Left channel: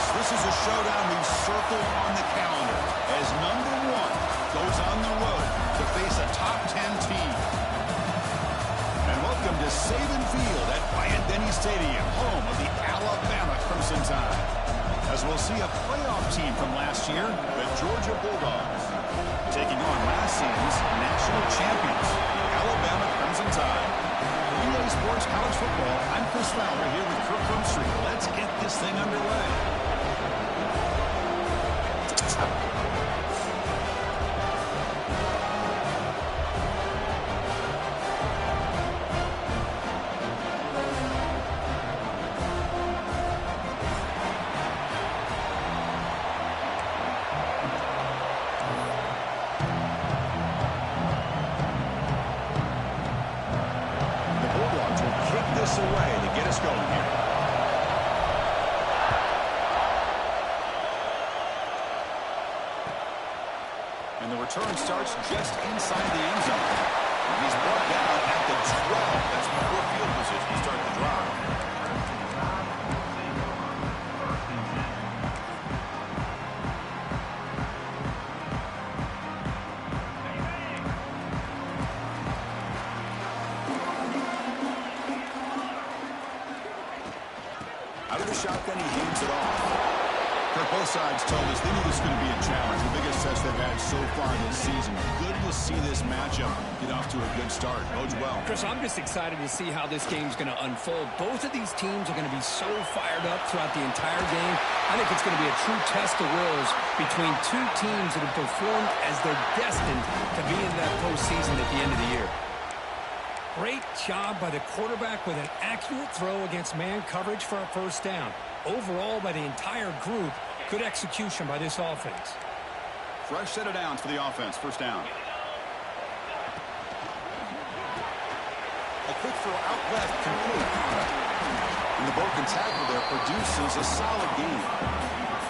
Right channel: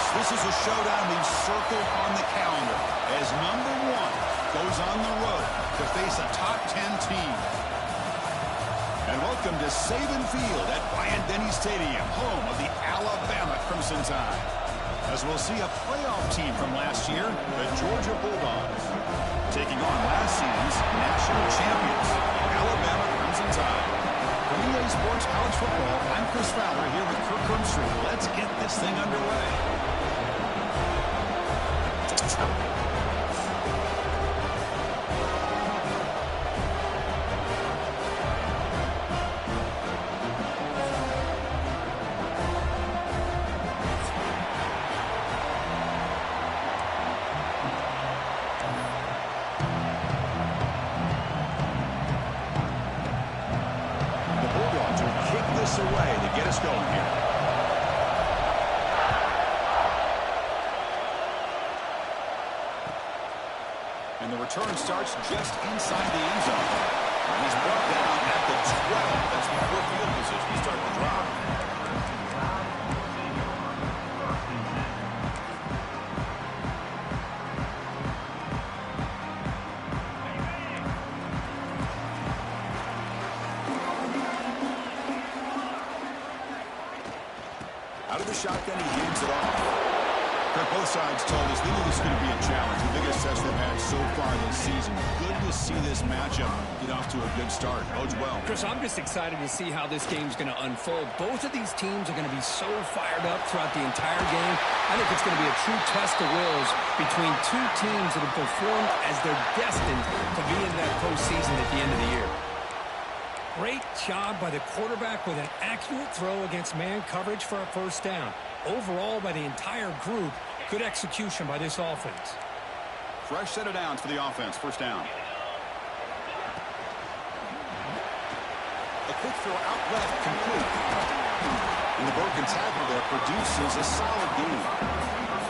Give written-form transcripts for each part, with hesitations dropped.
Folks, this is a showdown we've circled on the calendar as number 1 goes on the road to face a top 10 team. And welcome to Saban Field at Bryant-Denny Stadium, home of the Alabama Crimson Tide. As we'll see a playoff team from last year, the Georgia Bulldogs, taking on last season's national champions, the Alabama Crimson Tide. For EA Sports College Football, I'm Chris Fowler here with Kirk Crumstreet. Let's get this thing underway. Away to get us going here. And the return starts just inside the end zone. And he's brought down at the 12. That's before field position to start the drive. Out of the shotgun, he hands it off. Kirk, both sides told us they knew this was going to be a challenge. The biggest test they've had so far this season. Good to see this matchup get off to a good start. Bodes well. Chris, I'm just excited to see how this game's going to unfold. Both of these teams are going to be so fired up throughout the entire game. I think it's going to be a true test of wills between two teams that have performed as they're destined to be in that postseason at the end of the year. Great job by the quarterback with an accurate throw against man coverage for a first down. Overall, by the entire group, good execution by this offense. Fresh set of downs for the offense. First down. A quick throw out left, complete. And the broken tackle there produces a solid gain.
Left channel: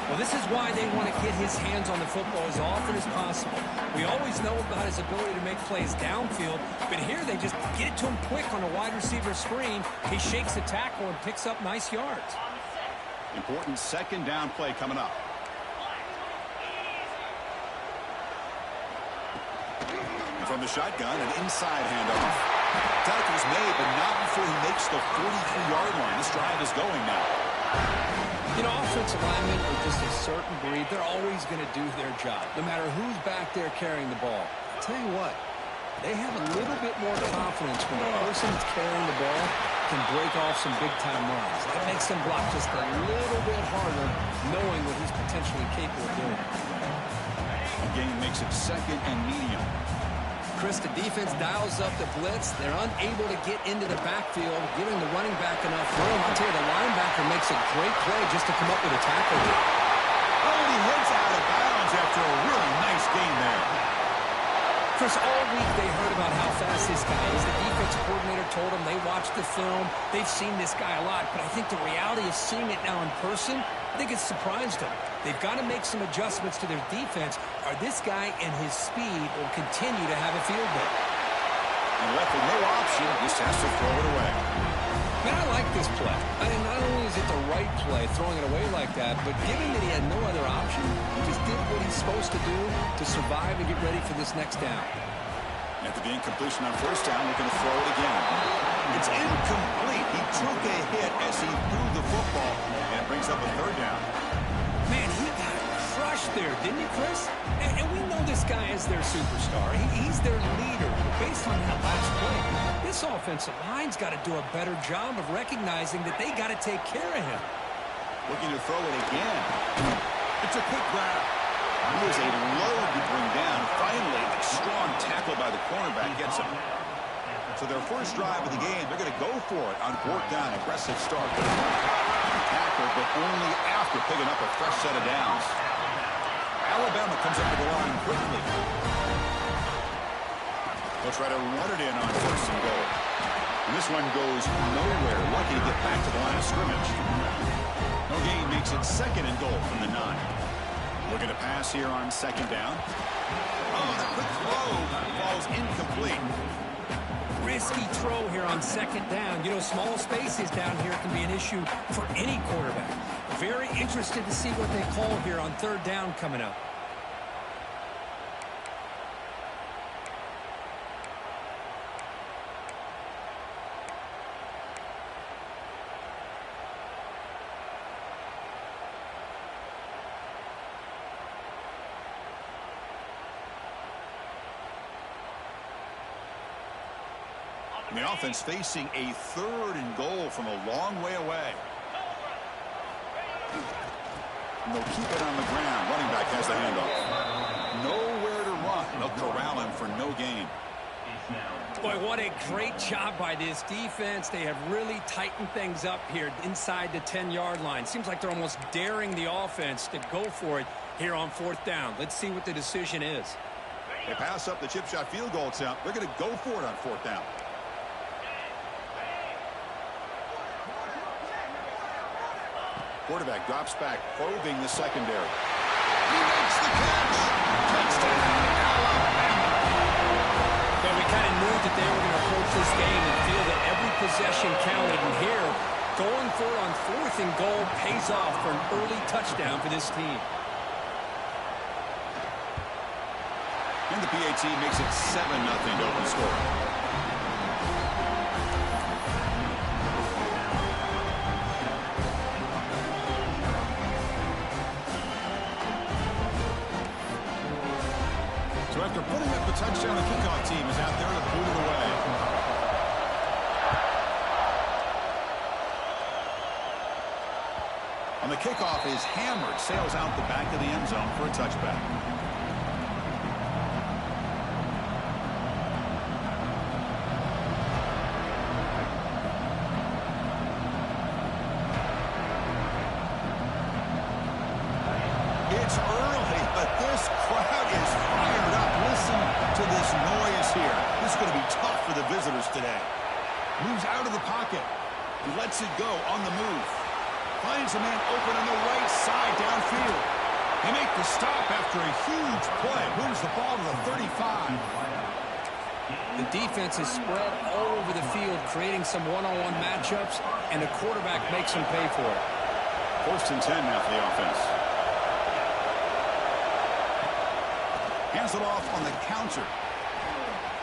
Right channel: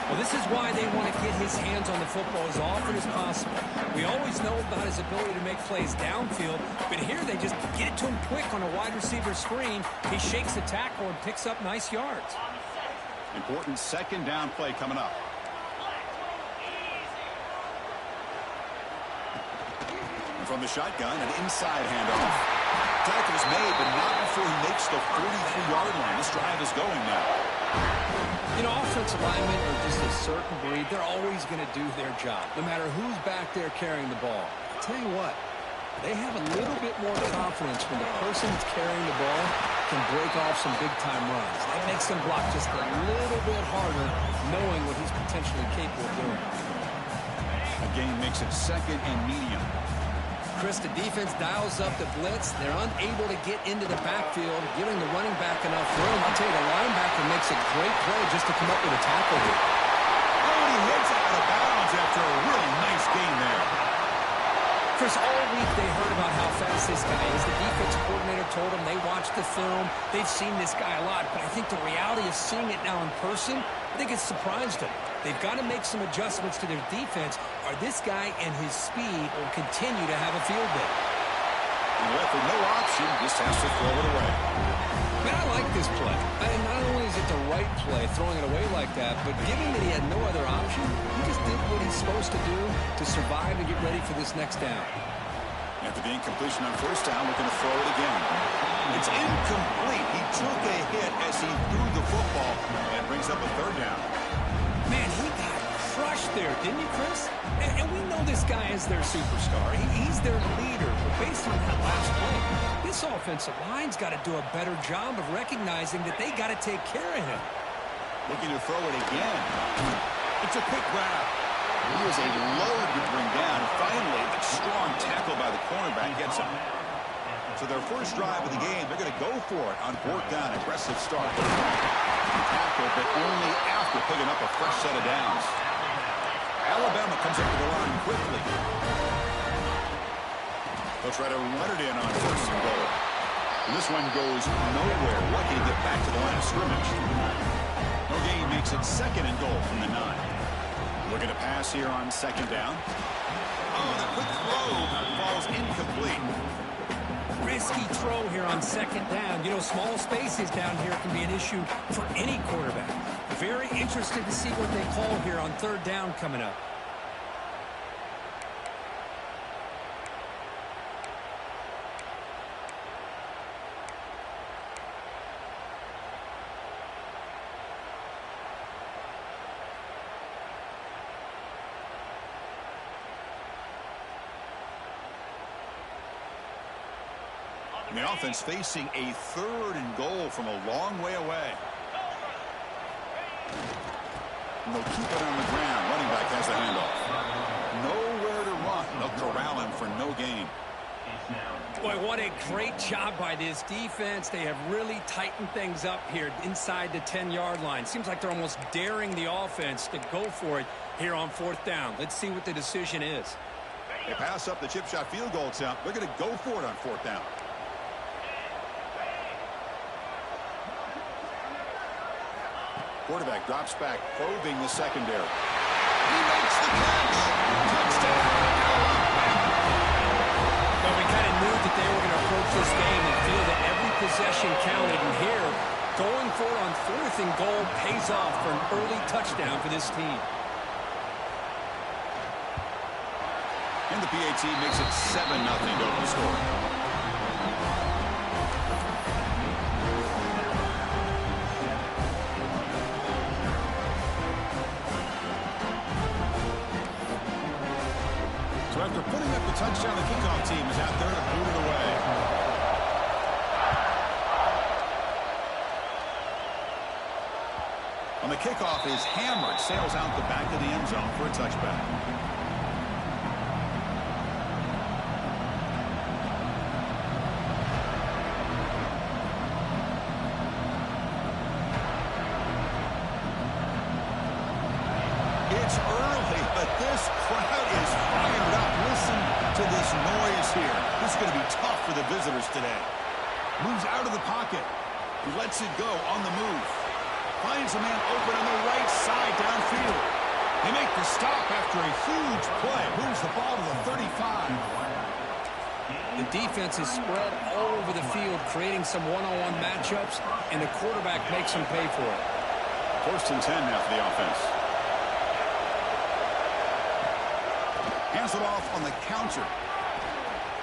Well, this is why they want to get his hands on the football as often as possible. We always know about his ability to make plays downfield, but here they just get it to him quick on a wide receiver screen. He shakes the tackle and picks up nice yards. Important second down play coming up. And from the shotgun, an inside handoff. Tackle is made, but not before he makes the 43-yard line. This drive is going now. You know, offensive linemen are just a certain breed. They're always going to do their job, no matter who's back there carrying the ball. I'll tell you what, they have a little bit more confidence when the person that's carrying the ball can break off some big-time runs. That makes them block just a little bit harder, knowing what he's potentially capable of doing. A gain makes it second and medium. Chris, the defense dials up the blitz. They're unable to get into the backfield, giving the running back enough room. I'll tell you, the linebacker makes a great play just to come up with a tackle here. Oh, and he heads out of bounds after a really nice gain there. Chris, all week they heard about how fast this guy is. The defensive coordinator told them they watched the film. They've seen this guy a lot, but I think the reality of seeing it now in person, I think it's surprised them. They've got to make some adjustments to their defense, or this guy and his speed will continue to have a field day. And left with no option, just has to throw it away. Man, I like this play. And not only is it the right play, throwing it away like that, but given that he had no other option, he just did what he's supposed to do to survive and get ready for this next down. After the incompletion on first down, we're going to throw it again. It's incomplete. He took a hit as he threw the football, and it brings up a third down. Man, he got crushed there, didn't he, Chris? And we know this guy is their superstar. He's their leader. But based on that last play, this offensive line's got to do a better job of recognizing that they got to take care of him. Looking to throw it again. It's a quick grab. He is a load to bring down. Finally, a strong tackle by the cornerback gets him. So their first drive of the game, they're going to go for it on fourth down. Aggressive start. Tackle, but only after picking up a fresh set of downs. Alabama comes up to the line quickly. They'll try to run it in on first and goal. And this one goes nowhere. Lucky to get back to the line of scrimmage. No gain makes it second and goal from the 9. Looking to pass here on second down. Oh, the quick throw falls incomplete. risky throw here on second down. You know, small spaces down here can be an issue for any quarterback. Very interested to see what they call here on third down coming up. The offense facing a 3rd and goal from a long way away. And they'll keep it on the ground. Running back has the handoff. Nowhere to run. They'll corral him for no gain. Boy, what a great job by this defense. They have really tightened things up here inside the 10-yard line. Seems like they're almost daring the offense to go for it here on 4th down. Let's see what the decision is. They pass up the chip shot field goal attempt. They're going to go for it on 4th down. Quarterback drops back, probing the secondary. He makes the catch. Touchdown, Alabama. But we kind of knew that they were going to approach this game and feel that every possession counted. And here, going for it on 4th and goal pays off for an early touchdown for this team. And the PAT makes it 7-0 to open scoring. So after putting up the touchdown, the kickoff team is out there to boot it away. On the kickoff is hammered, sails out the back of the end zone for a touchback. It's early, but this crowd is fired up. Listen to this noise here. This is going to be tough for the visitors today. Moves out of the pocket. Lets it go on the move. Finds a man open on the right side downfield. They make the stop after a huge play. Moves the ball to the 35. The defense is spread all over the field, creating some one-on-one matchups, and the quarterback makes them pay for it. 1st and 10 now for the offense. Hands it off on the counter.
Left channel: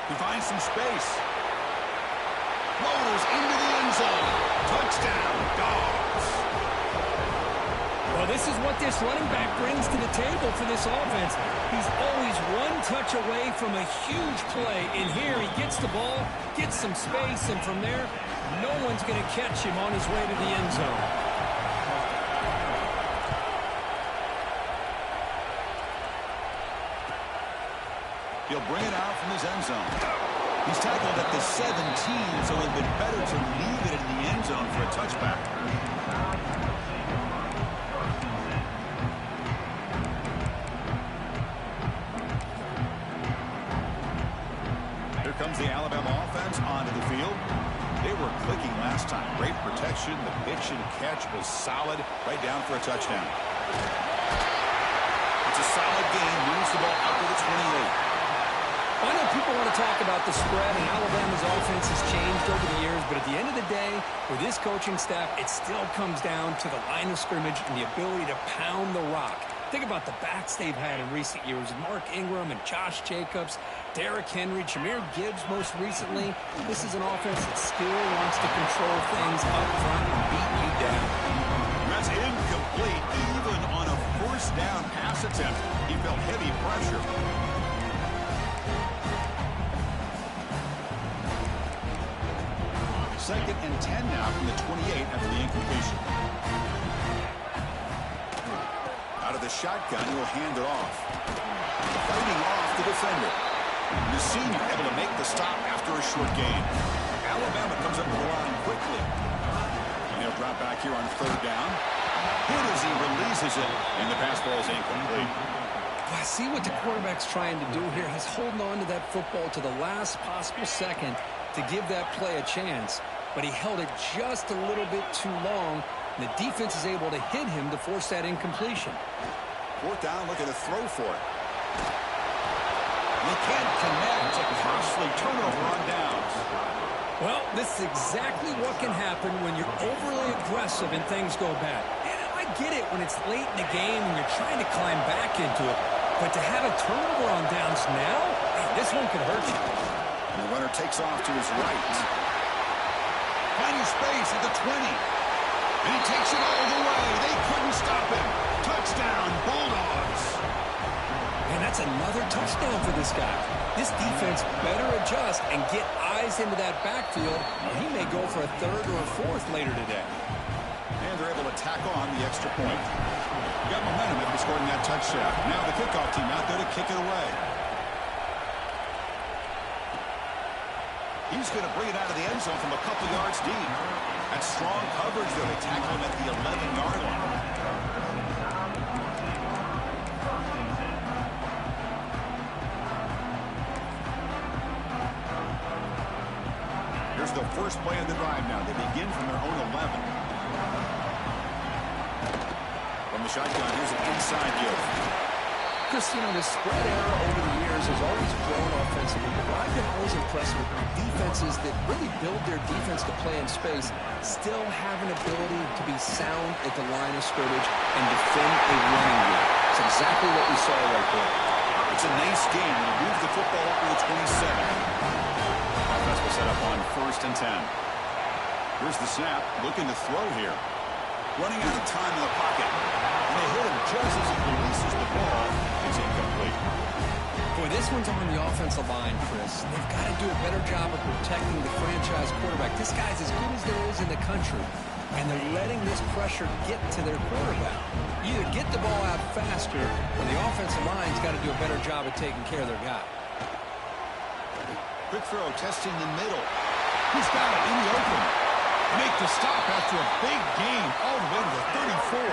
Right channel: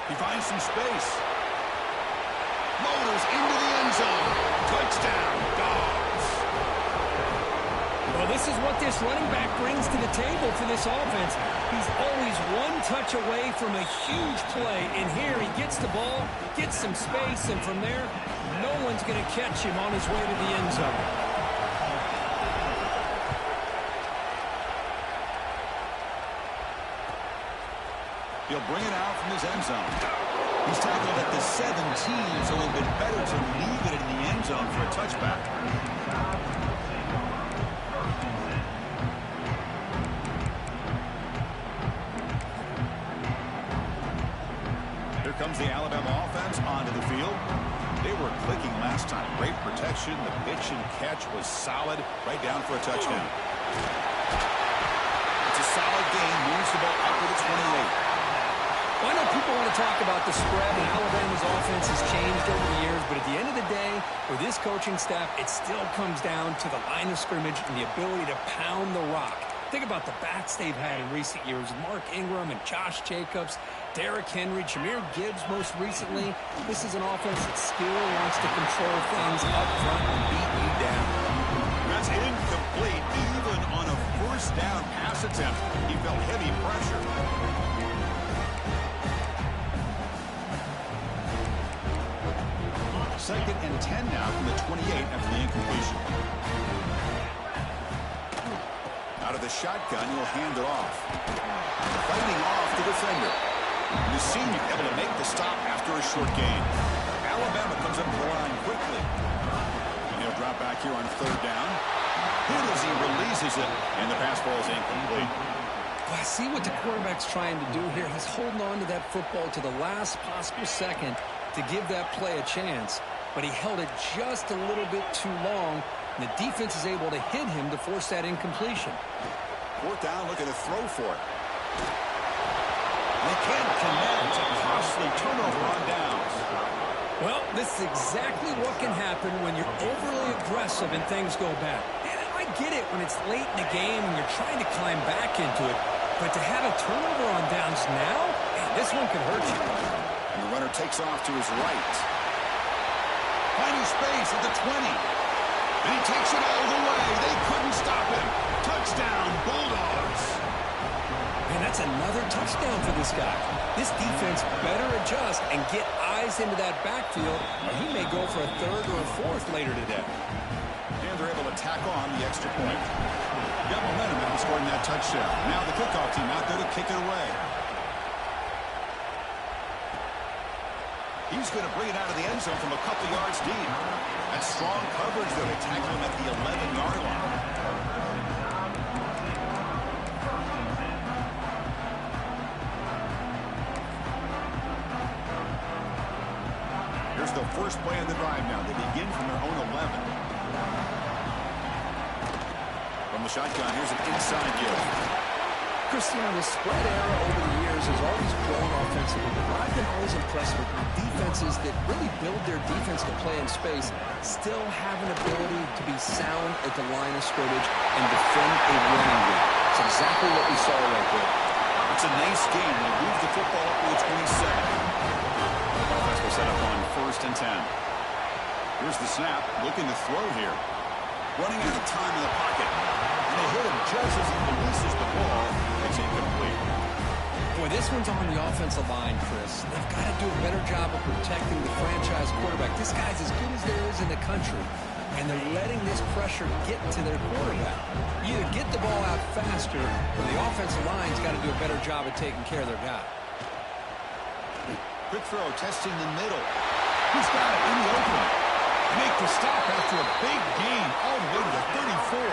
He finds some space. Motors into the end zone. Touchdown, Dawgs. Well, this is what this running back brings to the table for this offense. He's always one touch away from a huge play. And here he gets the ball, gets some space, and from there, no one's going to catch him on his way to the end zone. He'll bring it out from his end zone. He's tackled at the 17, so it would have been better to leave it in the end zone for a touchback. Here comes the Alabama offense onto the field. They were clicking last time. Great protection. The pitch and catch was solid. Right down for a touchdown. It's a solid gain. Moves the ball out to the 28. Well, I know people want to talk about the spread, and Alabama's offense has changed over the years, but at the end of the day, with this coaching staff, it still comes down to the line of scrimmage and the ability to pound the rock. Think about the backs they've had in recent years. Mark Ingram and Josh Jacobs, Derrick Henry, Jahmyr Gibbs most recently. This is an offense that still wants to control things up front and beat you down. That's incomplete. Even on a 1st down pass attempt, he felt heavy pressure. 2nd and 10 now from the 28 after the incompletion. Out of the shotgun, he'll hand it off. Fighting off the defender. The senior able to make the stop after a short gain. Alabama comes up to the line quickly. And he'll drop back here on 3rd down. Hit as he releases it, and the pass ball is incomplete. Well, I see what the quarterback's trying to do here. He's holding on to that football to the last possible second to give that play a chance. But he held it just a little bit too long, and the defense is able to hit him to force that incompletion. 4th down, looking to throw for it. They can't connect. A costly turnover on downs. Well, this is exactly what can happen when you're overly aggressive and things go bad. And I get it when it's late in the game and you're trying to climb back into it. But to have a turnover on downs now, man, this one could hurt you. And the runner takes off to his right. Finding space at the 20. And he takes it all the way. They couldn't stop him. Touchdown, Bulldogs. Man, that's another touchdown for this guy. This defense better adjust and get eyes into that backfield, or he may go for a third or a fourth later today. And they're able to tack on the extra point. Got momentum after scoring that touchdown. Now the kickoff team out there to kick it away. He's going to bring it out of the end zone from a couple yards deep. That's strong coverage, though. They tackle him at the 11-yard line. Here's the first play of the drive now. They begin from their own 11. From the shotgun, here's an inside give. Chris, you know, this spread era over the years has always grown offensively, but I've been always impressed with defenses that really build their defense to play in space, still have an ability to be sound at the line of scrimmage and defend a running game. It's exactly what we saw right there. It's a nice game. They'll move the football up to the 27. Offense will set up on 1st and 10. Here's the snap, looking to throw here. Running out of time in the pocket. And they hit him just as he releases the ball. It's incomplete. Boy, this one's on the offensive line, Chris. They've got to do a better job of protecting the franchise quarterback. This guy's as good as there is in the country. And they're letting this pressure get to their quarterback. You either get the ball out faster, or the offensive line's got to do a better job of taking care of their guy. Quick throw, testing the middle. He's got it in the open. Make the stop after a big gain all the way to the 34.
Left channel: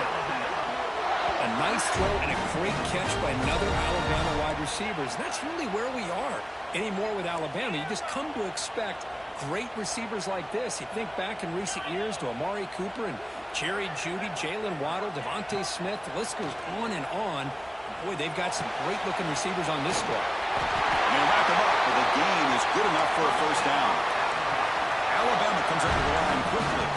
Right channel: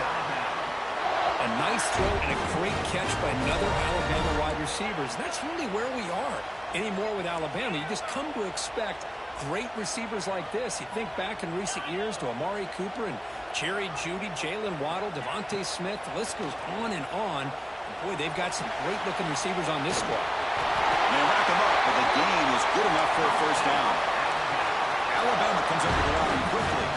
A nice throw and a great catch by another Alabama wide receivers. And that's really where we are anymore with Alabama. You just come to expect great receivers like this. You think back in recent years to Amari Cooper and Jerry Jeudy, Jalen Waddle, Devontae Smith. The list goes on and on. And boy, they've got some great-looking receivers on this squad. And they rack them up, but the gain is good enough for a first down. Alabama comes over the line quickly.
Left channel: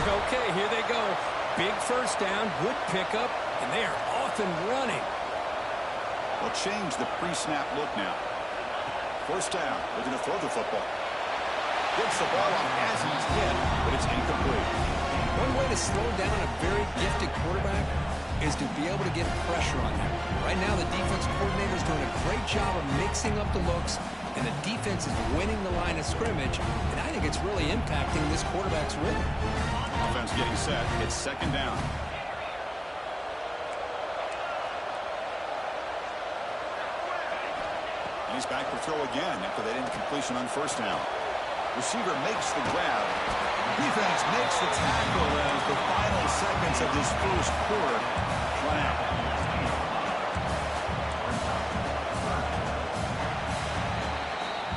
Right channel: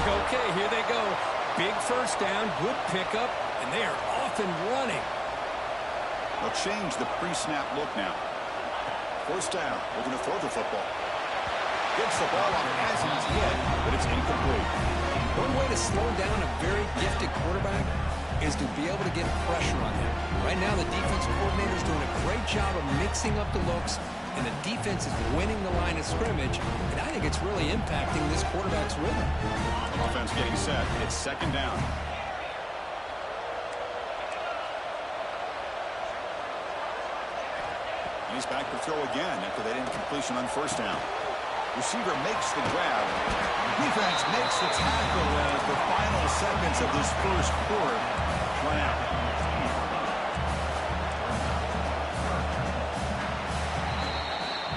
Okay, here they go. Big first down, good pickup, and they are off and running. They'll change the pre-snap look now. First down, looking to throw the football. Gets the ball off as he's hit, but it's incomplete. One way to slow down a very gifted quarterback is to be able to get pressure on him. Right now, the defense coordinator is doing a great job of mixing up the looks, and the defense is winning the line of scrimmage, and I think it's really impacting this quarterback's rhythm. Offense getting set. It's second down. And he's back to throw again after that incompletion on first down. Receiver makes the grab. Defense makes the tackle as the final seconds of this first quarter run out.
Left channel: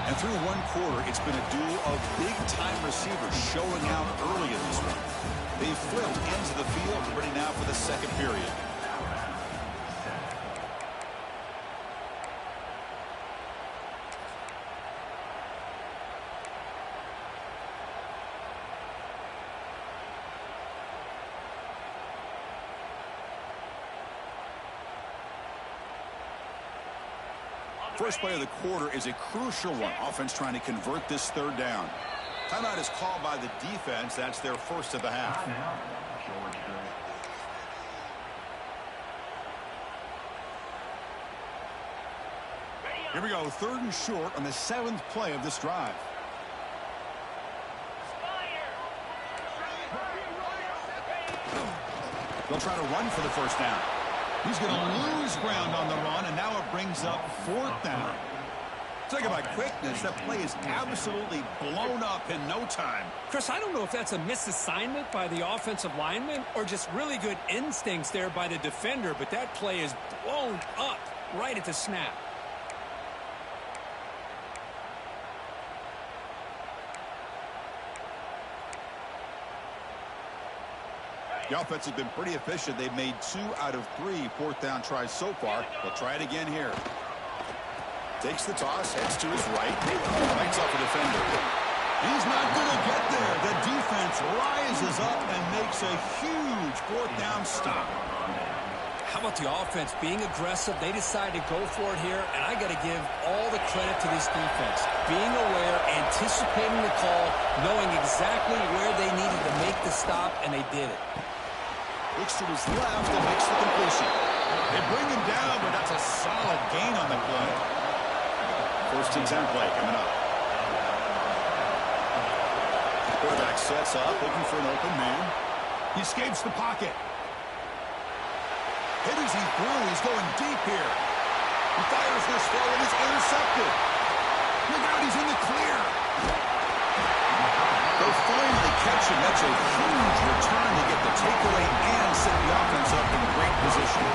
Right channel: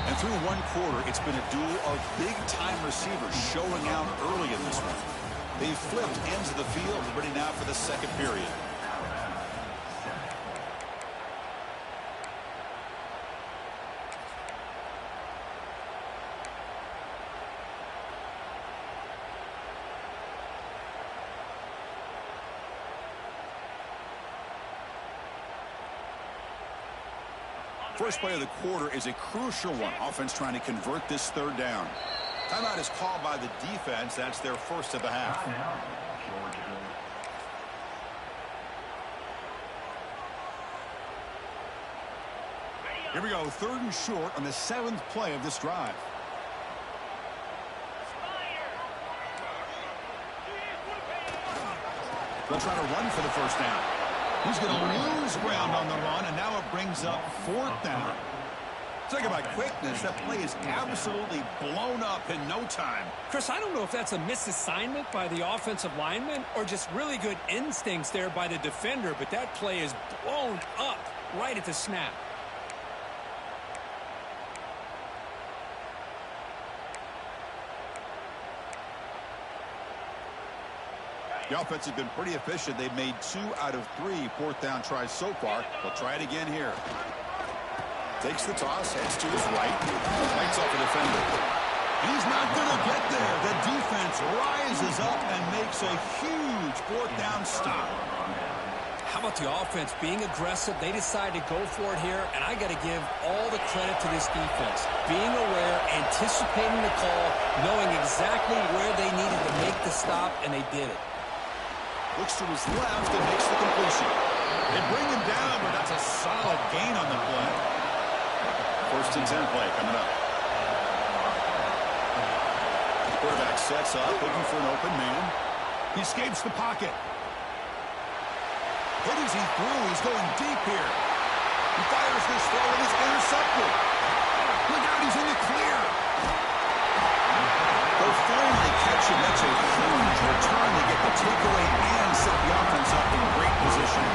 And through one quarter, it's been a duel of big-time receivers showing out early in this one. They've flipped ends of the field, ready now for the second period. First play of the quarter is a crucial one. Offense trying to convert this third down. Timeout is called by the defense. That's their first of the half. Here we go, 3rd and short on the 7th play of this drive. They'll try to run for the first down. He's going to lose ground on the run, and now it brings up 4th down. Talk about quickness. That play is absolutely blown up in no time. Chris, I don't know if that's a misassignment by the offensive lineman or just really good instincts there by the defender, but that play is blown up right at the snap. The offense has been pretty efficient. They've made 2 out of 3 4th down tries so far. They'll try it again here. Takes the toss, heads to his right, fights off a defender. And he's not going to get there. The defense rises up and makes a huge fourth down stop. How about the offense being aggressive? They decide to go for it here, and I got to give all the credit to this defense. Being aware, anticipating the call, knowing exactly where they needed to make the stop, and they did it. Looks to his left and makes the completion. They bring him down, but that's a solid gain on the play. 1st and 10 play coming up. Quarterback sets up, looking for an open man. He escapes the pocket. Hit as he threw. He's going deep here. He fires this throw and is intercepted. Look out, he's in the clear. They'll finally catch him. That's a huge return to get the takeaway and set the offense up in great position.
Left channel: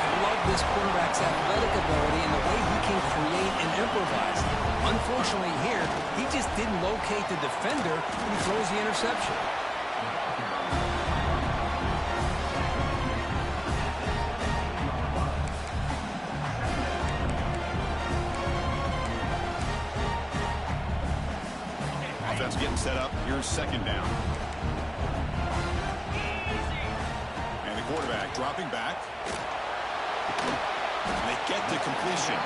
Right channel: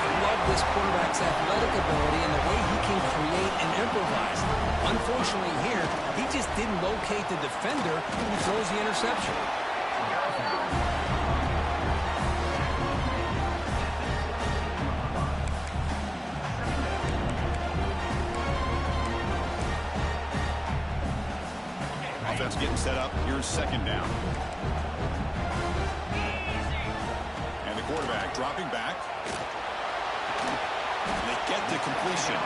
I love this quarterback's athletic ability and the way he can create and improvise. Unfortunately here, he just didn't locate the defender when he throws the interception. Offense getting set up. Here's 2nd down. And the quarterback dropping back. And they get the completion.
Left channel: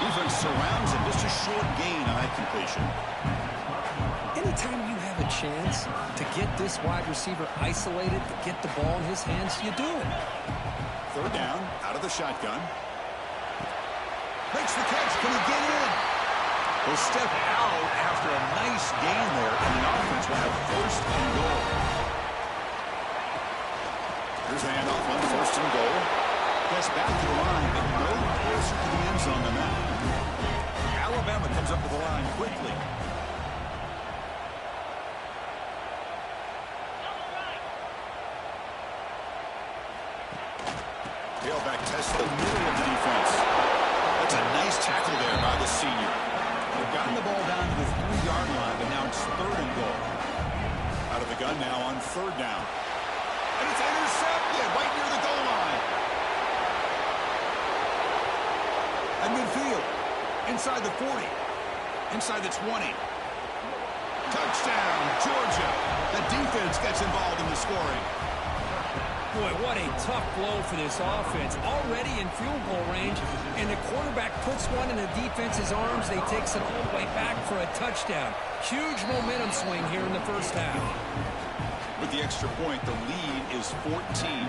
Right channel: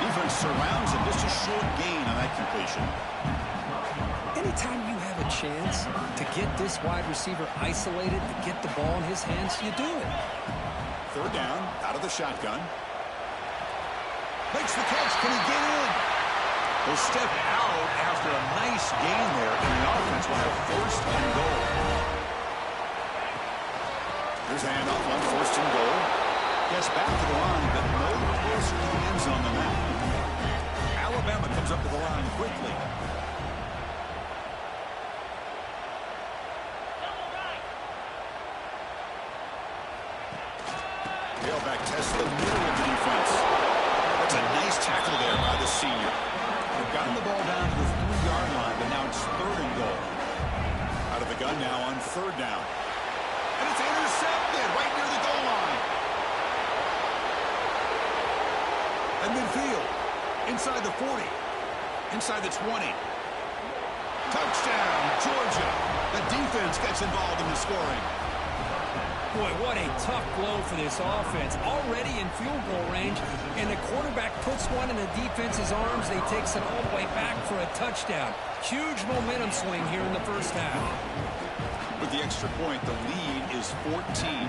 Defense surrounds him. Just a short gain on that completion. Anytime you have a chance to get this wide receiver isolated, to get the ball in his hands, you do it. 3rd down, out of the shotgun. Makes the catch. Can he get in? He'll step out after a nice gain there, and the offense will have 1st and goal. Here's the handoff on 1st and goal. Gets back to the line, but no closer to the end zone than that. Alabama comes up to the line quickly. Tailback tests the middle of the defense. That's a nice tackle there by the senior. They've gotten the ball down to the 3-yard line, but now it's 3rd and goal. Out of the gun now on 3rd down. And it's intercepted right near the goal line. At midfield. Inside the 40. Inside the 20. Touchdown, Georgia. The defense gets involved in the scoring. Boy, what a tough blow for this offense. Already in field goal range, and the quarterback puts one in the defense's arms. They takes it all the way back for a touchdown. Huge momentum swing here in the 1st half. With the extra point, the lead is 14.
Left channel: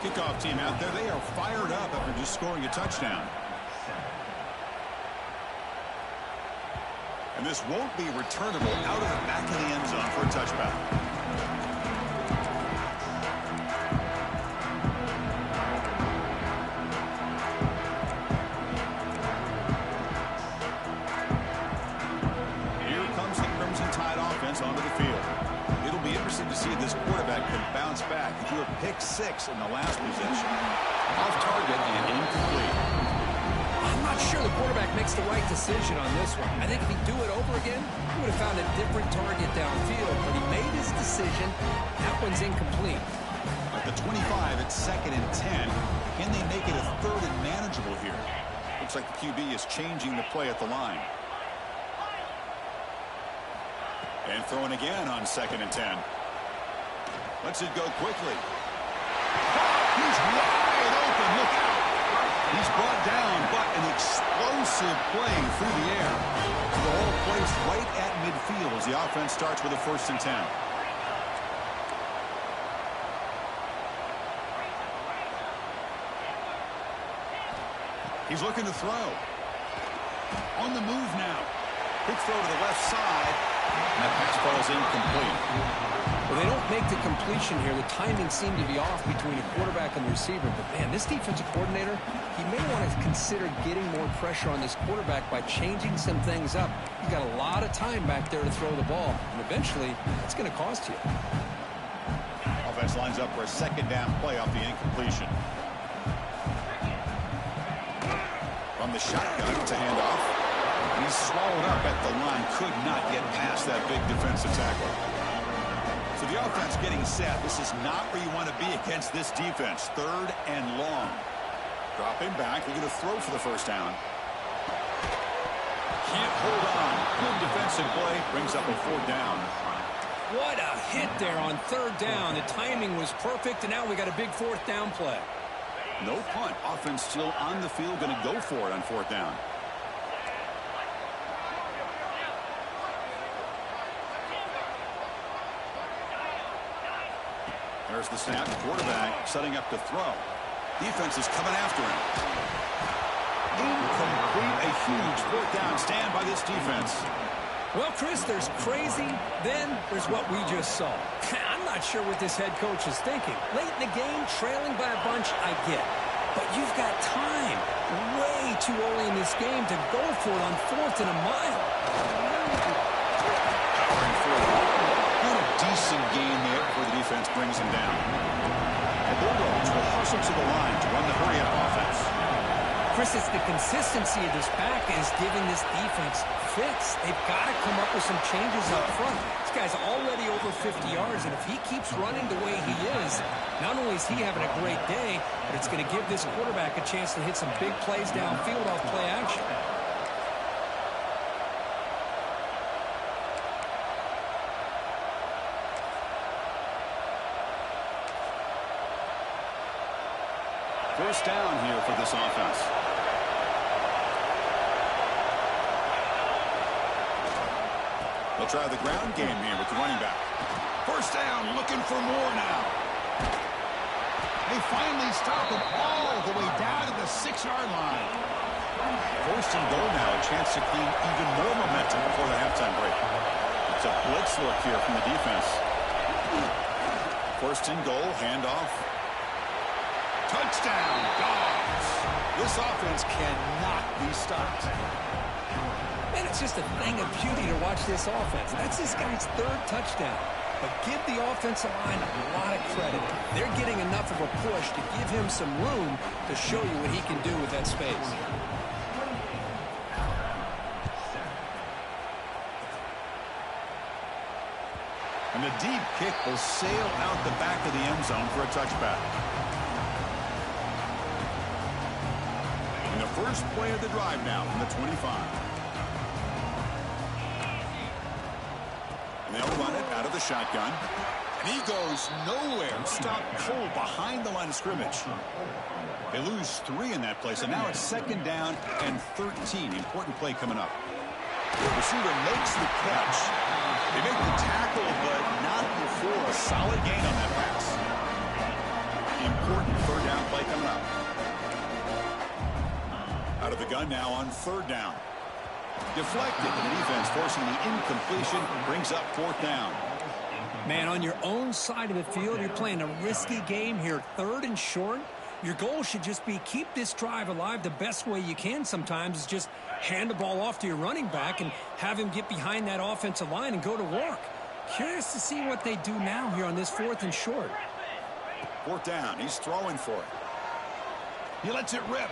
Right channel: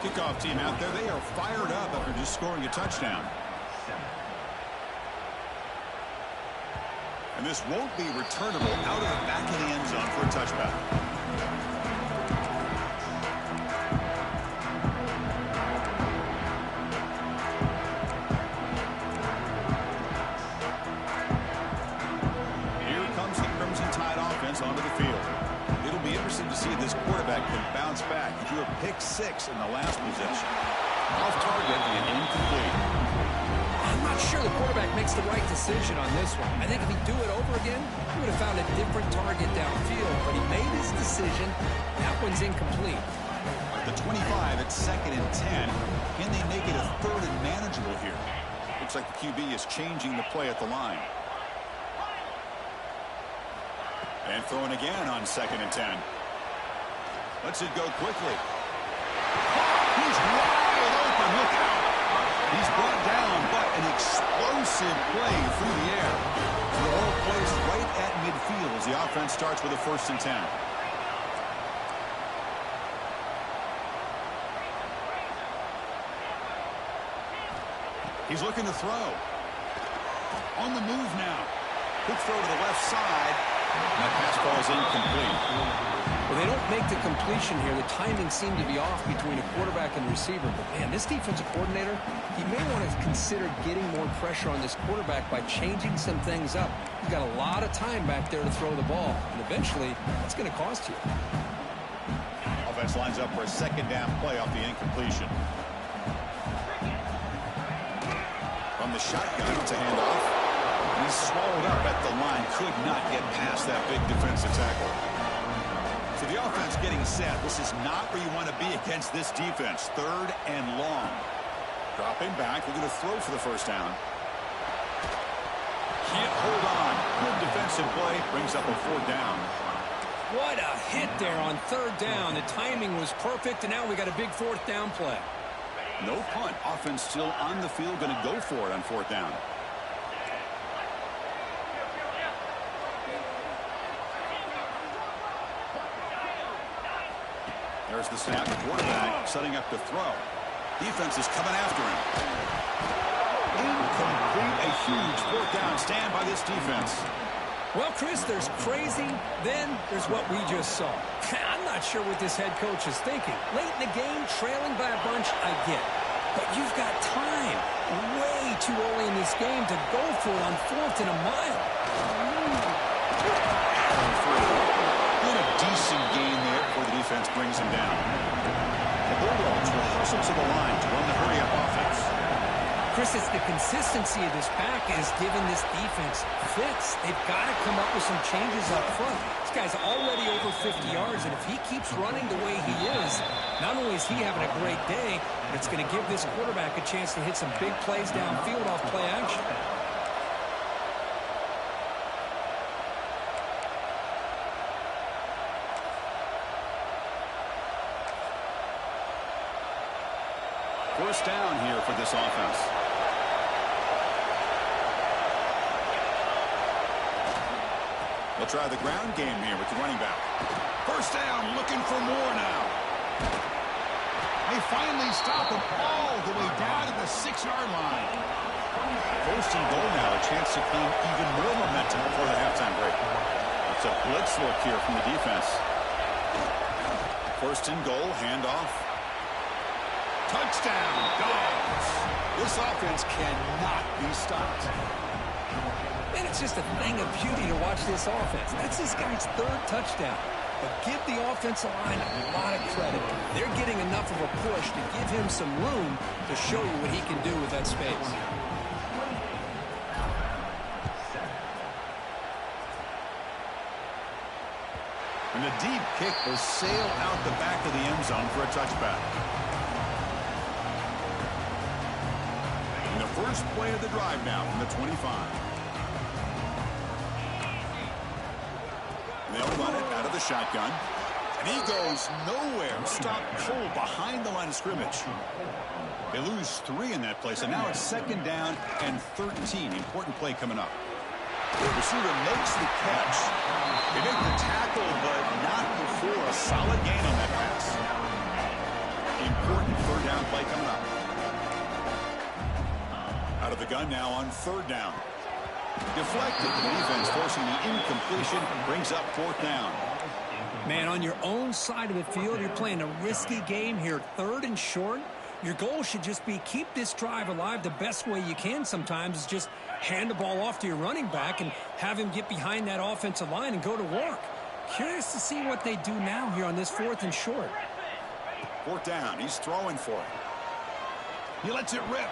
Kickoff team out there, they are fired up after just scoring a touchdown. And this won't be returnable out of the back of the end zone for a touchback. Onto the field. It'll be interesting to see if this quarterback can bounce back. He threw a pick 6 in the last possession. Off target and incomplete. I'm not sure the quarterback makes the right decision on this one. I think if he'd do it over again, he would have found a different target downfield, but he made his decision. That one's incomplete. At the 25, it's 2nd and 10. Can they make it a 3rd and manageable here? Looks like the QB is changing the play at the line. And throwing again on 2nd and 10. Lets it go quickly. He's wide open. Look out. He's brought down, but an explosive play through the air. So the whole place right at midfield as the offense starts with a 1st and 10. He's looking to throw. On the move now. Quick throw to the left side. And that pass falls incomplete. Well, they don't make the completion here. The timing seemed to be off between a quarterback and the receiver. But, man, this defensive coordinator, he may want to consider getting more pressure on this quarterback by changing some things up. He's got a lot of time back there to throw the ball. And eventually, that's going to cost you. Offense lines up for a 2nd down play off the incompletion. From the shotgun, it's a handoff. He's swallowed up at the line. Could not get past that big defensive tackle. So the offense getting set. This is not where you want to be against this defense. 3rd and long. Dropping back. Looking to throw for the 1st down. Can't hold on. Good defensive play. Brings up a 4th down. What a hit there on 3rd down. The timing was perfect, and now we got a big 4th down play. No punt. Offense still on the field. Going to go for it on 4th down. There's the snap. Quarterback setting up to throw. Defense is coming after him. Incomplete. A huge 4th down stand by this defense. Well, Chris, there's crazy, then there's what we just saw. I'm not sure what this head coach is thinking. Late in the game, trailing by a bunch, I get. But you've got time, way too early in this game, to go for it on 4th and a mile. Powering through. Good, a decent gain there before the defense brings him down. The Bulldogs will hustle to the line to run the hurry-up offense. Chris, it's the consistency of this back is giving this defense fits. They've got to come up with some changes up front. This guy's already over 50 yards, and if he keeps running the way he is, not only is he having a great day, but it's going to give this quarterback a chance to hit some big plays downfield off play action. First down here for this offense. They'll try the ground game here with the running back. First down, looking for more now. They finally stop him all the way down to the 6-yard line. First and goal now, a chance to claim even more momentum before the halftime break. It's a blitz look here from the defense. First and goal, handoff. Touchdown, Dawgs. This offense cannot be stopped. And it's just a thing of beauty to watch this offense. That's this guy's 3rd touchdown. But give the offensive line a lot of credit. They're getting enough of a push to give him some room to show you what he can do with that space. And the deep kick will sail out the back of the end zone for a touchback. And the first play of the drive now from the 25. And they'll run it out of the shotgun. And he goes nowhere. Stop cold behind the line of scrimmage. They lose 3 in that play. So now it's 2nd down and 13. Important play coming up. The receiver makes the catch. They make the tackle, but not before a solid gain on that pass. Important 3rd down play coming up. Out of the gun now on 3rd down. Deflected. The defense forcing the incompletion. Brings up 4th down. Man, on your own side of the field, you're playing a risky game here. 3rd and short. Your goal should just be keep this drive alive. The best way you can sometimes is just hand the ball off to your running back and have him get behind that offensive line and go to work. Curious to see what they do now here on this 4th and short. 4th down. He's throwing for it. He lets it rip.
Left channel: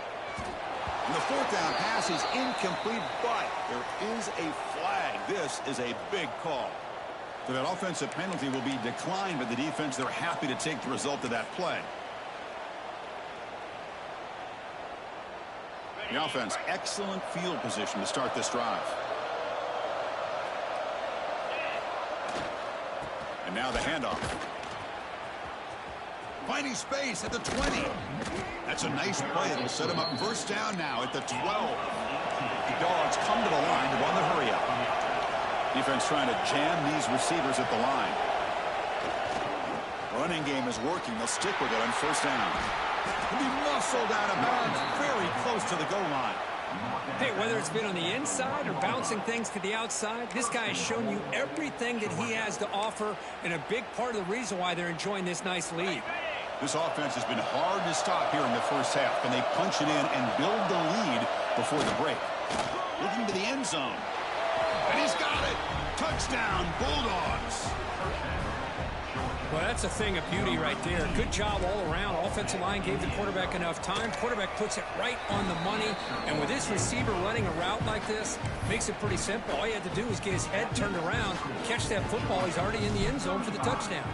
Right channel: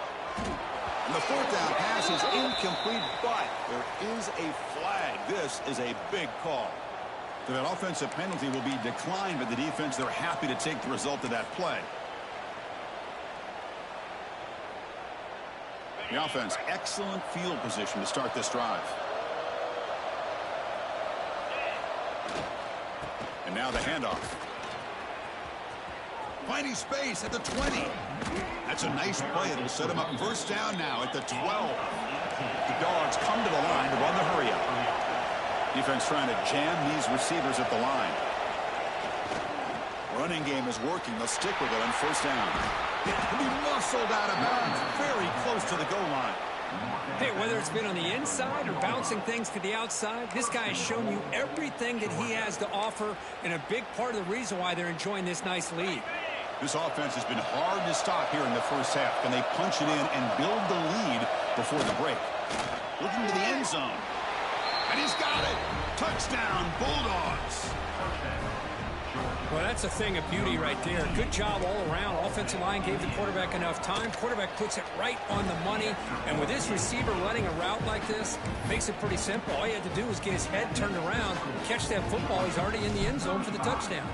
And the 4th down pass is incomplete, but there is a flag. This is a big call. So that offensive penalty will be declined by the defense. They're happy to take the result of that play. The offense, excellent field position to start this drive. And now the handoff. Finding space at the 20. That's a nice play. It'll set him up 1st down now at the 12. The Dawgs come to the line to run the hurry-up. Defense trying to jam these receivers at the line. Running game is working. They'll stick with it on 1st down. He'll be muscled out of bounds, very close to the goal line. Hey, whether it's been on the inside or bouncing things to the outside, this guy has shown you everything that he has to offer, and a big part of the reason why they're enjoying this nice lead. This offense has been hard to stop here in the first half. Can they punch it in and build the lead before the break? Looking to the end zone. And he's got it. Touchdown, Bulldogs. Well, that's a thing of beauty right there. Good job all around. Offensive line gave the quarterback enough time. Quarterback puts it right on the money. And with this receiver running a route like this, makes it pretty simple. All he had to do was get his head turned around, catch that football. He's already in the end zone for the touchdown.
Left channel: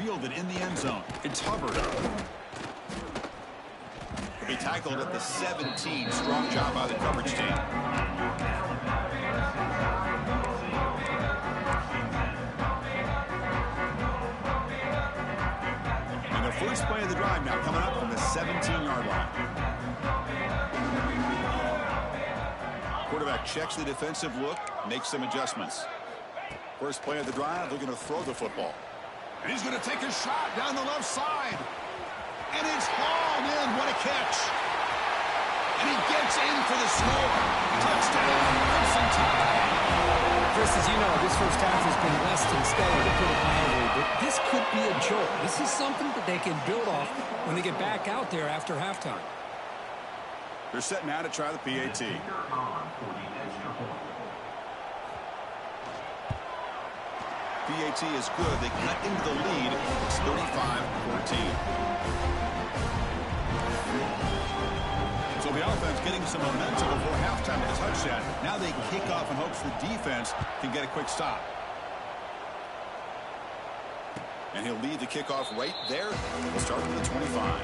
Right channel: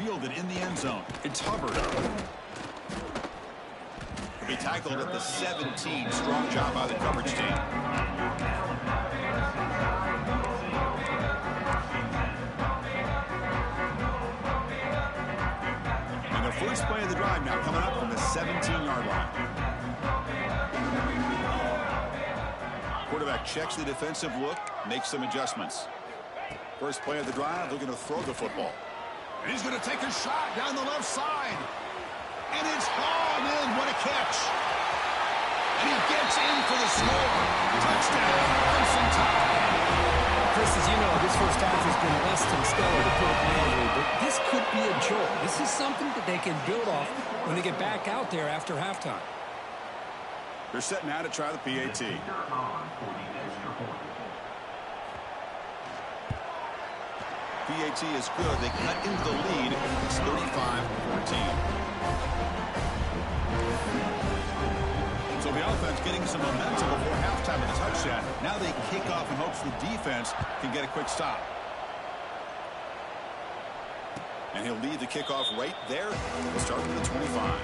fielded in the end zone. It's Hubbard. He'll be tackled at the 17. Strong job by the coverage team. And the first play of the drive now coming up from the 17-yard line. Quarterback checks the defensive look, makes some adjustments. First play of the drive, looking to throw the football. And he's going to take a shot down the left side. And it's hauled in. What a catch. And he gets in for the score. Touchdown, Crimson Tide. Chris, as you know, this first half has been less than stellar, to put it mildly, but this could be a jolt. This is something that they can build off when they get back out there after halftime. They're set now to try the PAT. PAT is good. They cut into the lead. It's 35-14. So the offense getting some momentum before halftime with a touchdown. Now they kick off in hopes the defense can get a quick stop. And he'll lead the kickoff right there. We'll start with the 25.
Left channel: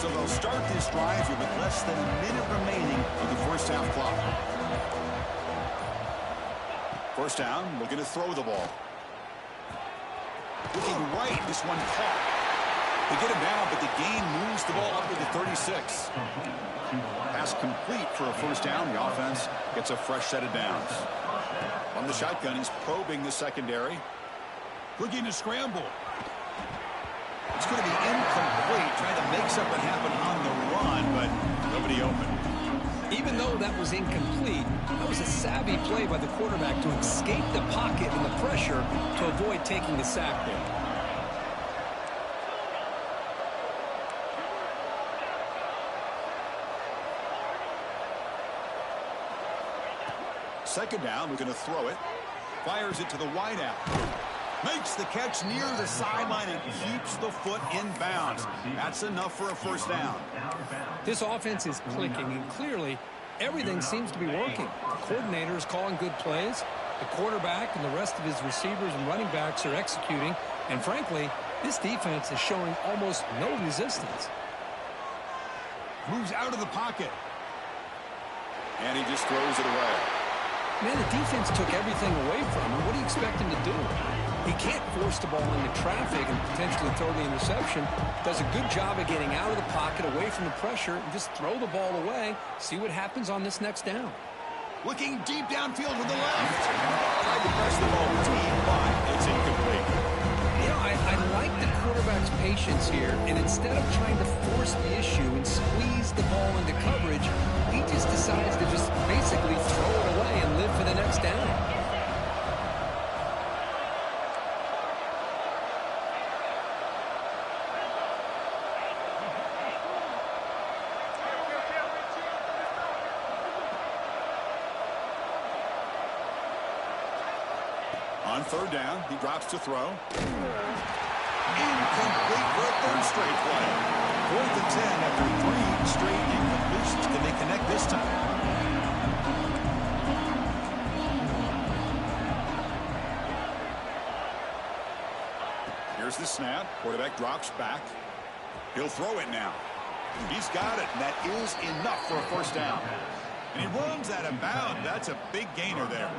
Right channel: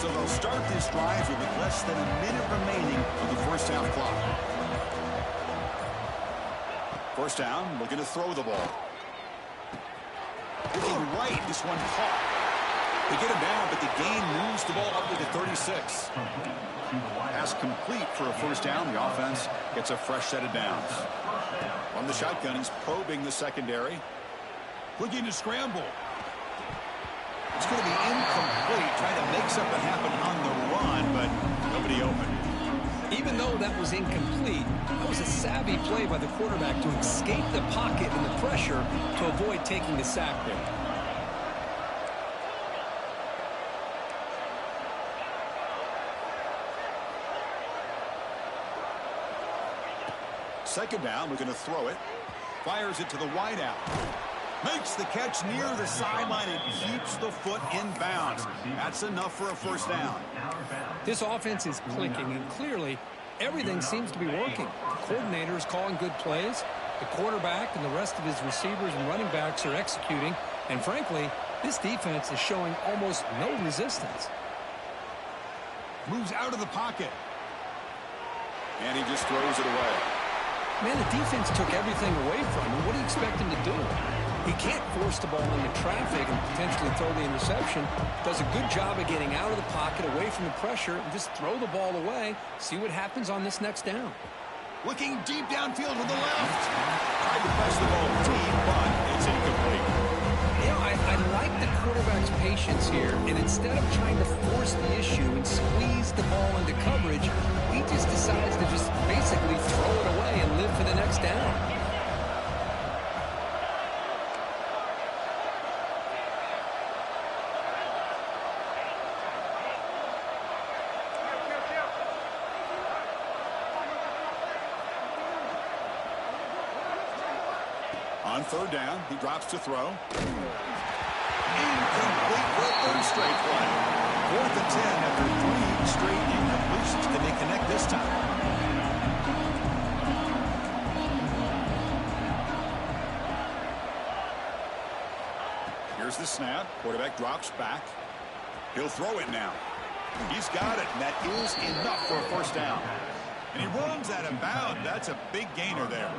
So they'll start this drive here with less than a minute remaining of the first half clock. First down, looking to throw the ball. Looking right, this one caught. They get him down, but the gain moves the ball up to the 36. Pass complete for a first down. The offense gets a fresh set of downs. On the shotgun, he's probing the secondary. Looking to scramble. It's going to be incomplete, trying to make something happen on the run, but nobody open. Even though that was incomplete, that was a savvy play by the quarterback to escape the pocket and the pressure to avoid taking the sack there. Second down, looking to throw it. Fires it to the wideout. Makes the catch near the sideline and keeps the foot in bounds. That's enough for a first down. This offense is clicking, and clearly everything seems to be working. The coordinator is calling good plays. The quarterback and the rest of his receivers and running backs are executing. And frankly, this defense is showing almost no resistance. Moves out of the pocket. And he just throws it away. Man, the defense took everything away from him. What do you expect him to do? He can't force the ball into traffic and potentially throw the interception. Does a good job of getting out of the pocket, away from the pressure, and just throw the ball away. See what happens on this next down. Looking deep downfield to the left. Tried to press the ball deep, but it's incomplete. You know, I like the quarterback's patience here, and instead of trying to force the issue and squeeze the ball into coverage, he just decides to just basically throw it away and live for the next down. On third down, he drops to throw. Incomplete for a third straight play. 4th and 10 after 3 straight incompletions. Can they connect this time? Here's the snap. Quarterback drops back. He'll throw it now. He's got it, and that is enough for a first down. And he runs out of bounds. That's a big gainer there.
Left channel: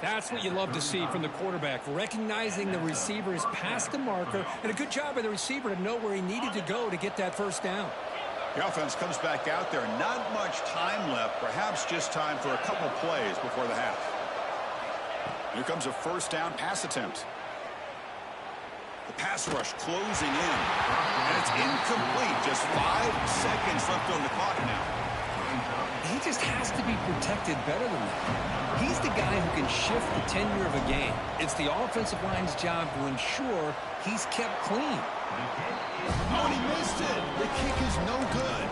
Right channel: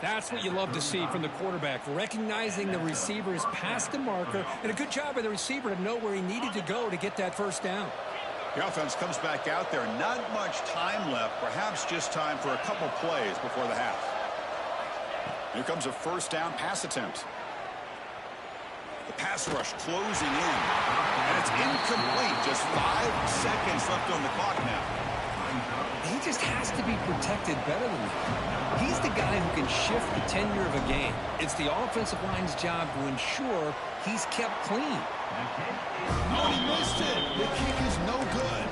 That's what you love to see from the quarterback, recognizing the receiver is past the marker, and a good job by the receiver to know where he needed to go to get that first down. The offense comes back out there. Not much time left, perhaps just time for a couple plays before the half. Here comes a first down pass attempt. The pass rush closing in, and it's incomplete. Just 5 seconds left on the clock now. He just has to be protected better than that. He's the guy who can shift the tenure of a game. It's the offensive line's job to ensure he's kept clean. Oh, and he missed it. The kick is no good.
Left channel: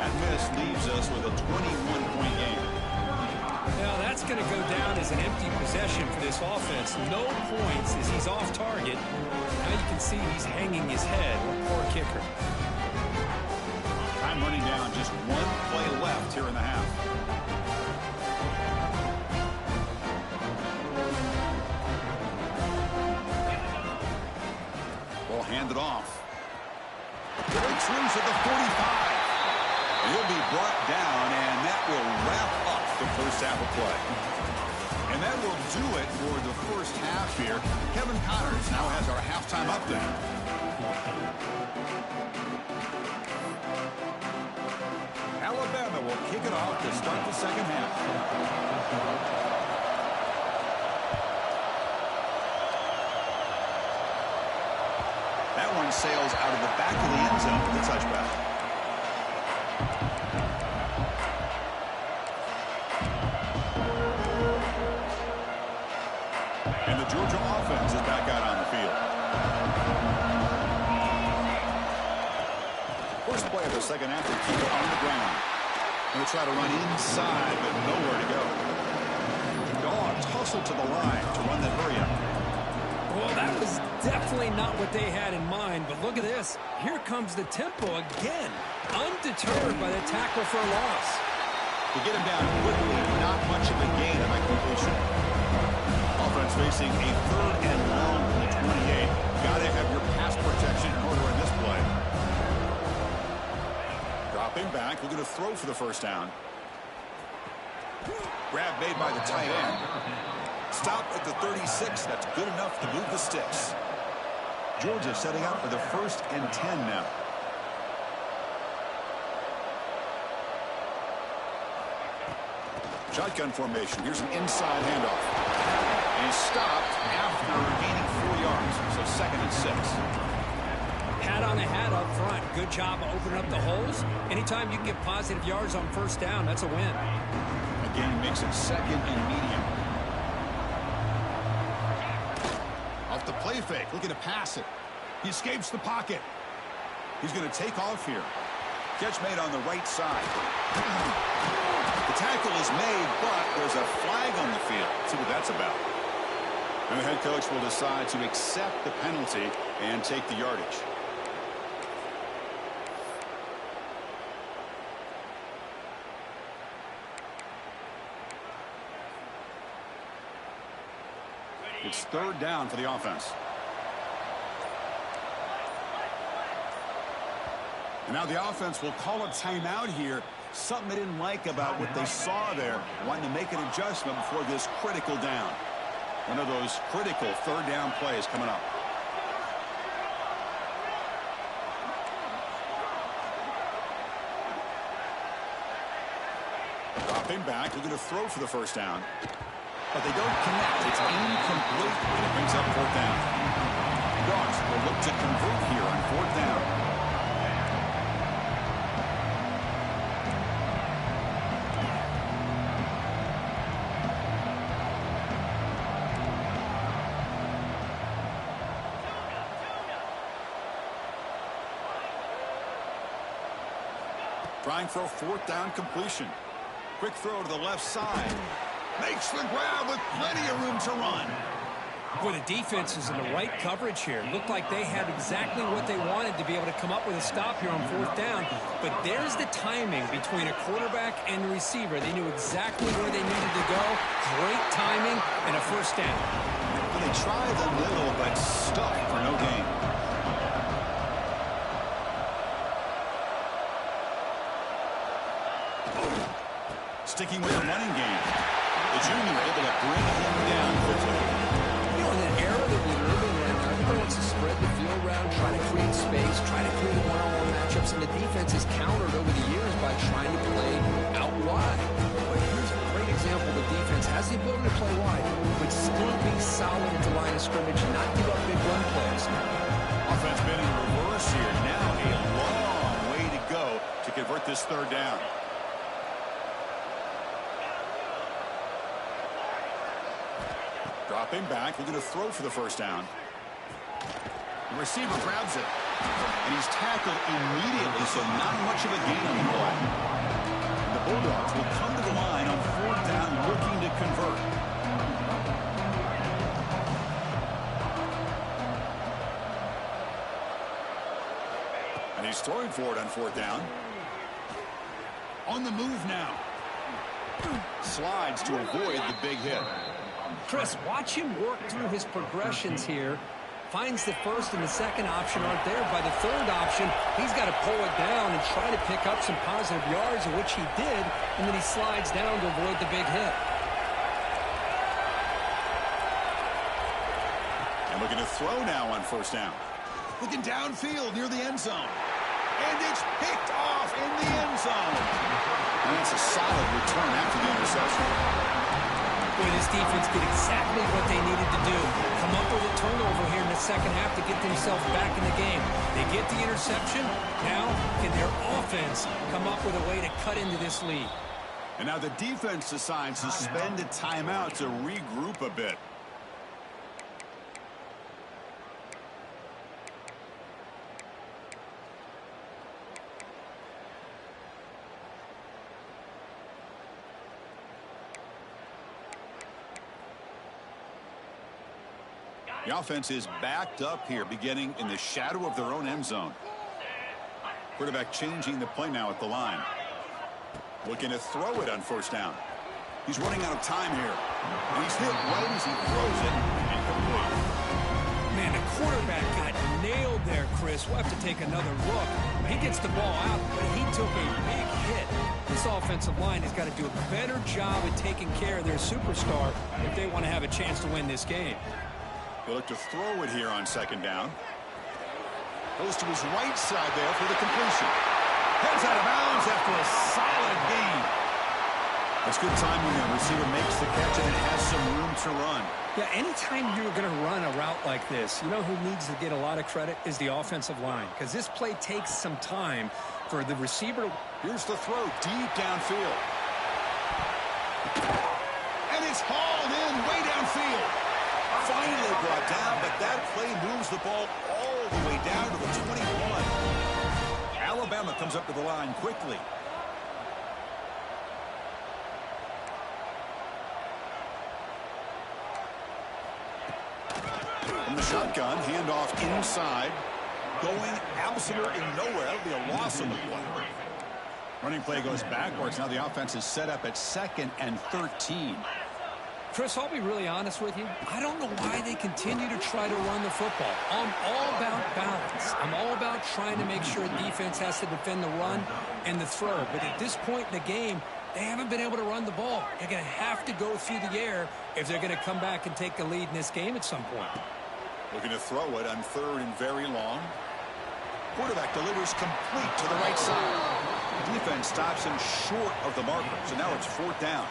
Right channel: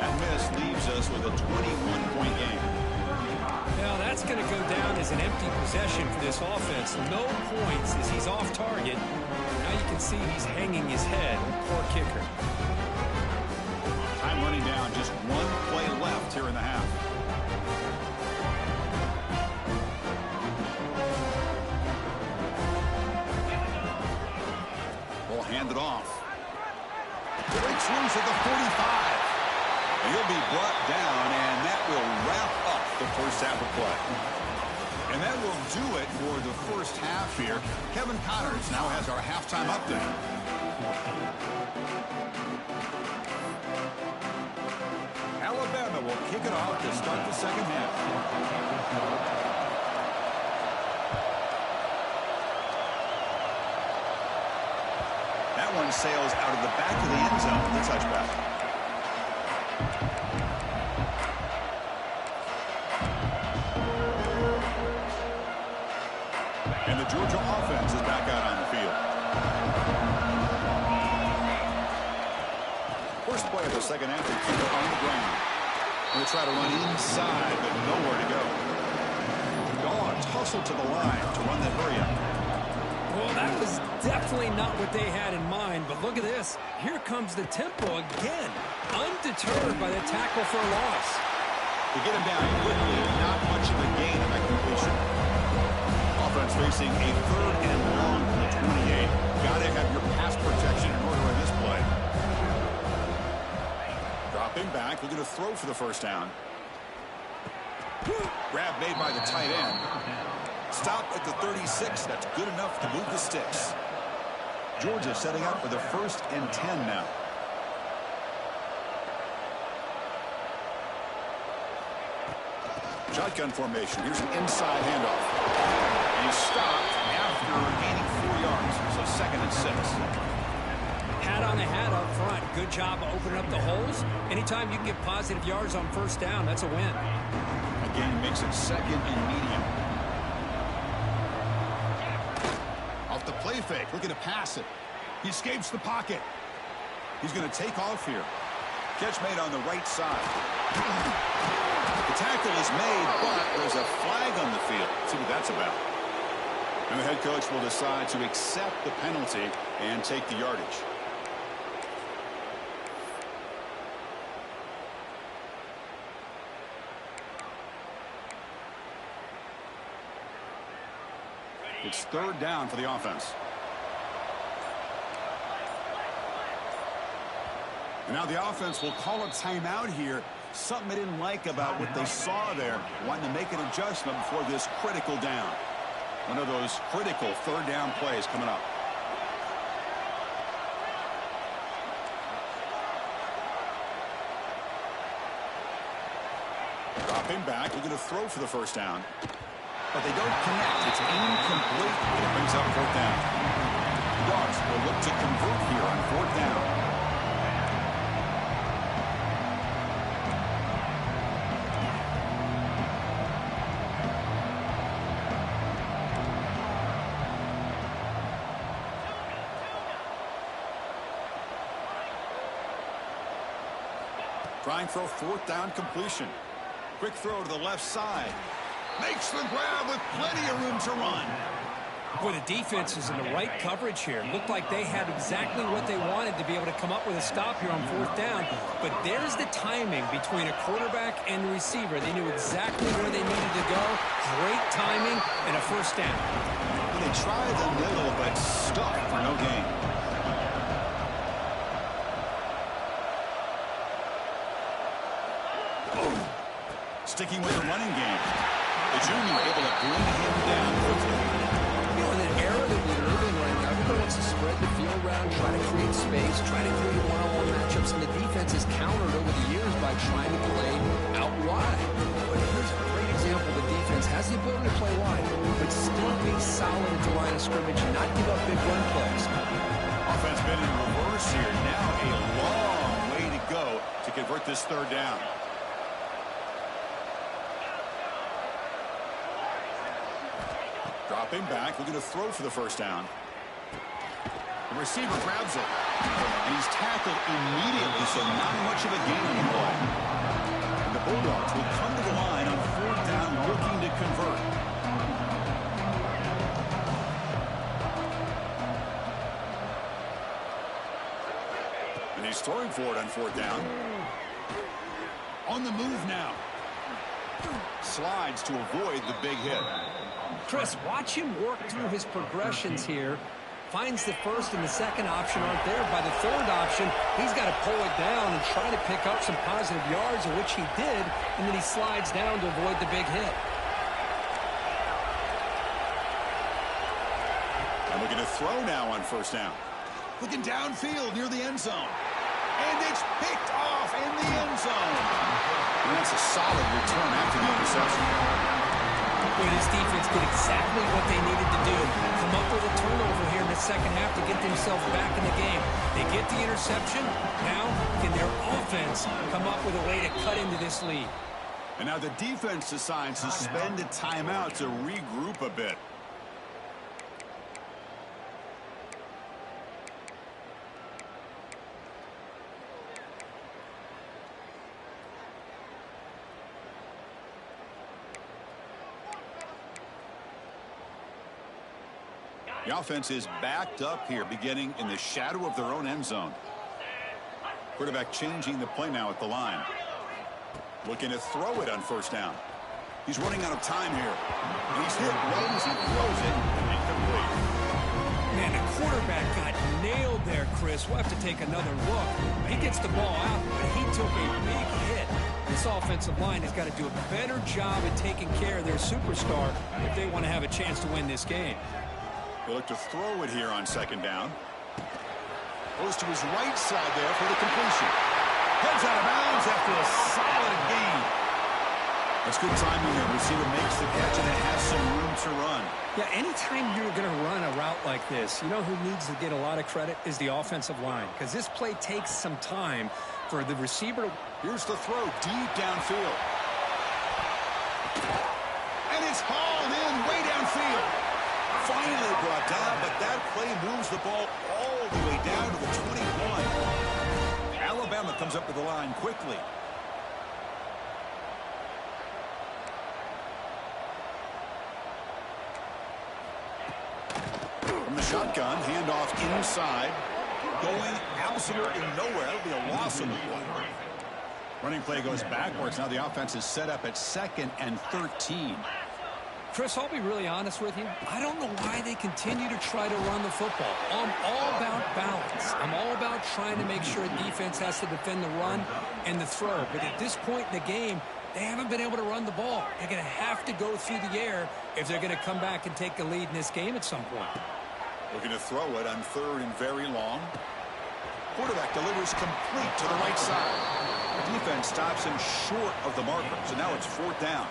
That miss leaves us with a 21-point game. Well, that's going to go down as an empty possession for this offense. No points as he's off target. Now you can see he's hanging his head. Poor kicker. Time running down. Just one play left here in the half. Ball handed off. Breaks loose at the 45. And he'll be brought down, and that will wrap up the first half of play. And that will do it for the first half here. Kevin Connors now has our halftime update. Alabama will kick it off to start the second half. That one sails out of the back of the end zone with the touchback. And the Georgia offense is back out on the field. First play of the second half, they keep it on the ground. Going to try to run inside, but nowhere to go. Dawgs hustle to the line to run the hurry up. Well, that was definitely not what they had in mind, but look at this. Here comes the tempo again, undeterred by the tackle for a loss. To get him down quickly, not much of a gain on that completion. Offense facing a third and long from the 28. Got to have your pass protection in order in this play. Dropping back, looking to throw for the first down. Grab made by the tight end. Stop at the 36. That's good enough to move the sticks. Georgia setting up for the 1st and 10 now. Shotgun formation. Here's an inside handoff. And he's stopped after gaining 4 yards. So 2nd and 6. Hat on a hat up front. Good job of opening up the holes. Anytime you can get positive yards on first down, that's a win. Again, makes it 2nd and medium. Off the play fake, looking to pass it. He escapes the pocket. He's going to take off here. Catch made on the right side. The tackle is made, but there's a flag on the field. Let's see what that's about. And the head coach will decide to accept the penalty and take the yardage. It's 3rd down for the offense. And now the offense will call a timeout here. Something they didn't like about what they saw there. Wanting to make an adjustment before this critical down. One of those critical 3rd down plays coming up. Dropping back, looking to throw for the first down. But they don't connect. It's incomplete, and it brings up 4th down. Dawgs will look to convert here on 4th down. Trying for a 4th down completion. Quick throw to the left side. Makes the grab with plenty of room to run. Boy, the defense is in the right coverage here. Looked like they had exactly what they wanted to be able to come up with a stop here on 4th down. But there's the timing between a quarterback and the receiver. They knew exactly where they needed to go. Great timing and a first down. Well, they tried the middle, but stuck for no gain. Sticking with the running game. The junior able to bring him down quickly. You know, in an era that we live in right now, everybody wants to spread the field around, try to create space, try to create one-on-one matchups, and the defense has countered over the years by trying to play out wide. But here's a great example. The defense has the ability to play wide, but still be solid at the line of scrimmage and not give up big run plays. Offense been in reverse here. Now a long way to go to convert this 3rd down. Dropping back, looking to throw for the first down. The receiver grabs it. And he's tackled immediately, so not much of a gain on the play. And the Bulldogs will come to the line on 4th down, looking to convert. And he's throwing for it on fourth down. On the move now. Slides to avoid the big hit. Chris, watch him work through his progressions here. Finds the first and the second option aren't there. By the third option, he's got to pull it down and try to pick up some positive yards, which he did, and then he slides down to avoid the big hit. And looking to throw now on first down. Looking downfield near the end zone. And it's picked off in the end zone. And that's a solid return after the interception. Boy, this defense did exactly what they needed to do. Come up with a turnover here in the second half to get themselves back in the game. They get the interception. Now, can their offense come up with a way to cut into this lead? And now the defense decides to spend a timeout to regroup a bit. The offense is backed up here, beginning in the shadow of their own end zone. Quarterback changing the play now at the line. Looking to throw it on first down. He's running out of time here. And he's hit right as he throws it. Incomplete. Man, the quarterback got nailed there, Chris. We'll have to take another look. He gets the ball out, but he took a big hit. This offensive line has got to do a better job at taking care of their superstar if they want to have a chance to win this game. He'll look to throw it here on second down. Goes to his right side there for the completion. Heads out of bounds after a solid gain. That's good timing there. Receiver makes the catch and it has some room to run. Yeah, anytime you're going to run a route like this, you know who needs to get a lot of credit is the offensive line, because this play takes some time for the receiver. Here's the throw deep downfield. And it's hauled in way downfield. Finally brought down, but that play moves the ball all the way down to the 21. Alabama comes up to the line quickly. From the shotgun, handoff inside. Going absolutely nowhere. That'll be a loss on the play. Running play goes backwards. Now the offense is set up at 2nd and 13. Chris, I'll be really honest with you. I don't know why they continue to try to run the football. I'm all about balance. I'm all about trying to make sure a defense has to defend the run and the throw. But at this point in the game, they haven't been able to run the ball. They're going to have to go through the air if they're going to come back and take the lead in this game at some point. Looking to throw it on 3rd and very long. Quarterback delivers complete to the right side. Defense stops him short of the marker. So now it's 4th down.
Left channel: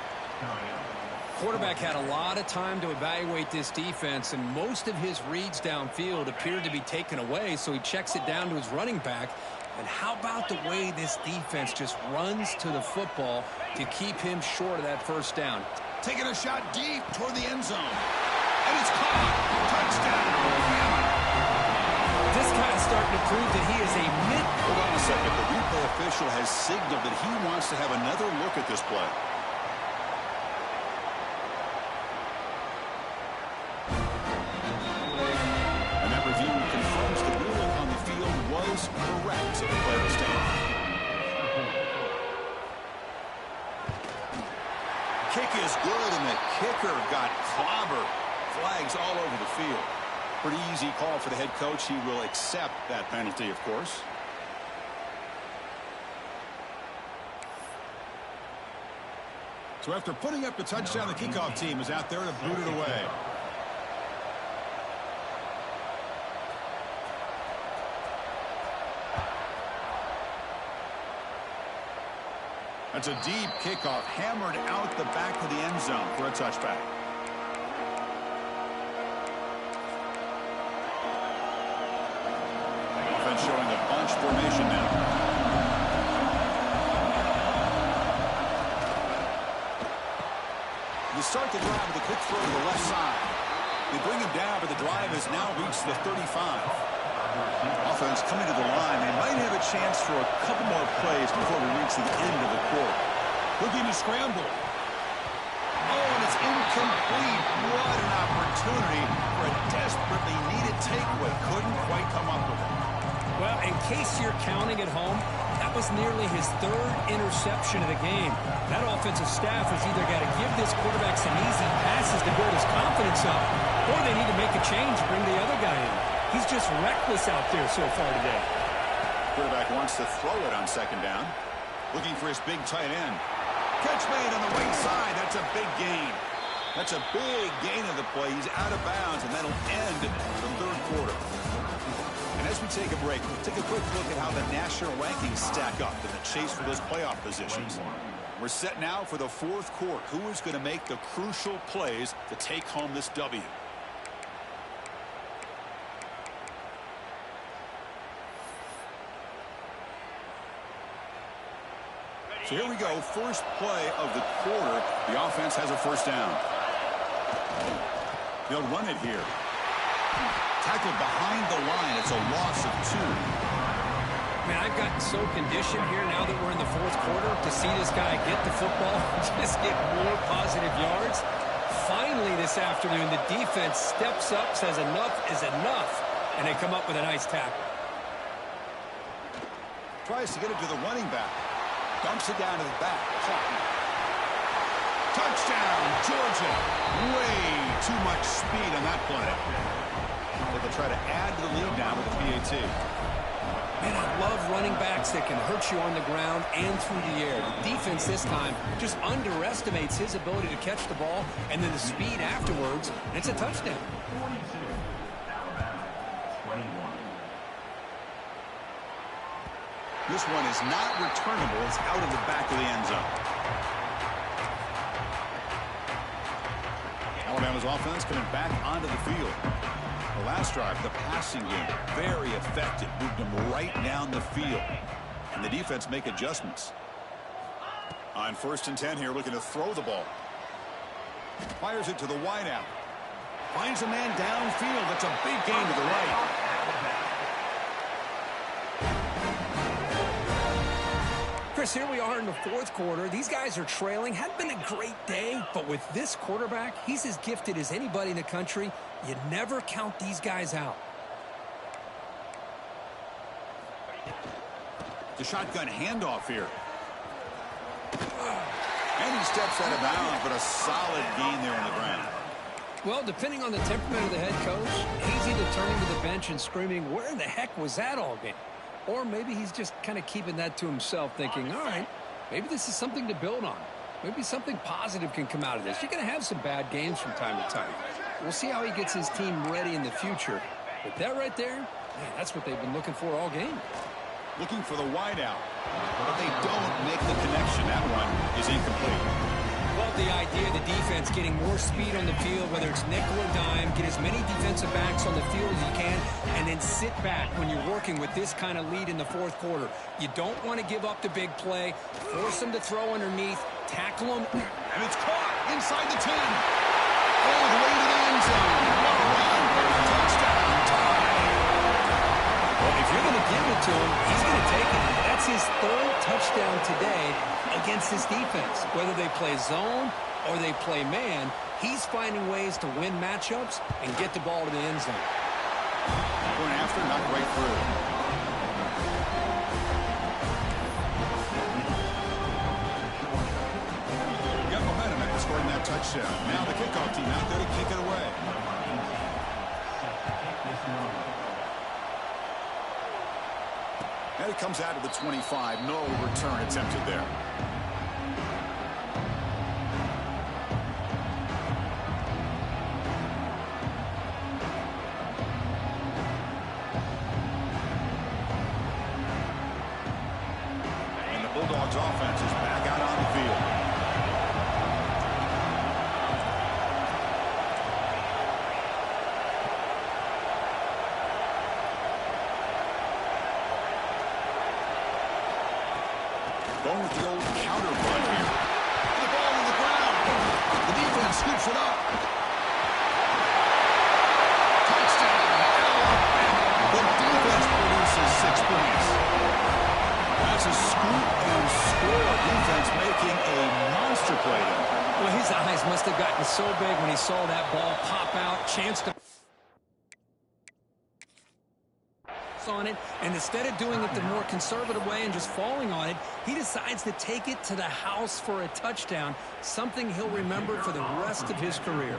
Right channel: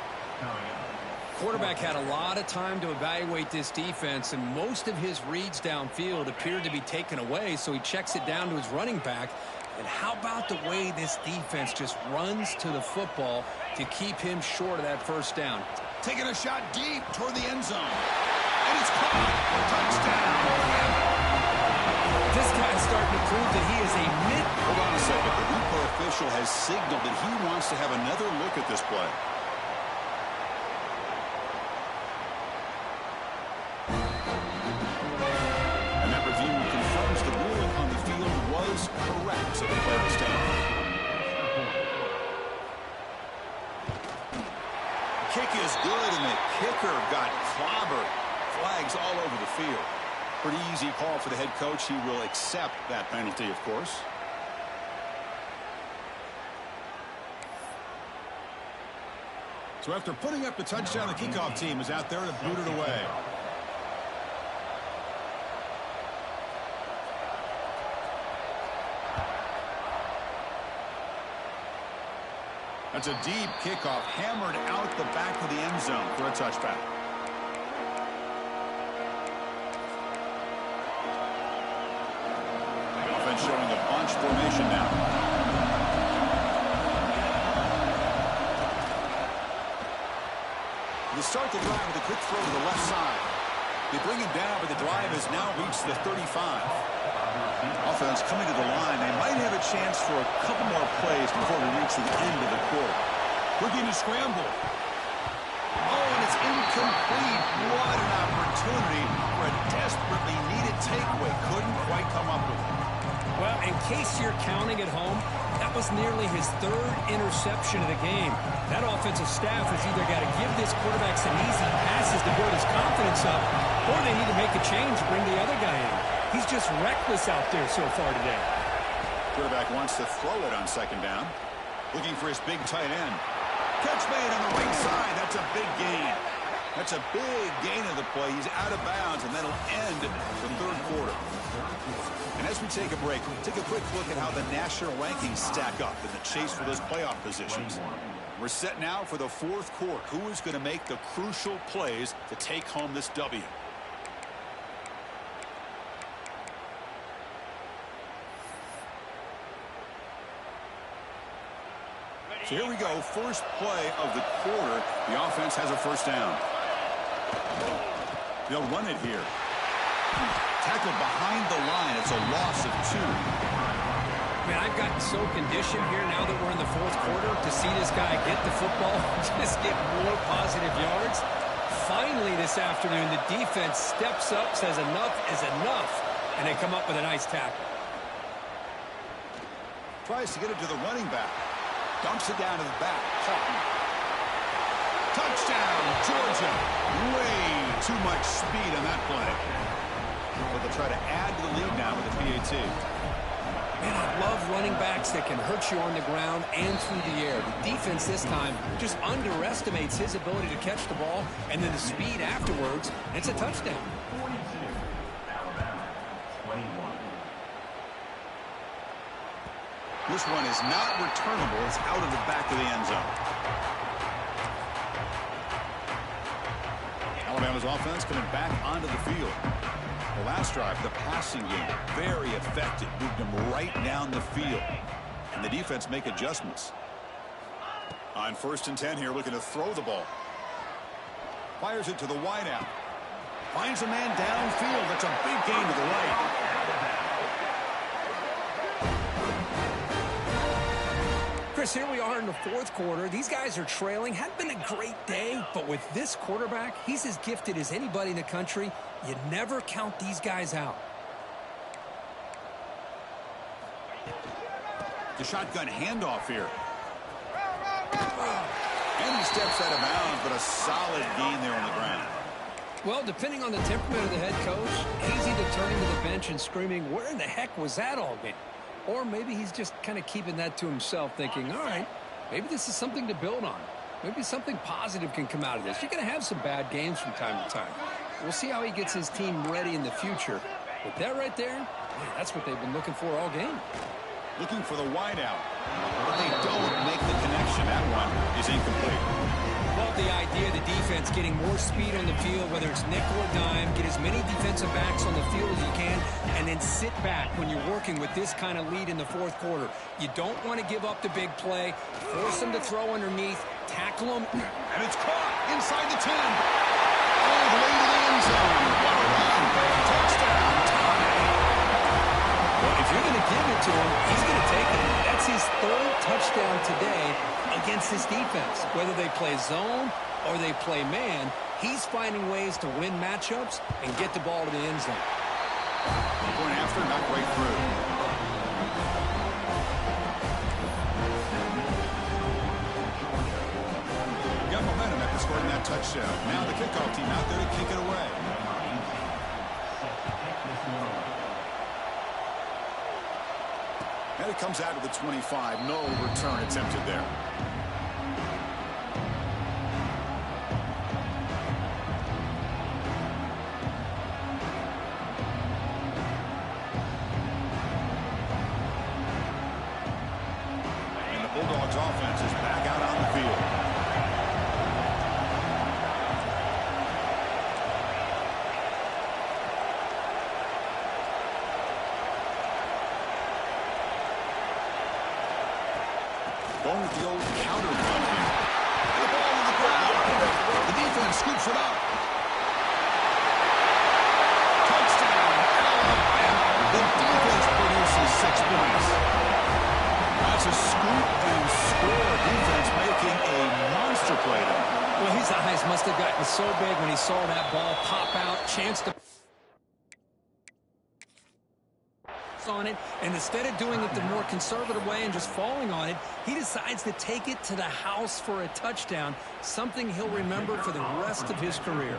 Quarterback had a lot of time to evaluate this defense, and most of his reads downfield appeared to be taken away, so he checks it down to his running back. And how about the way this defense just runs to the football to keep him short of that first down? Taking a shot deep toward the end zone. And it's caught. Touchdown. This guy's starting to prove that he is a mid. Hold on a second. The replay official has signaled that he wants to have another look at this play. Was correct, so the play will stand. Kick is good, and the kicker got clobbered. Flags all over the field. Pretty easy call for the head coach. He will accept that penalty, of course. So after putting up the touchdown, the kickoff team is out there to boot it away. That's a deep kickoff, hammered out the back of the end zone for a touchback. Offense showing a bunch formation now. They start the drive with a quick throw to the left side. They bring him down, but the drive has now reached the 35. Offense coming to the line. They might have a chance for a couple more plays before we reach the end of the quarter. Looking to scramble. Oh, and it's incomplete. What an opportunity for a desperately needed takeaway. Couldn't quite come up with it. Well, in case you're counting at home, that was nearly his third interception of the game. That offensive staff has either got to give this quarterback some easy passes to build his confidence up, or they need to make a change to bring the other guy in. He's just reckless out there so far today. Quarterback wants to throw it on second down. Looking for his big tight end. Catch made on the right side. That's a big gain. That's a big gain of the play. He's out of bounds, and that'll end the third quarter. And as we take a break, we'll take a quick look at how the national rankings stack up in the chase for those playoff positions. We're set now for the fourth quarter. Who is going to make the crucial plays to take home this W? So here we go. First play of the quarter. The offense has a first down. They'll run it here. Tackled behind the line. It's a loss of 2. Man, I've gotten so conditioned here now that we're in the fourth quarter to see this guy get the football, just get more positive yards. Finally this afternoon, the defense steps up, says enough is enough, and they come up with a nice tackle. Tries to get it to the running back. Dumps it down to the back. Caught. Touchdown, Georgia. Way too much speed on that play. So they'll try to add to the lead now with a PAT. Man, I love running backs that can hurt you on the ground and through the air. The defense this time just underestimates his ability to catch the ball, and then the speed afterwards, and it's a touchdown. 42, Alabama, 21. This one is not returnable. It's out of the back of the end zone. Alabama's offense coming back onto the field. The last drive, the passing game, very effective. Moved them right down the field. And the defense make adjustments. On 1st and 10 here, looking to throw the ball. Fires it to the wideout. Finds a man downfield. That's a big gain to the right. Chris, here we are in the fourth quarter. These guys are trailing. Hadn't been a great day, but with this quarterback, he's as gifted as anybody in the country. You never count these guys out. The shotgun handoff here. And he steps out of bounds, but a solid gain there on the ground. Well, depending on the temperament of the head coach, he's either turning to the bench and screaming, where in the heck was that all game? Or maybe he's just kind of keeping that to himself, thinking, all right, maybe this is something to build on. Maybe something positive can come out of this. You're going to have some bad games from time to time. We'll see how he gets his team ready in the future. But that right there, man, that's what they've been looking for all game. Looking for the wideout. But they don't make the connection. That one is incomplete. Love the idea of the defense getting more speed on the field, whether it's nickel or dime, get as many defensive backs on the field as you can, and then sit back when you're working with this kind of lead in the fourth quarter. You don't want to give up the big play, force them to throw underneath, tackle them. And it's caught inside the 10. All the way to the end zone. What a run. Touchdown. Tie. Well, if you're going to give it to him, he's going to take it. That's his third touchdown today against this defense. Whether they play zone or they play man, he's finding ways to win matchups and get the ball to the end zone. Going after, knocked right through. Got momentum after scoring that touchdown. Now the kickoff team out there to kick it away. And it comes out to the 25. No return attempted there. And the Bulldogs offense is back out on the field. Going with the old counter run here. And the ball on the ground. The defense scoops it up. Touchdown, Alabama. The defense produces 6 points. That's a scoop and score. Defense making a monster play there. Well, his eyes must have gotten so big when he saw that ball pop out, chance to on it, and instead of doing it the more conservative way and just falling on it, he decides to take it to the house for a touchdown, something he'll remember for the rest of his career.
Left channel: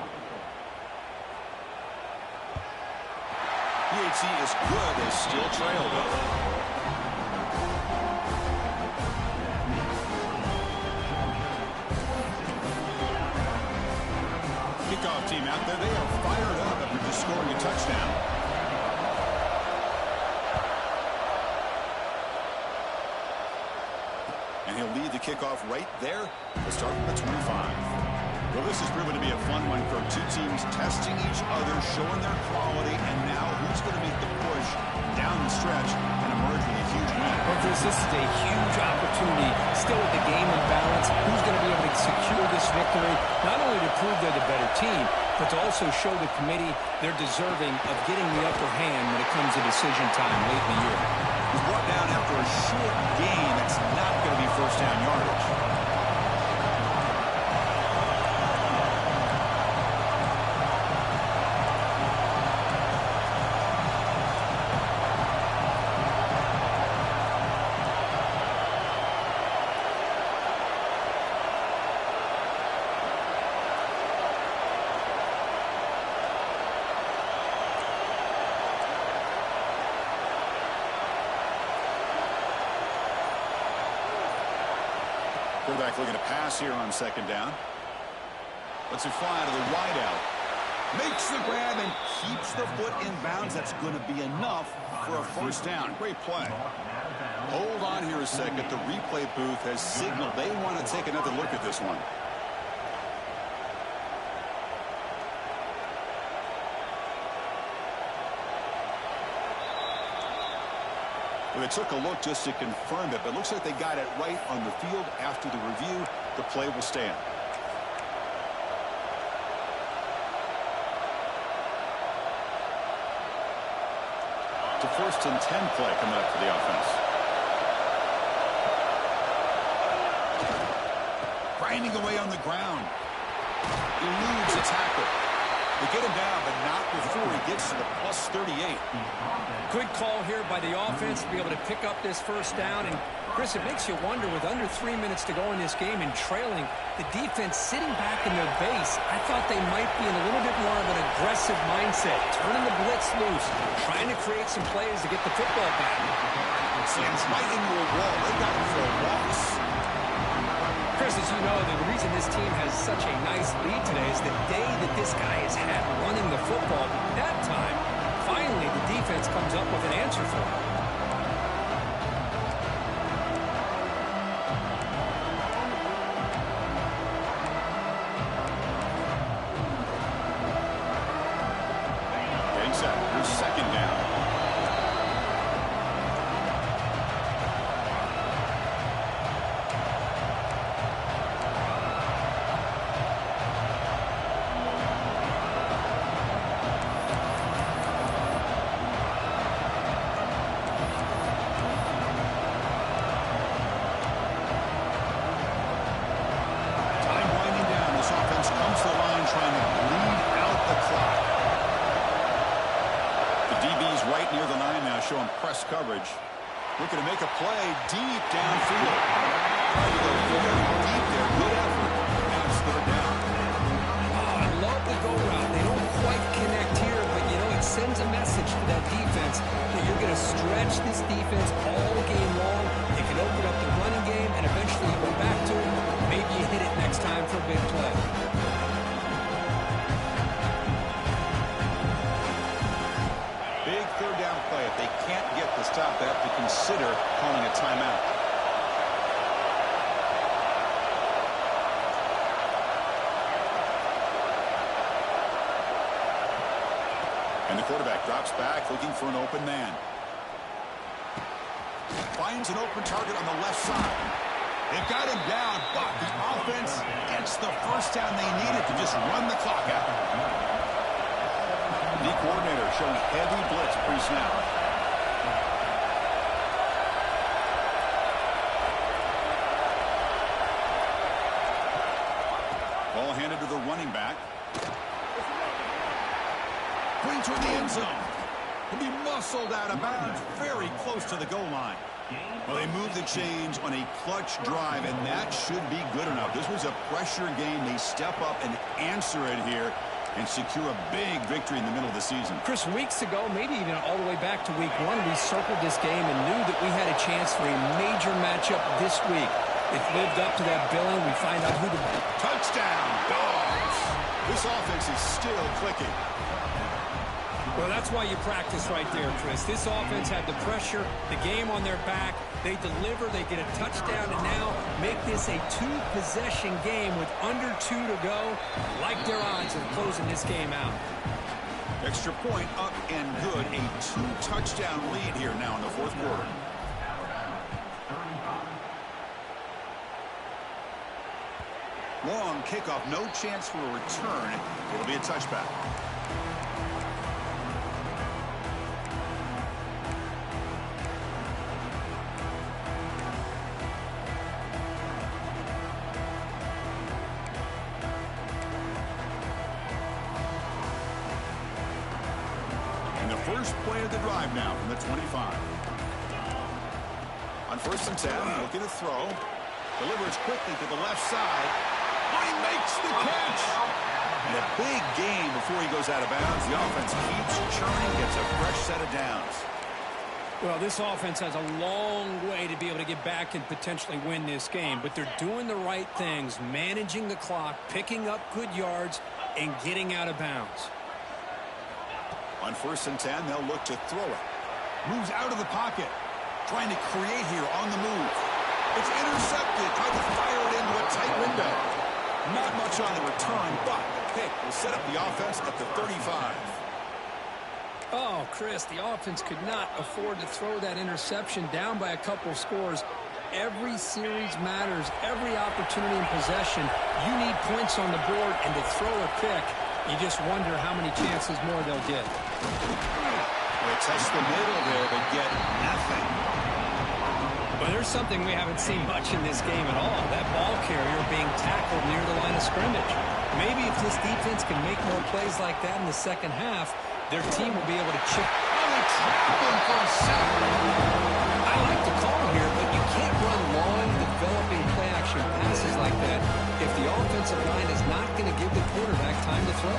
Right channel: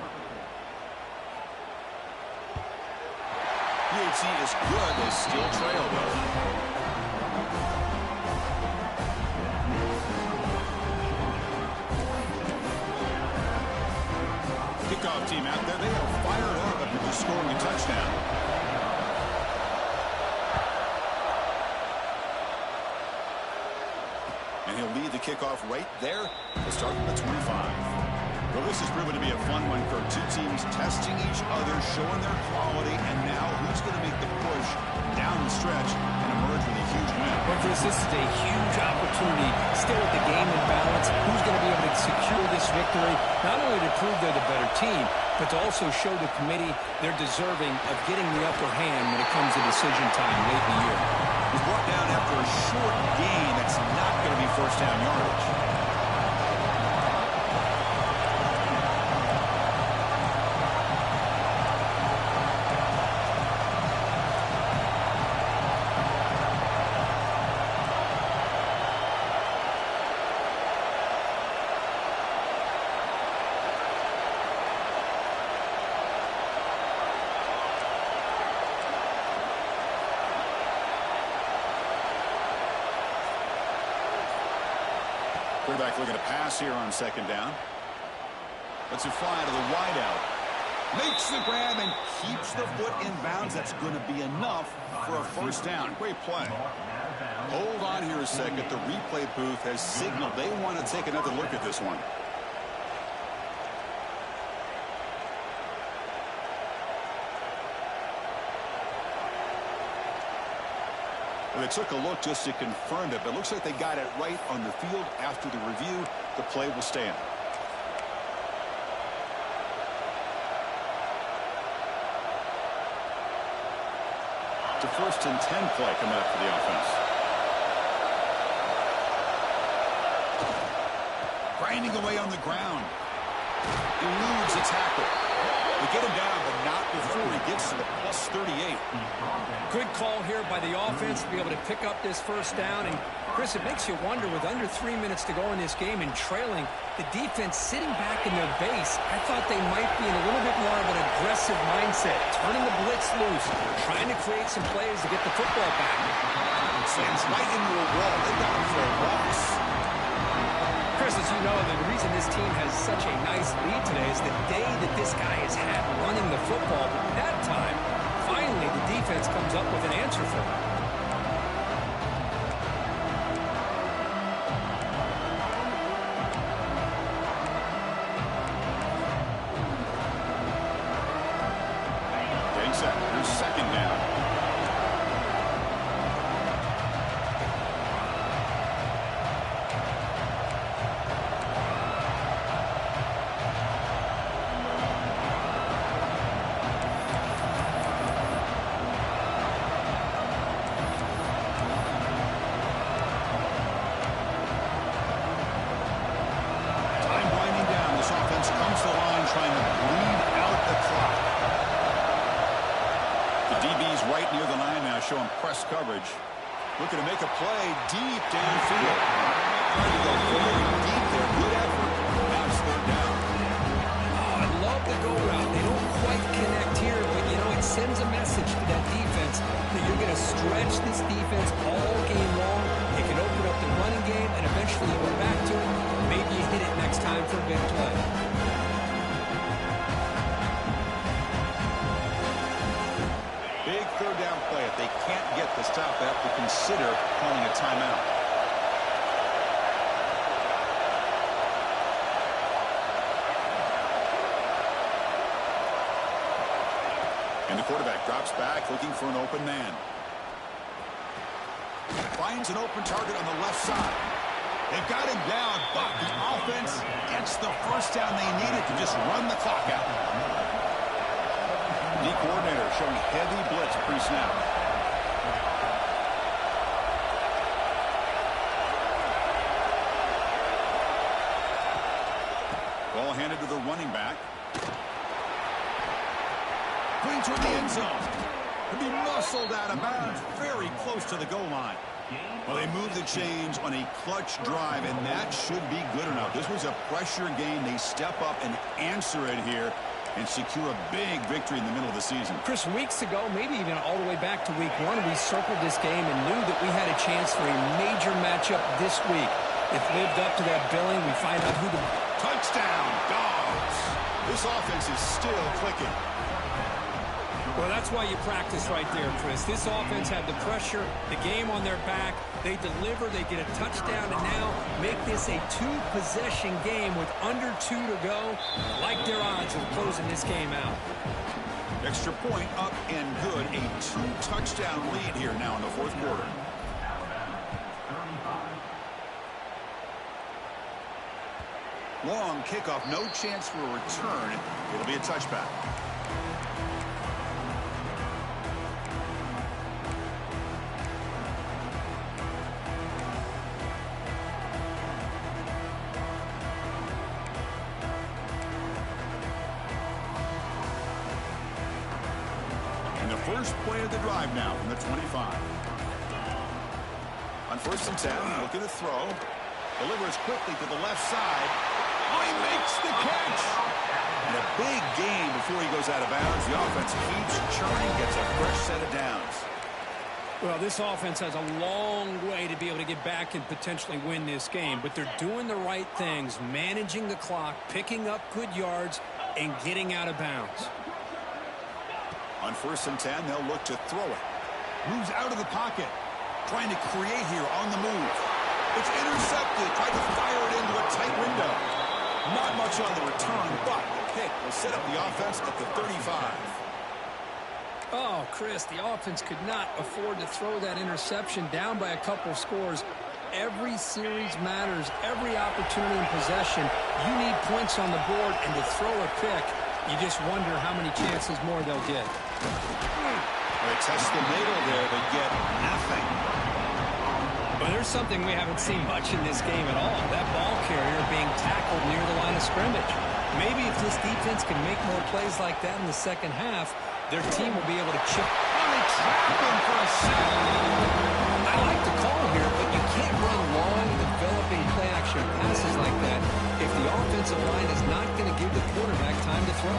PHC is good. They still trail, though. Kickoff team out there. They are fired up after just scoring a touchdown. And he'll lead the kickoff right there. We'll start from the 25. Well, this has proven to be a fun one for two teams testing each other, showing their quality, and now who's going to make the push down the stretch and emerge with a huge win. Well, Chris, this is a huge opportunity. Still with the game in balance, who's going to be able to secure this victory, not only to prove they're the better team, but to also show the committee they're deserving of getting the upper hand when it comes to decision time late in the year. He's brought down after a short gain. That's not going to be first down yardage. Quarterback looking to pass here on second down. Lets it fly to the wideout. Makes the grab and keeps the foot in bounds. That's going to be enough for a first down. Great play. Hold on here a second. The replay booth has signaled they want to take another look at this one. Well, they took a look just to confirm it, but it looks like they got it right on the field. After the review, the play will stand. It's a 1st and 10 play coming up for the offense. Grinding away on the ground. Eludes a tackle. They get him down, but not before he gets to the plus 38. Good call here by the offense to be able to pick up this first down. And, Chris, it makes you wonder, with under 3 minutes to go in this game and trailing, the defense sitting back in their base, I thought they might be in a little bit more of an aggressive mindset, turning the blitz loose, trying to create some plays to get the football back. Slams right into a wall. They got him for a loss. Chris, as you know, the reason this team has such a nice lead today is the day that this guy has had running the football. But that time, finally, the defense comes up with an answer for him. Getting set. Here's second down. Comes to the line trying to bleed out the clock. The DB's right near the line now, showing press coverage. Looking to make a play deep downfield. Trying to go very deep there. Good effort. Now it's third down. Oh, I love the go route. They don't quite connect here, but, you know, it sends a message to that defense that you're going to stretch this defense all game long. It can open up the running game, and eventually you go back to it. Maybe you hit it next time for a big play. Big third down play. If they can't get the stop, they have to consider calling a timeout. And the quarterback drops back looking for an open man. Finds an open target on the left side. They've got him down, but the offense gets the first down they needed to just run the clock out. The coordinator showing heavy blitz pre-snap. handed to the running back. Putting toward the end zone. Could be muscled out of bounds. Very close to the goal line. Well, they moved the chains on a clutch drive, and that should be good enough. This was a pressure game. They step up and answer it here and secure a big victory in the middle of the season. Chris, weeks ago, maybe even all the way back to week 1, we circled this game and knew that we had a chance for a major matchup this week. It lived up to that billing. We find out who the... Touchdown, Dawgs. This offense is still clicking. Well, that's why you practice right there, Chris. This offense had the pressure, the game on their back. They deliver, they get a touchdown, and now make this a 2-possession game with under 2 to go. Like their odds of closing this game out. Extra point up and good. A 2-touchdown lead here now in the fourth quarter. Long kickoff, no chance for a return. It'll be a touchback. First play of the drive now from the 25. On 1st and 10, looking to throw. Delivers quickly to the left side. Oh, he makes the catch! And a big gain before he goes out of bounds. The offense keeps churning, gets a fresh set of downs. Well, this offense has a long way to be able to get back and potentially win this game, but they're doing the right things, managing the clock, picking up good yards, and getting out of bounds. On 1st and 10, they'll look to throw it. Moves out of the pocket. Trying to create here on the move. It's intercepted. Tried to fire it into a tight window. Not much on the return, but the pick will set up the offense at the 35. Oh, Chris, the offense could not afford to throw that interception down by a couple of scores. Every series matters. Every opportunity in possession. You need points on the board, and to throw a pick, you just wonder how many chances more they'll get. Well, they test the middle there, but get nothing. But there's something we haven't seen much in this game at all. That ball carrier being tackled near the line of scrimmage. Maybe if this defense can make more plays like that in the second half, their team will be able to chip. Oh, they trap him for a sack. I like the call here, but you can't run long, developing play-action passes like that if the offensive line is not going to give the quarterback time to throw.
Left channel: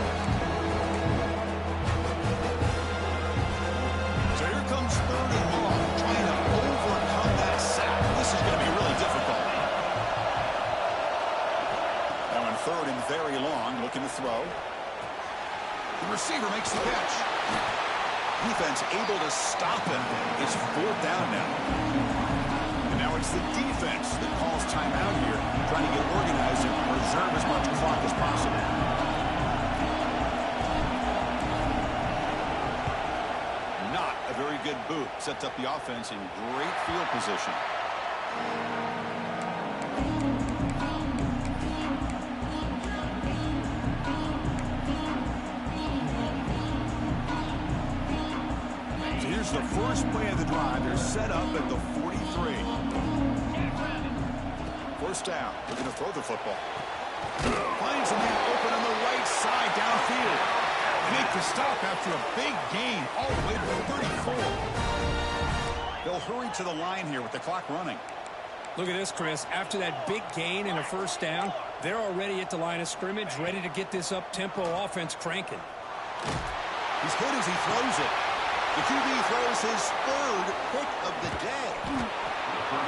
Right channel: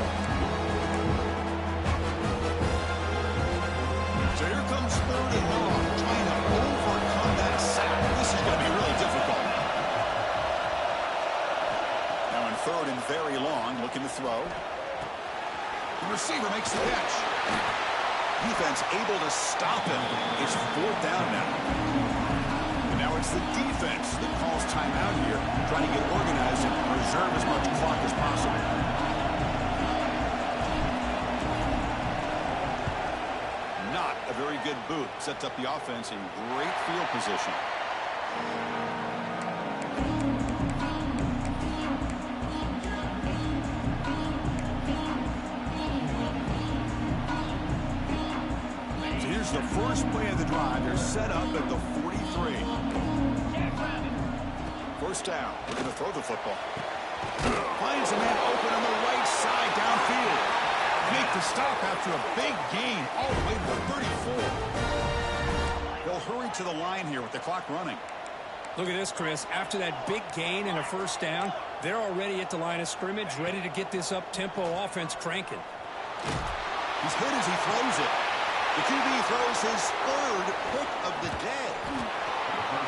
So here comes 3rd and long, trying to overcome that sack. This is going to be really difficult. Now in 3rd and very long, looking to throw. The receiver makes the catch. Defense able to stop him. It's 4th down now. And now it's the defense that calls timeout here, trying to get organized and preserve as much clock as possible. Not a very good boot. Sets up the offense in great field position. The first play of the drive. They're set up at the 43. 1st down. We're going to throw the football. Finds a man open on the right side downfield. They make the stop after a big gain all the way to the 34. They'll hurry to the line here with the clock running. Look at this, Chris. After that big gain and a 1st down, they're already at the line of scrimmage, ready to get this up-tempo offense cranking. He's hit as he throws it. The QB throws his 3rd pick of the day.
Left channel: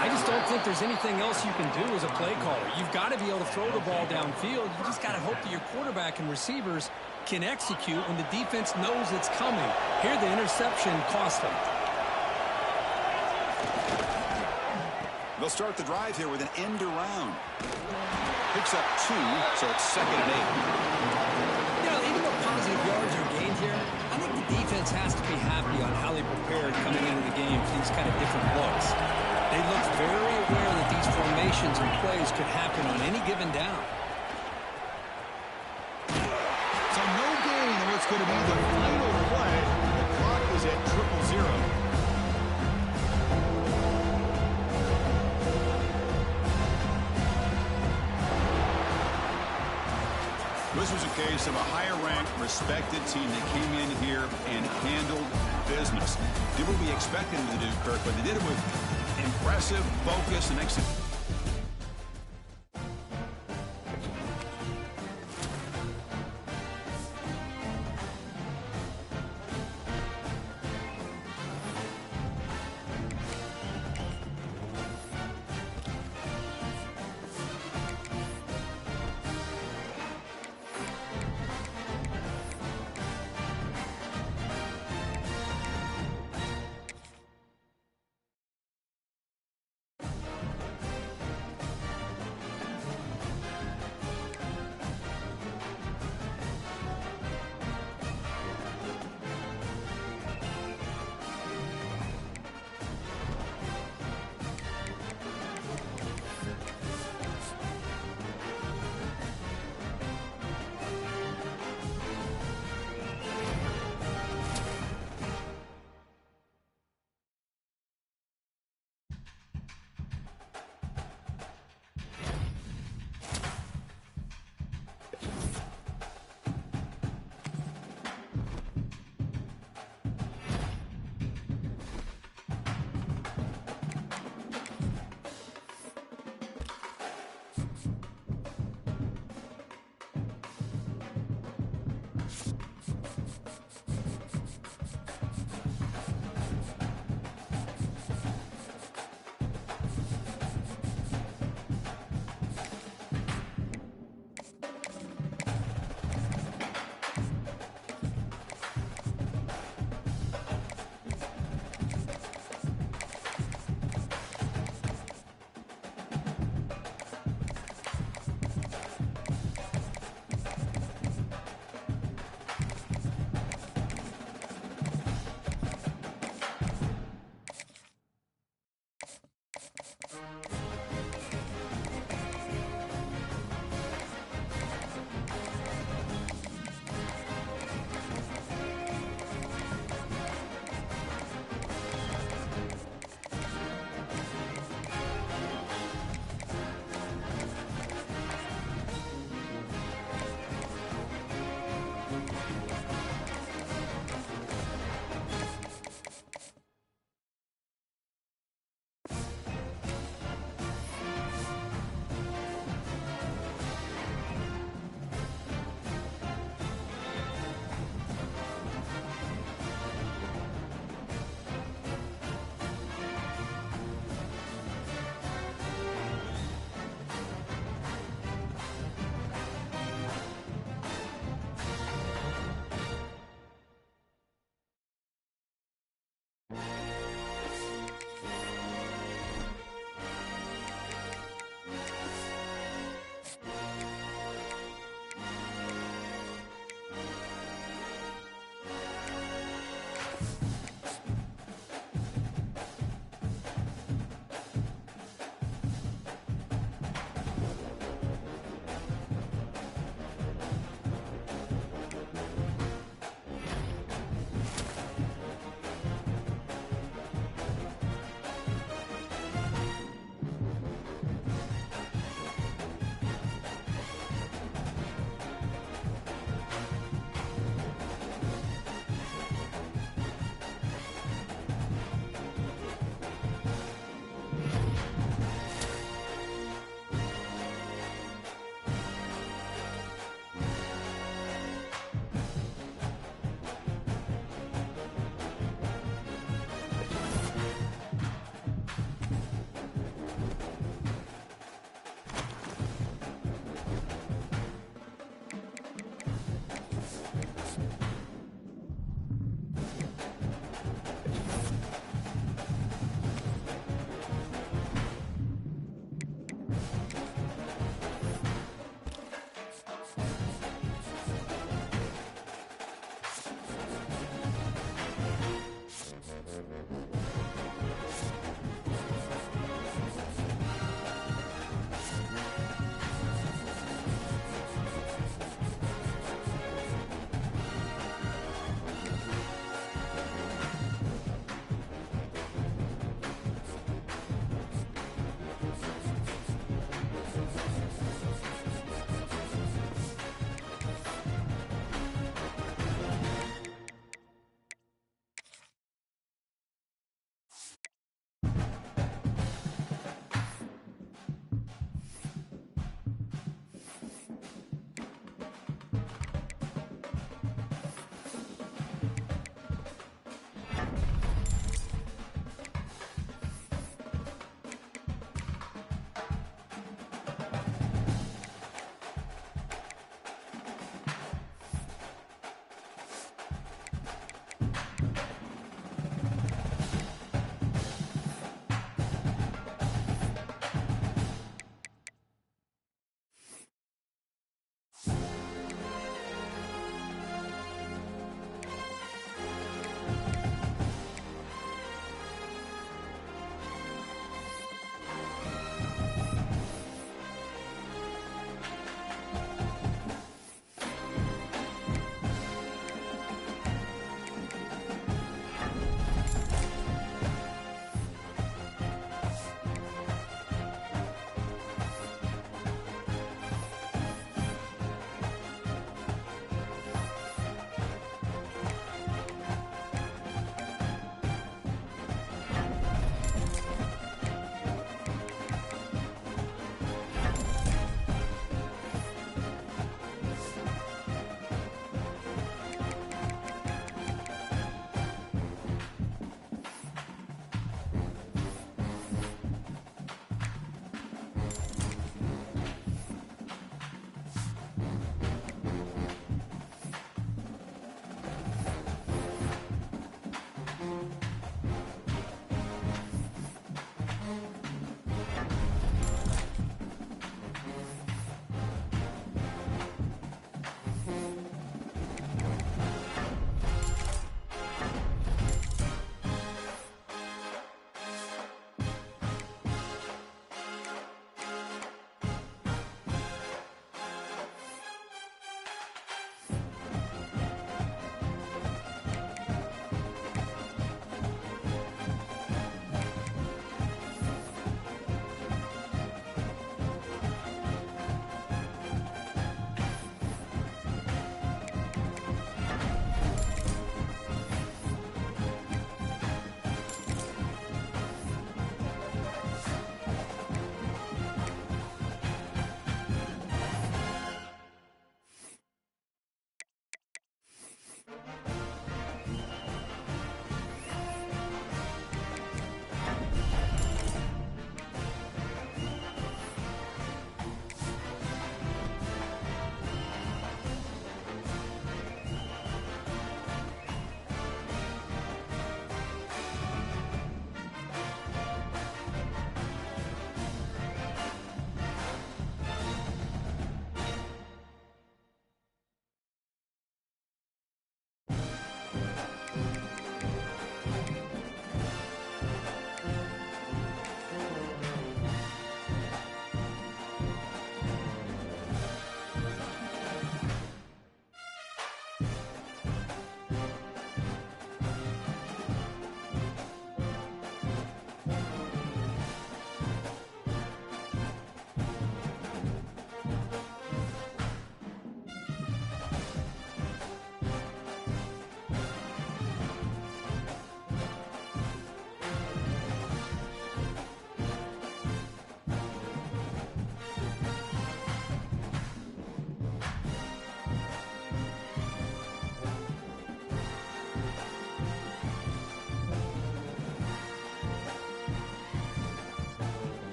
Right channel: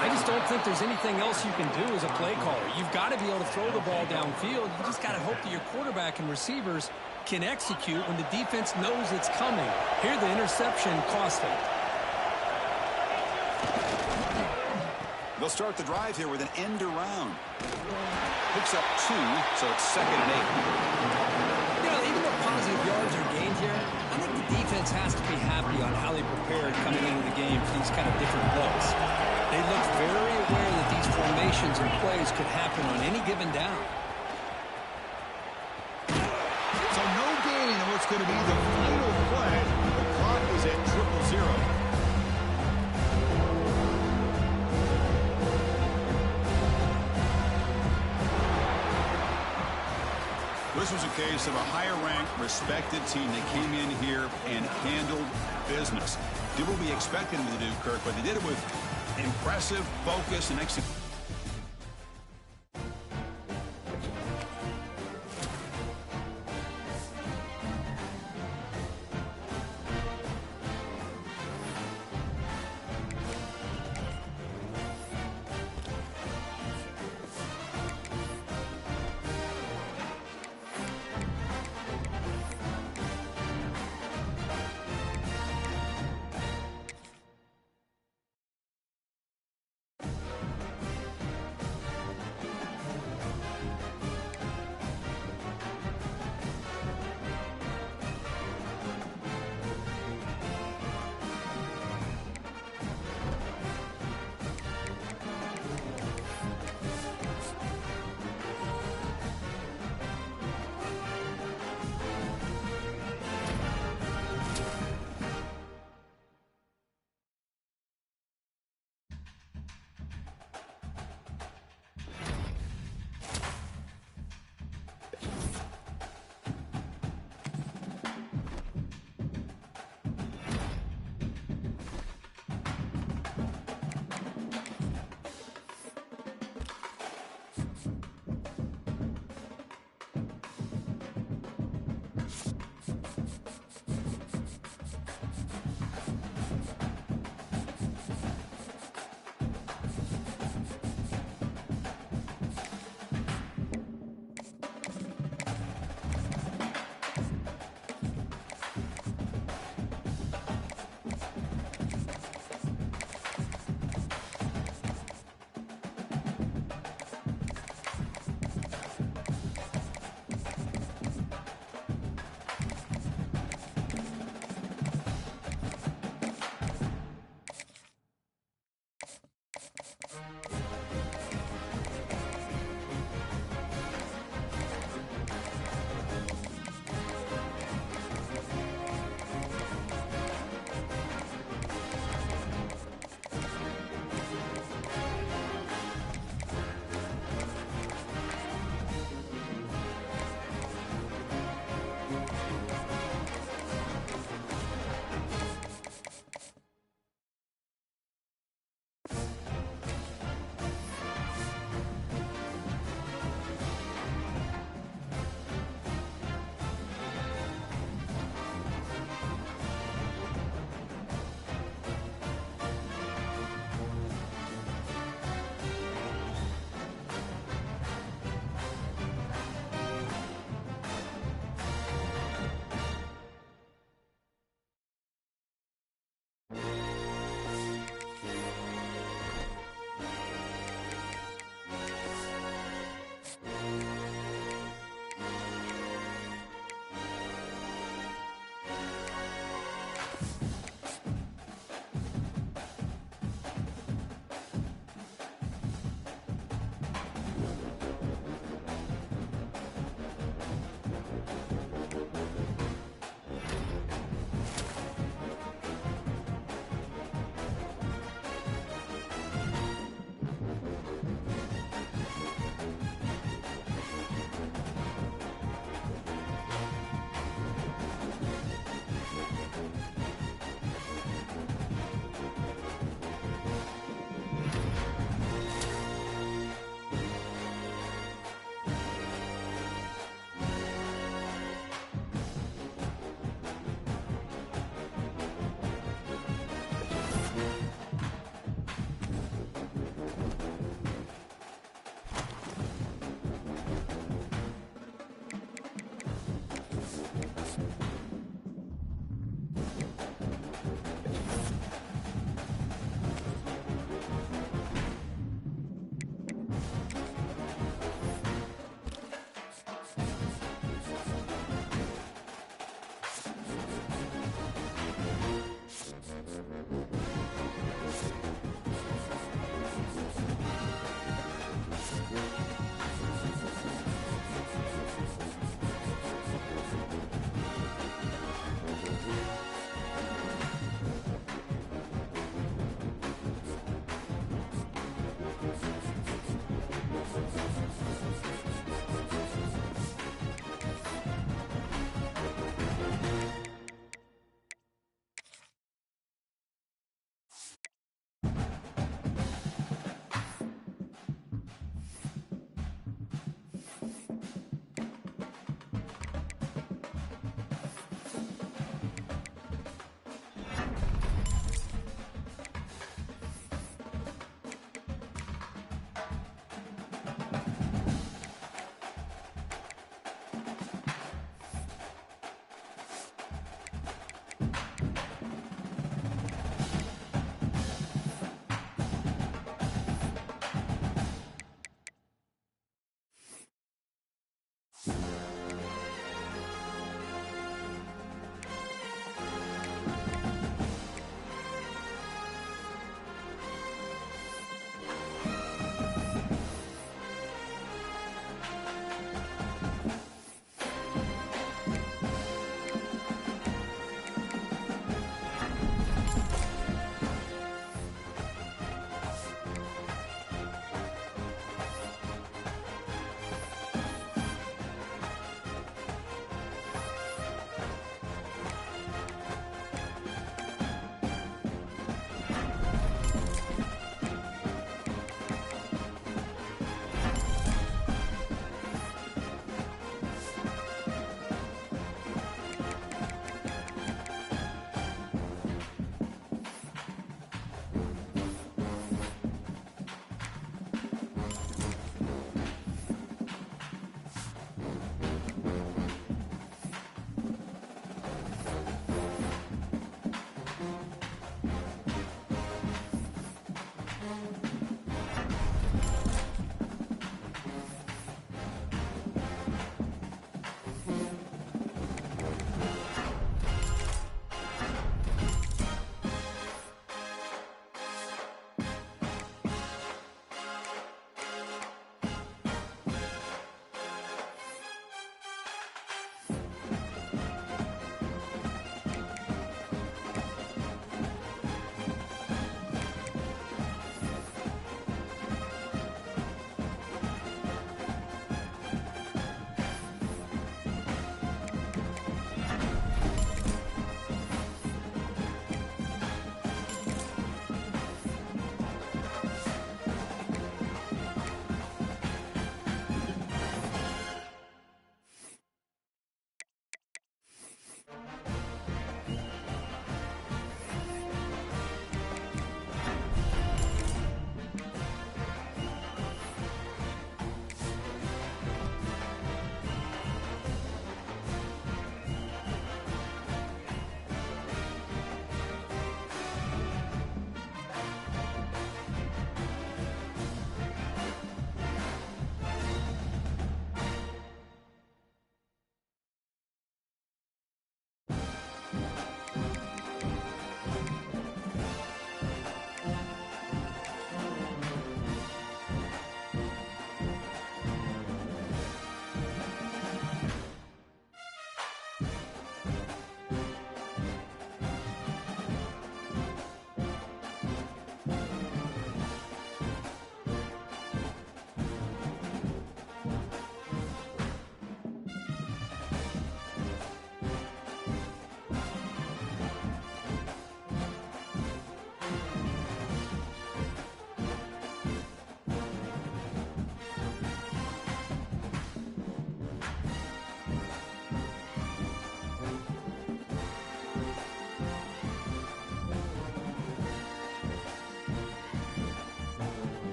I just don't think there's anything else you can do as a play caller. You've got to be able to throw the ball downfield. You just got to hope that your quarterback and receivers can execute when the defense knows it's coming. Here, the interception cost them. They'll start the drive here with an end around. Picks up 2, so it's 2nd and 8. You know, even though positive yards are gained here, I think the defense has to be happy on how they prepared coming into the game for these kind of different looks. They looked very aware that these formations and plays could happen on any given down. So no gain on what's going to be the final play. The clock is at 0-0. This was a case of a higher-ranked, respected team that came in here and handled business. Did what we expected them to do, Kirk, but they did it with impressive focus and execution.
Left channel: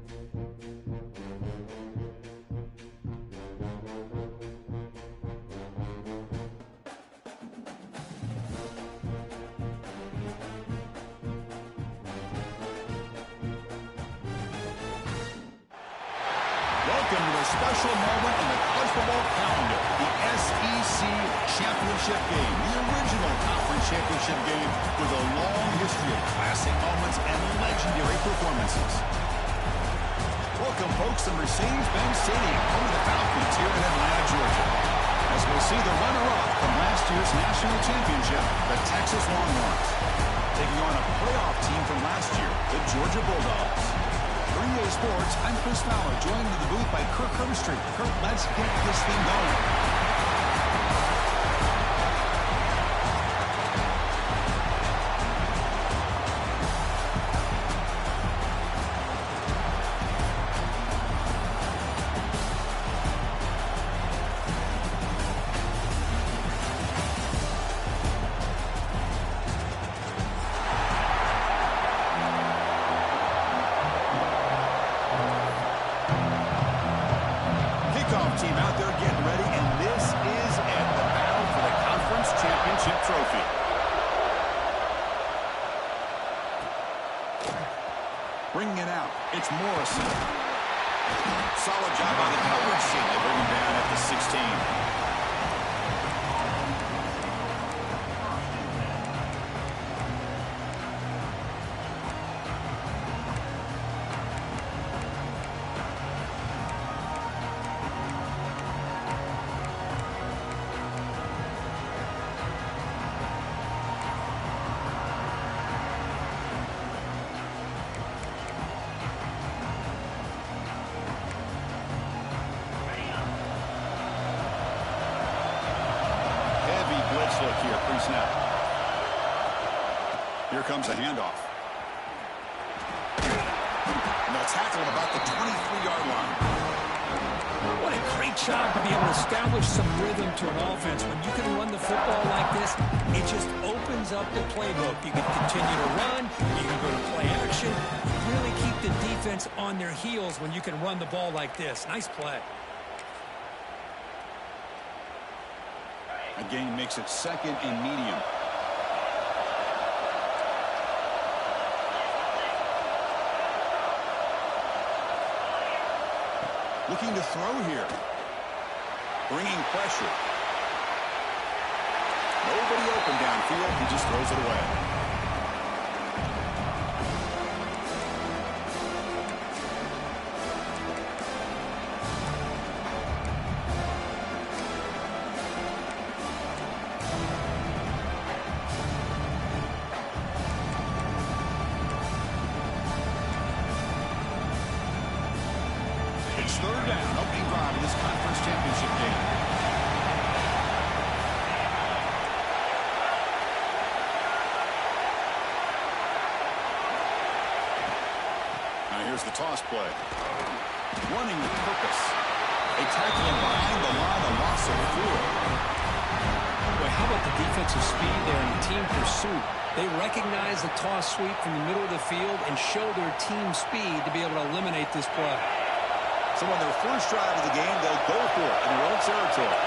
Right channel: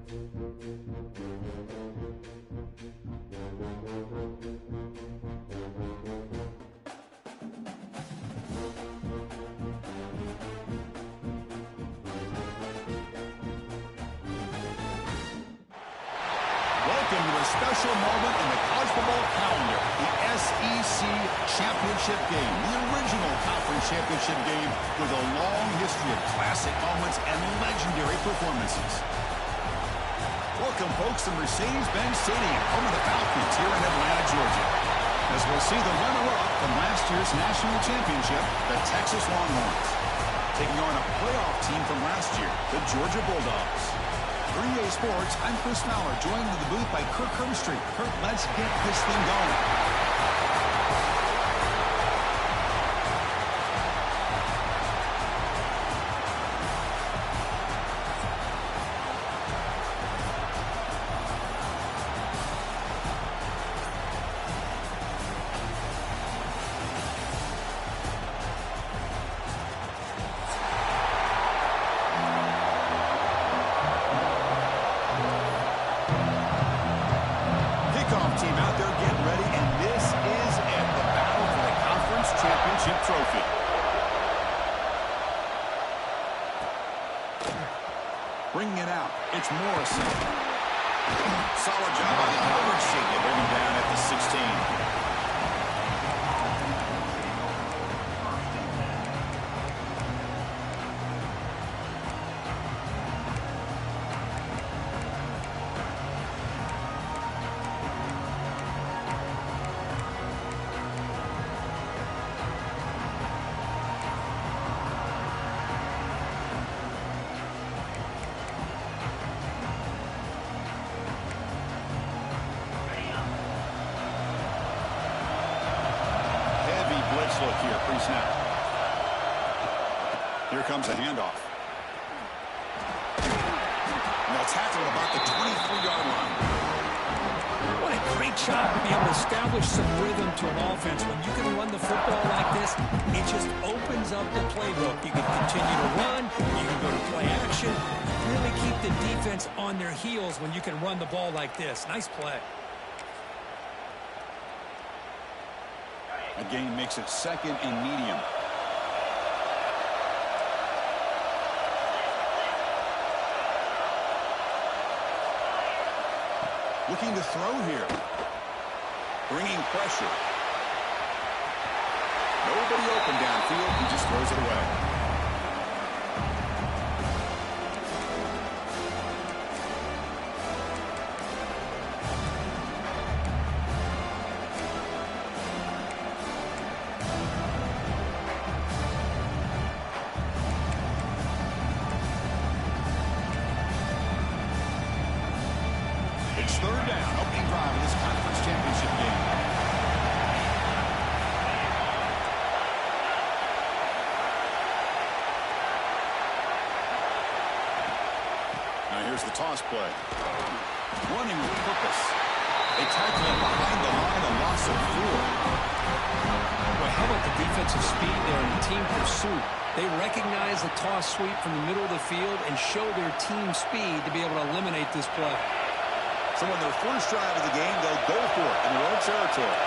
Welcome to a special moment in the college football calendar, the SEC Championship Game, the original conference championship game with a long history of classic moments and legendary performances. Welcome, folks, to Mercedes-Benz Stadium, home of the Falcons here in Atlanta, Georgia, as we'll see the runner-up from last year's national championship, the Texas Longhorns, taking on a playoff team from last year, the Georgia Bulldogs. For EA Sports, I'm Chris Fowler, joined in the booth by Kirk Herbstreit. Kirk, let's get this thing going. Team out there getting ready, and this is it, the battle for the conference championship trophy. Bringing it out, it's Morrison. Solid job by the coverage team to bring him down at the 16. Blitz look here, pre-snap. Here comes a handoff. And they'll tackle him about the 23-yard line. What a great job to be able to establish some rhythm to an offense. When you can run the football like this, it just opens up the playbook. You can continue to run. You can go to play action. Really keep the defense on their heels when you can run the ball like this. Nice play. A gain makes it second and medium. Looking to throw here. Bringing pressure. Nobody open downfield. He just throws it away. It's third down, opening drive in this conference championship game. Now here's the toss play. Running with purpose. They tackle him behind the line, a loss of 4. Boy, how about the defensive speed there and the team pursuit? They recognize the toss sweep from the middle of the field and show their team speed to be able to eliminate this play. So on their first drive of the game, they'll go for it in their own territory.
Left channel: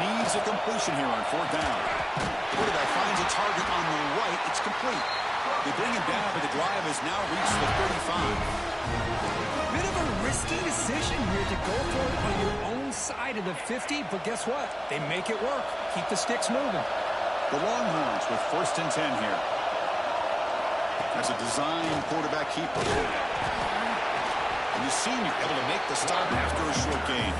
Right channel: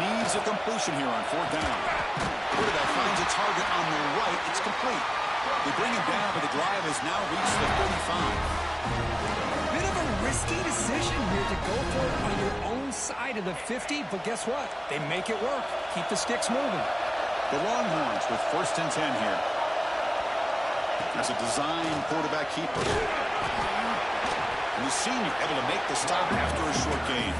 Needs a completion here on fourth down. Quarterback finds a target on the right. It's complete. They bring him down, but the drive has now reached the 35. Bit of a risky decision here to go for it on your own side of the 50, but guess what? They make it work. Keep the sticks moving. The Longhorns with first and 10 here. That's a design quarterback keeper. And the senior able to make the stop after a short gain.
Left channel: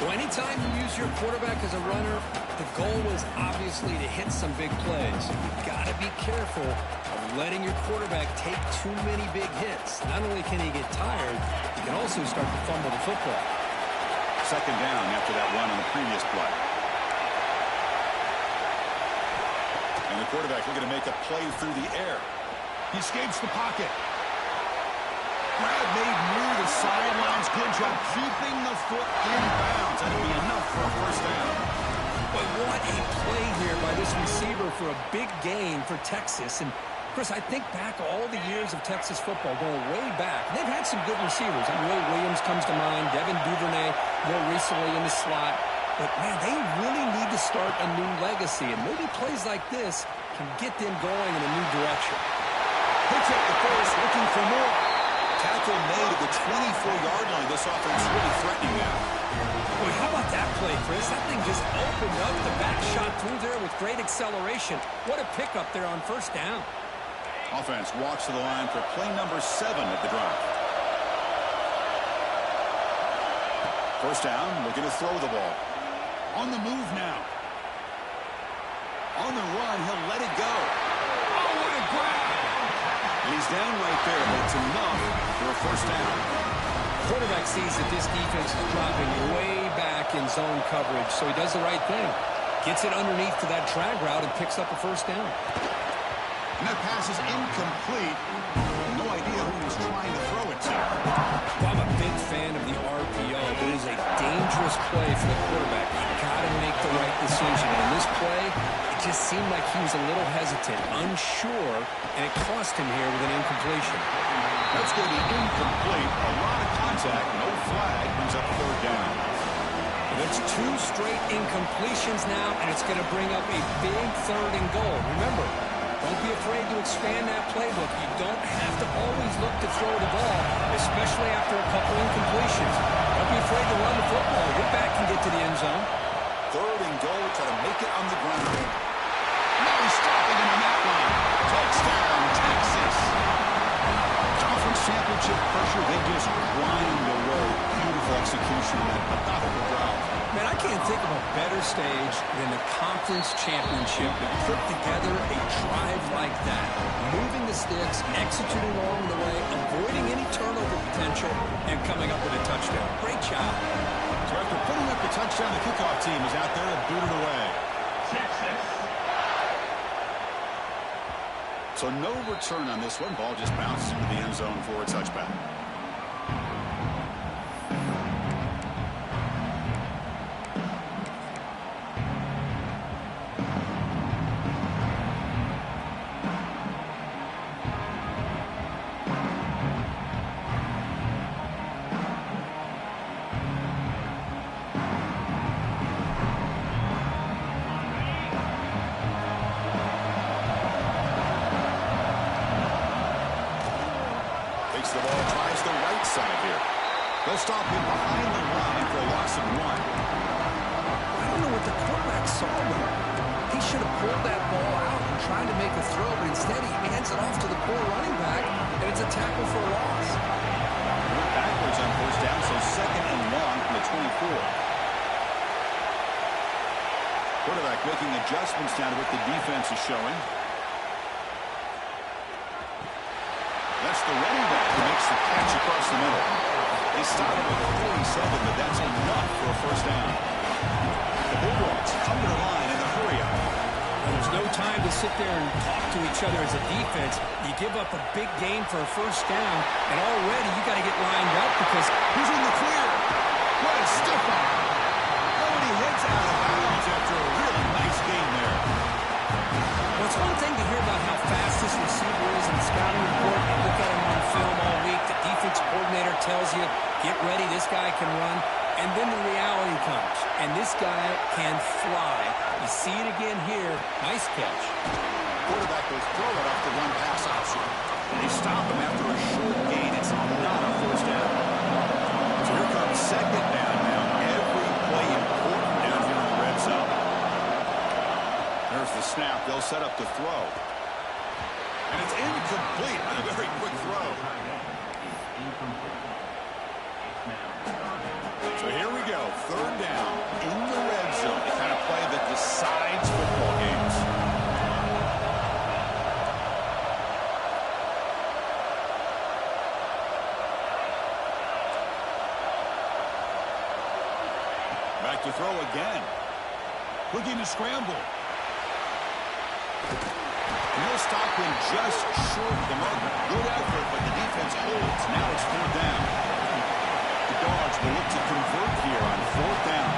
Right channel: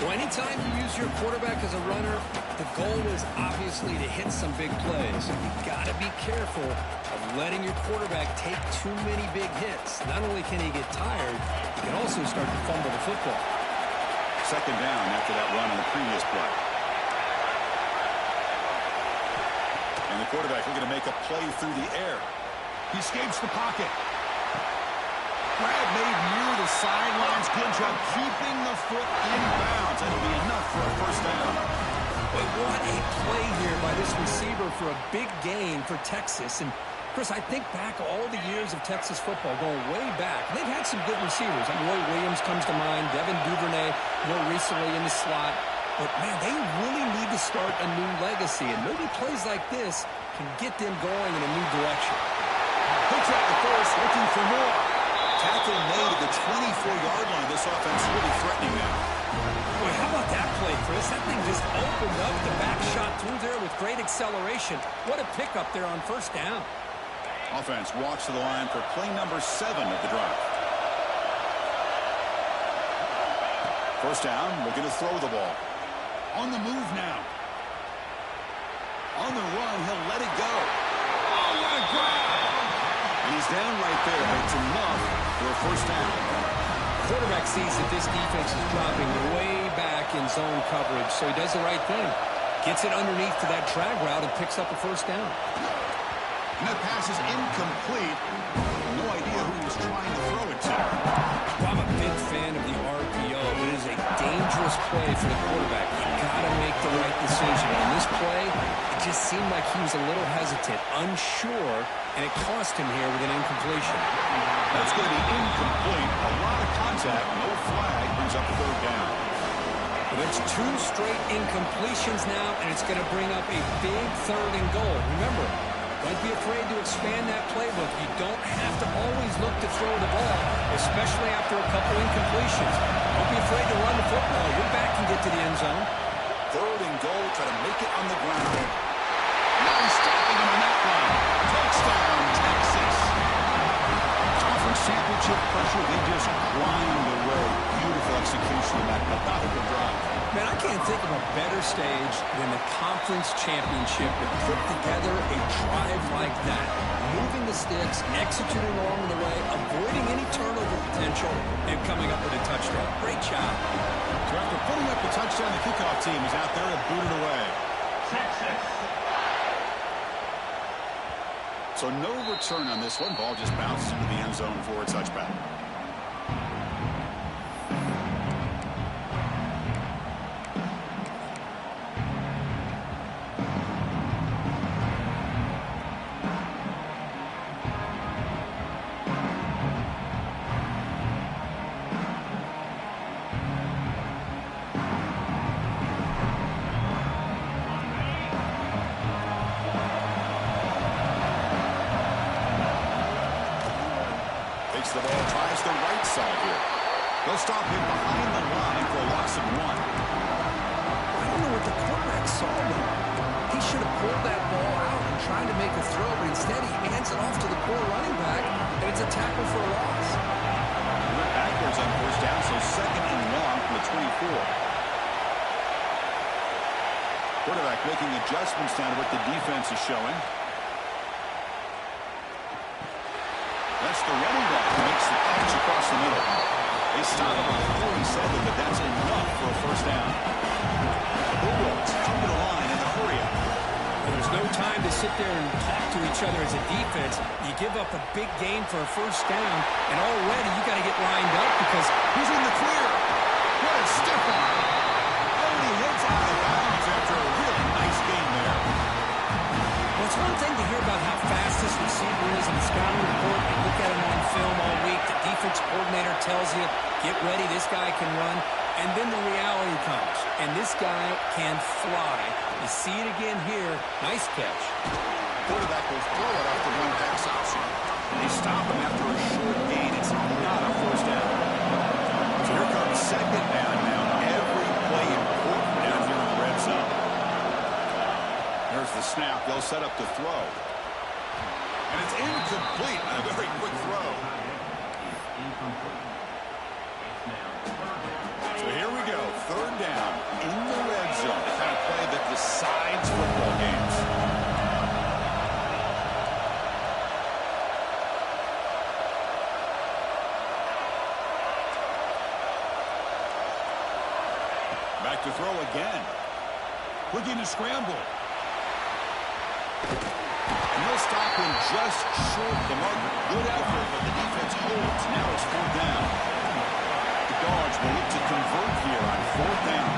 Well, anytime you use your quarterback as a runner, the goal is obviously to hit some big plays. You've got to be careful of letting your quarterback take too many big hits. Not only can he get tired, he can also start to fumble the football. Second down after that run on the previous play. And the quarterback looking to make a play through the air. He escapes the pocket. Grab made near the sidelines. Good job keeping the foot in bounds. That'll be enough for a first down. But what a play here by this receiver for a big gain for Texas. And, Chris, I think back all the years of Texas football, going way back. They've had some good receivers. Roy Williams comes to mind, Devin Duvernay more recently in the slot. But, man, they really need to start a new legacy. And maybe plays like this can get them going in a new direction. They check the first, looking for more. Tackle made at the 24-yard line. This offense really threatening now. Boy, how about that play, Chris? That thing just opened up. The back shot through there with great acceleration. What a pickup there on first down. Offense walks to the line for play number 7 of the drive. First down, looking to throw the ball. On the move now. On the run, he'll let it go. Oh, what a grab! And he's down right there, but it's enough for a first down. Quarterback sees that this defense is dropping way back in zone coverage, so he does the right thing. Gets it underneath to that drag route and picks up a first down. And that pass is incomplete. No idea who he's trying to throw it to. Well, I'm a big fan of the RPO, but it is a dangerous play for the quarterback. You got to make the right decision. And in this play, it just seemed like he was a little hesitant, unsure, and it cost him here with an incompletion. That's going to be incomplete. A lot of contact, no flag, brings up third down. But it's 2 straight incompletions now, and it's going to bring up a big 3rd and goal. Remember, don't be afraid to expand that playbook. You don't have to always look to throw the ball, especially after a couple incompletions. Don't be afraid to run the football. Your back can get to the end zone. 3rd and goal, try to make it on the ground. Now he's stopping him on that one. Touchdown, Texas. Conference championship pressure, they just grind away. Beautiful execution in that methodical drive. Man, I can't think of a better stage than the conference championship to put together a drive like that. Moving the sticks, executing along the way, avoiding any turnover potential, and coming up with a touchdown. Great job. So after putting up the touchdown, the kickoff team is out there to boot it away. Texas. So no return on this one. Ball just bounces into the end zone for a touchback. Takes the ball, tries the right side here. They'll stop him behind the line for a loss of 1. I don't know what the quarterback saw, though. He should have pulled that ball out and tried to make a throw, but instead he hands it off to the poor running back, and it's a tackle for a loss. He went backwards on first down, so 2nd and long from the 24. Quarterback making adjustments now to what the defense is showing. That's the running back who makes the catch across the middle. They stop him at 47, but that's enough for a first down. The Bulldogs come to the line in the hurry up. And there's no time to sit there and talk to each other as a defense. You give up a big gain for a first down, and already you got to get lined up because He's in the clear. What a stiff arm. Oh, and he heads out of bounds after a really nice gain there. well, it's one thing to hear about how fast this receiver is in the scouting report. You look at him on film all week. The defense coordinator tells you, get ready, this guy can run. And then the reality comes, and this guy can fly. You see it again here. Nice catch. Quarterback will throw it off the one pass option. They stop him after a short gain. It's not a first down. So here comes 2nd down now. Every play important down here in the red zone. There's the snap. They'll set up the throw. And it's incomplete on a very quick throw. So here we go. 3rd down in the red zone. The kind of play that decides football games. Back to throw again. Looking to scramble. And he'll stop him just short of the marker. Good effort, but the defense holds. Now it's 4th down. The Dawgs will look to convert here on 4th down.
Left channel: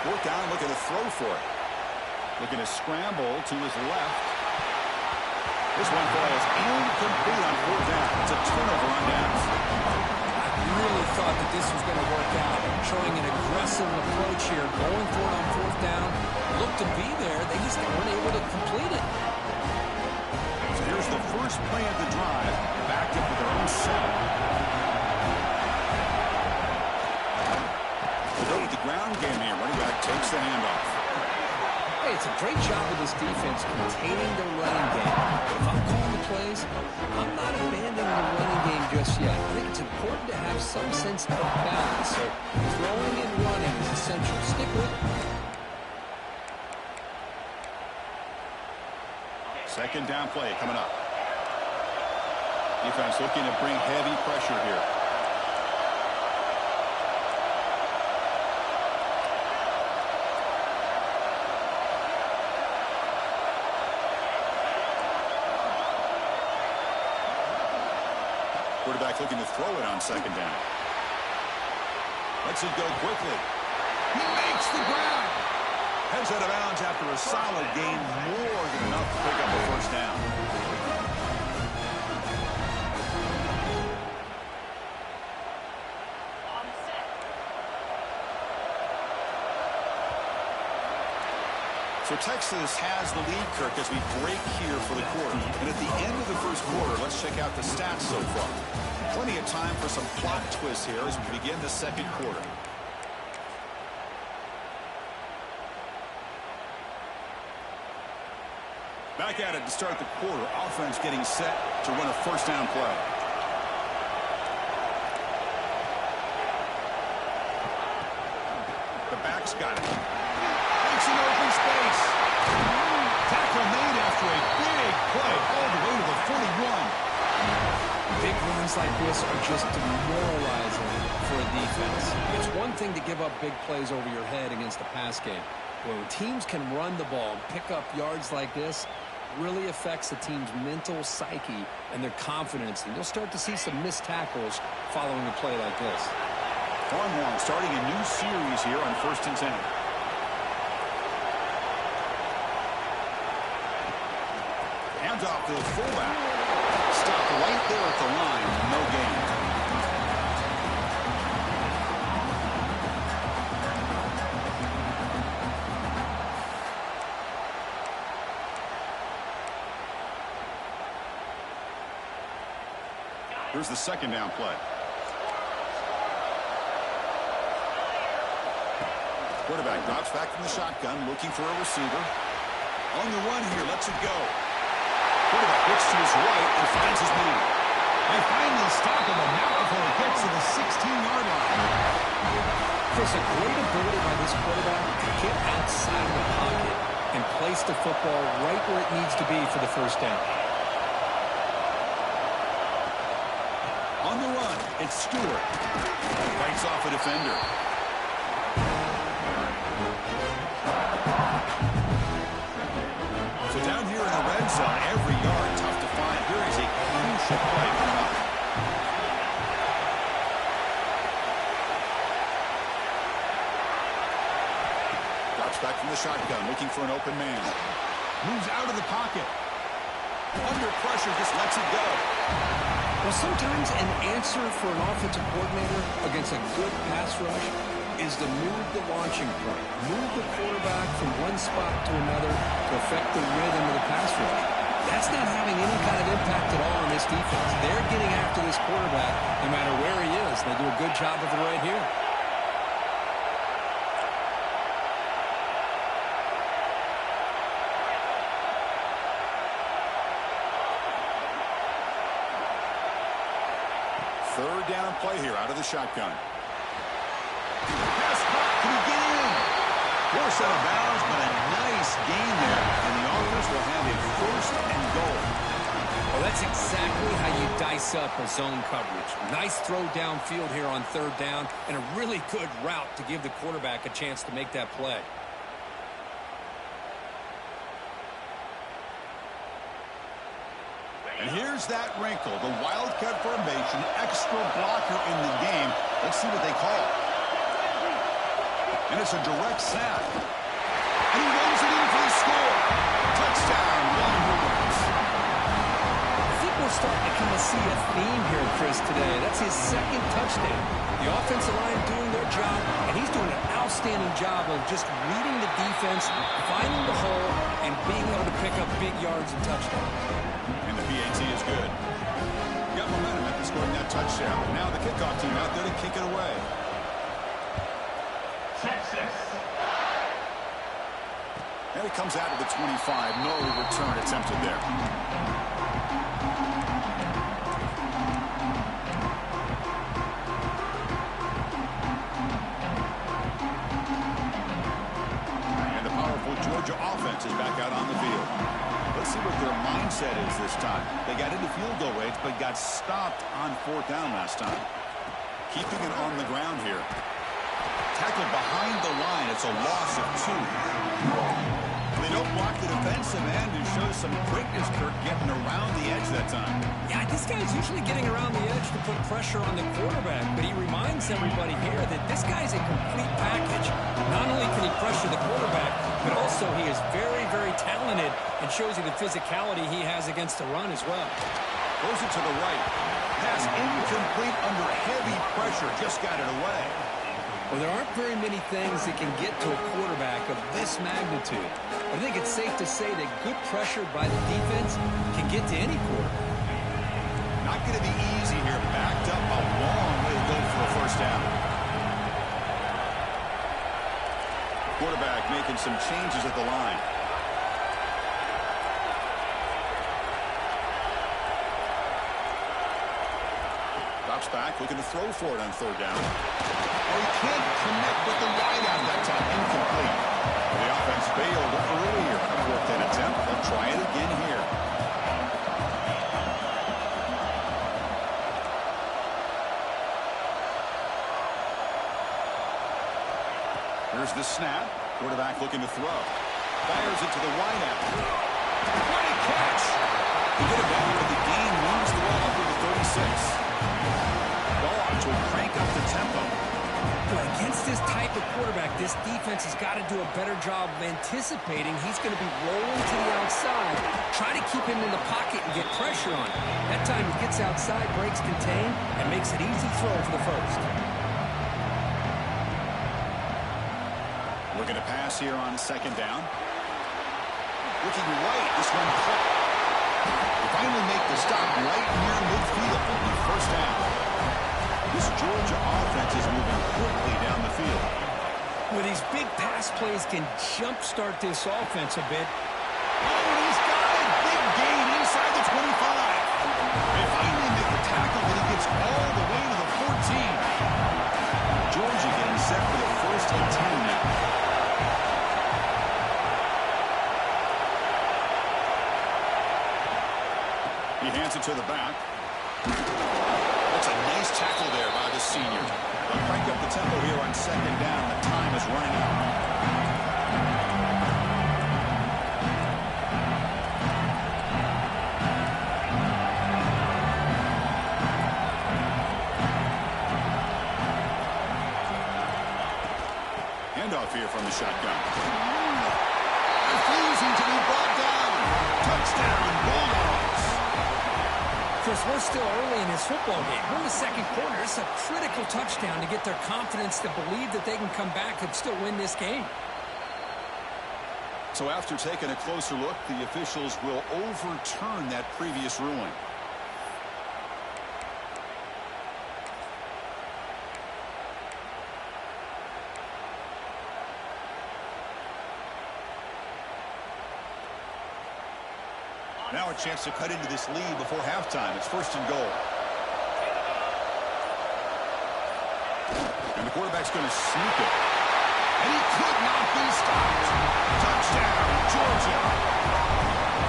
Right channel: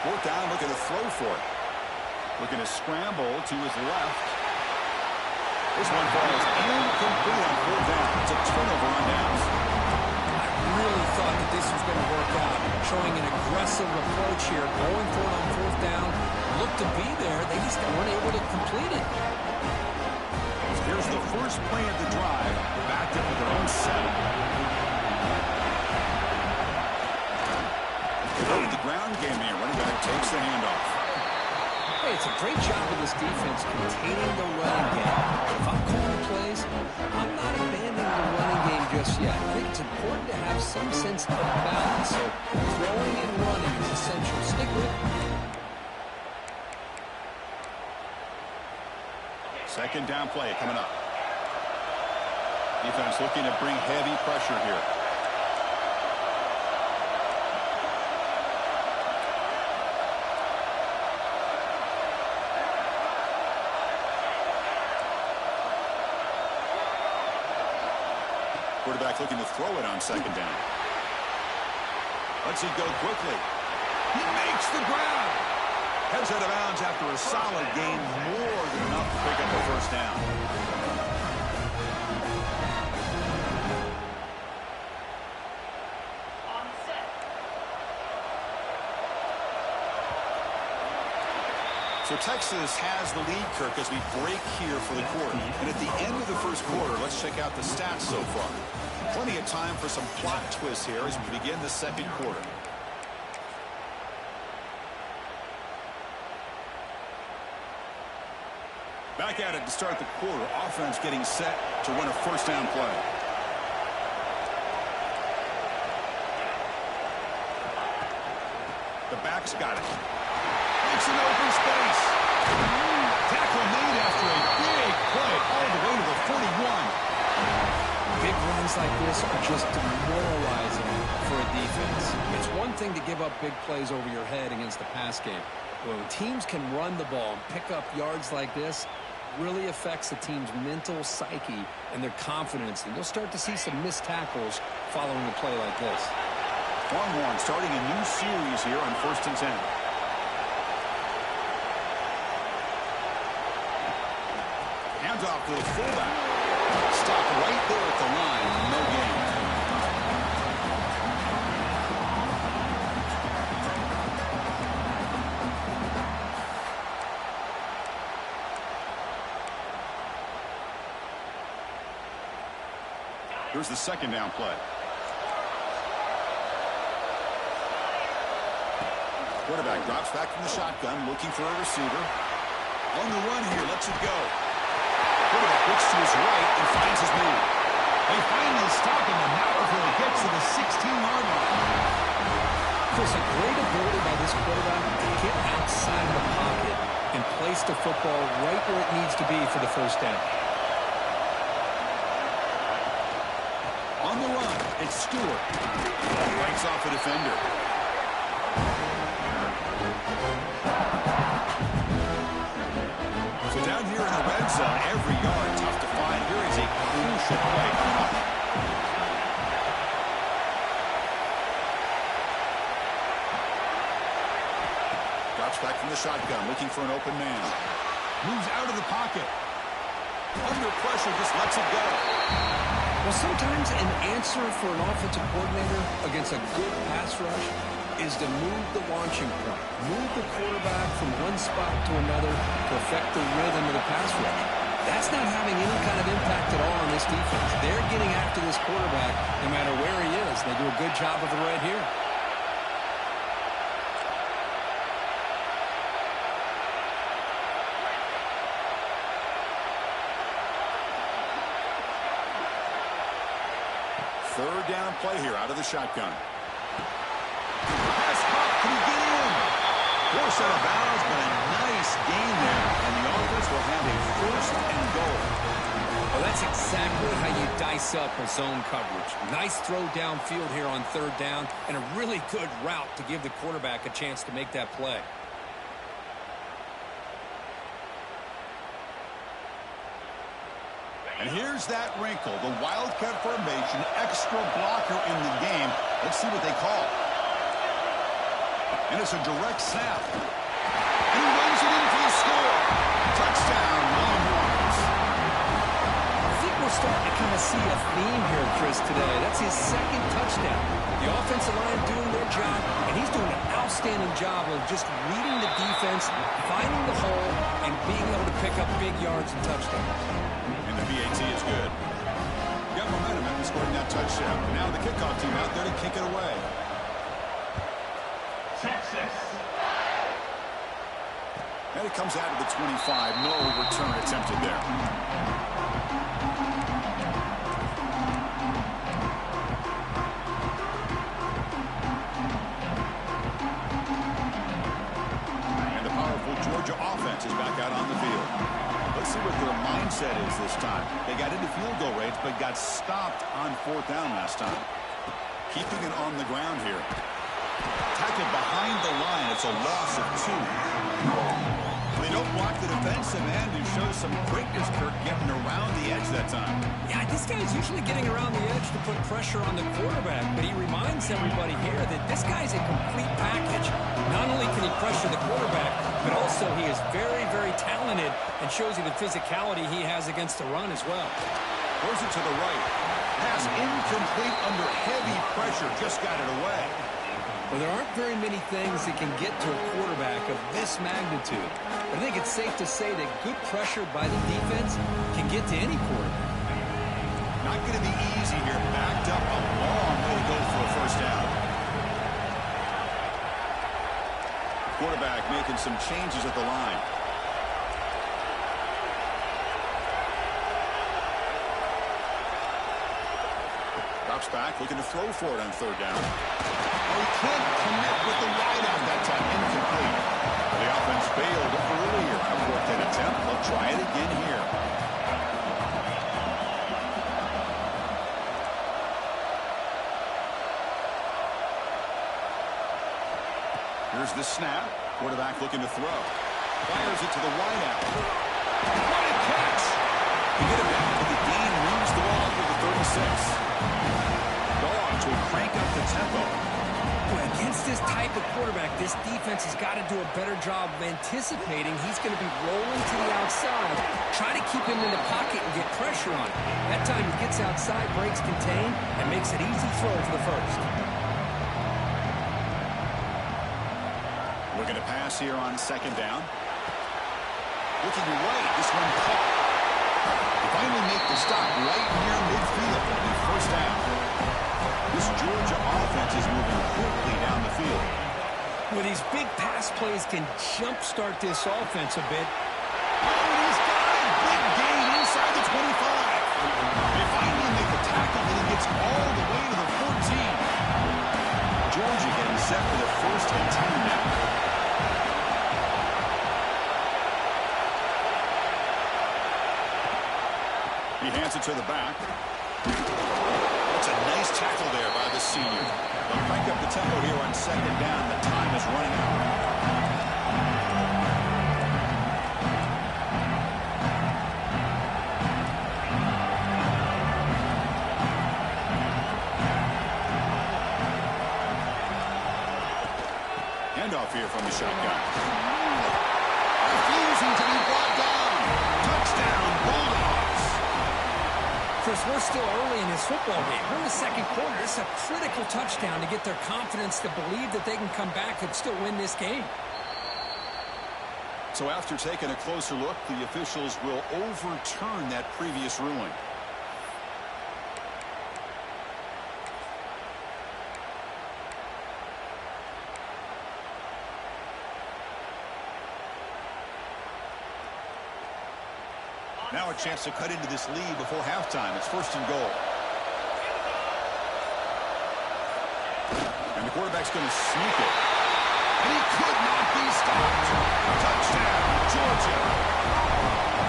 4th down, looking to throw for it. Looking to scramble to his left. This one falls incomplete on 4th down. It's a turnover on downs. I really thought that this was going to work out. Showing an aggressive approach here. Going for it on 4th down. Looked to be there. They just weren't able to complete it. So here's the first play of the drive. Backed up with their own setup. The ground game here. Running back takes the handoff. Hey, it's a great job of this defense containing the running game. But if I'm calling the plays, I'm not abandoning the running game just yet. I think it's important to have some sense of balance. So throwing and running is essential. Stick with it. 2nd down play coming up. Defense looking to bring heavy pressure here. Quarterback looking to throw it on 2nd down. Lets it go quickly. He makes the grab. Heads out of bounds after a solid gain, more than enough to pick up a 1st down. So Texas has the lead, Kirk, as we break here for the quarter. And at the end of the 1st quarter, let's check out the stats so far. Plenty of time for some plot twists here as we begin the 2nd quarter. Back at it to start the quarter. Offense getting set to run a 1st down play. The back's got it. Makes an open space. Tackle made after a big play all the way to the 41. Big runs like this are just demoralizing for a defense. It's one thing to give up big plays over your head against the pass game. When teams can run the ball and pick up yards like this, really affects the team's mental psyche and their confidence. And you'll start to see some missed tackles following a play like this. Longhorn starting a new series here on 1st and 10. Hands off to the fullback. Stopped right there at the line. No gain. Here's the 2nd down play. Quarterback drops back from the shotgun, looking for a receiver. On the run here, lets it go. Quarterback looks to his right and finds his man. They finally stop him, and now before he gets to the 16-yard line. There's a great ability by this quarterback to get outside of the pocket and place the football right where it needs to be for the 1st down. On the run, it's Stewart. Fights off a defender. So down here in the red zone, every yard tough to find. Here is a crucial play coming up. Drops back from the shotgun, looking for an open man. Moves out of the pocket. Under pressure, just lets it go. Well, sometimes an answer for an offensive coordinator against a good pass rush is to move the launching point, move the quarterback from one spot to another to affect the rhythm of the pass rush. That's not having any kind of impact at all on this defense. They're getting after this quarterback no matter where he is. They do a good job of it right here. Third down play here out of the shotgun. Pass caught. Can he get in? Force out of bounds, but a nice gain there. And the offense will have a 1st and goal. Well, that's exactly how you dice up a zone coverage. Nice throw downfield here on third down, and a really good route to give the quarterback a chance to make that play. And here's that wrinkle, the wildcat formation, extra blocker in the game. Let's see what they call. And it's a direct snap. And he runs it in for the score. Touchdown, Longhorns. I think we're starting to kind of see a theme here, Chris, today. That's his second touchdown. The offensive line doing their job, and he's doing an outstanding job of just reading the defense, finding the hole, and being able to pick up big yards and touchdowns. And the PAT is good. Got momentum after scoring that touchdown. Now the kickoff team out there to kick it away. Texas. And it comes out of the 25. No return attempted there. And the powerful Georgia offense is back out on the field. Let's see what their mindset is this time. They got into field goal range, but got stopped on fourth down last time. Keeping it on the ground here. Tackled behind the line. It's a loss of 2. They don't block the defensive end and shows some quickness, Kirk, getting around the edge that time. Yeah, this guy's usually getting around the edge to put pressure on the quarterback, but he reminds everybody here that this guy's a complete package. Not only can he pressure the quarterback, but also he is very, very talented and shows you the physicality he has against the run as well. Throws it to the right. Pass incomplete under heavy pressure. Just got it away. Well, there aren't very many things that can get to a quarterback of this magnitude. But I think it's safe to say that good pressure by the defense can get to any quarterback. Not going to be easy here. Backed up a long way to go for a first down. Quarterback making some changes at the line. Drops back, looking to throw for it on third down. Oh, he can't connect with the wideout that time. Incomplete. The offense failed earlier on a fourth down attempt. They'll try it again here. Here's the snap. Quarterback looking to throw. Fires it to the wideout. What a catch! To get him down, but the gain moves the ball up to the 36. Dawgs will crank up the tempo. Boy, against this type of quarterback, this defense has got to do a better job of anticipating he's going to be rolling to the outside. Try to keep him in the pocket and get pressure on him. That time he gets outside, breaks contain, and makes an easy throw for the first. Looking to pass here on second down. Looking right, this one caught. They finally make the stop right near midfield. It'll be first down. This Georgia offense is moving quickly down the field. Well, these big pass plays can jumpstart this offense a bit. Oh, and he's got it. Big gain inside the 25. They finally make the tackle, but he gets all the way to the 14. Georgia getting set for the first and 10 now. He hands it to the back. That's a nice tackle there by the senior. They'll crank up the tempo here on second down. The time is running out. Handoff here from the shotgun. Refusing to be brought down. Touchdown, Bulldogs. Chris, we're still early in this football game. We're in the second quarter. It's a critical touchdown to get their confidence to believe that they can come back and still win this game. So after taking a closer look, the officials will overturn that previous ruling. Now a chance to cut into this lead before halftime. It's first and goal. And the quarterback's going to sneak it. And he could not be stopped. Touchdown, Georgia.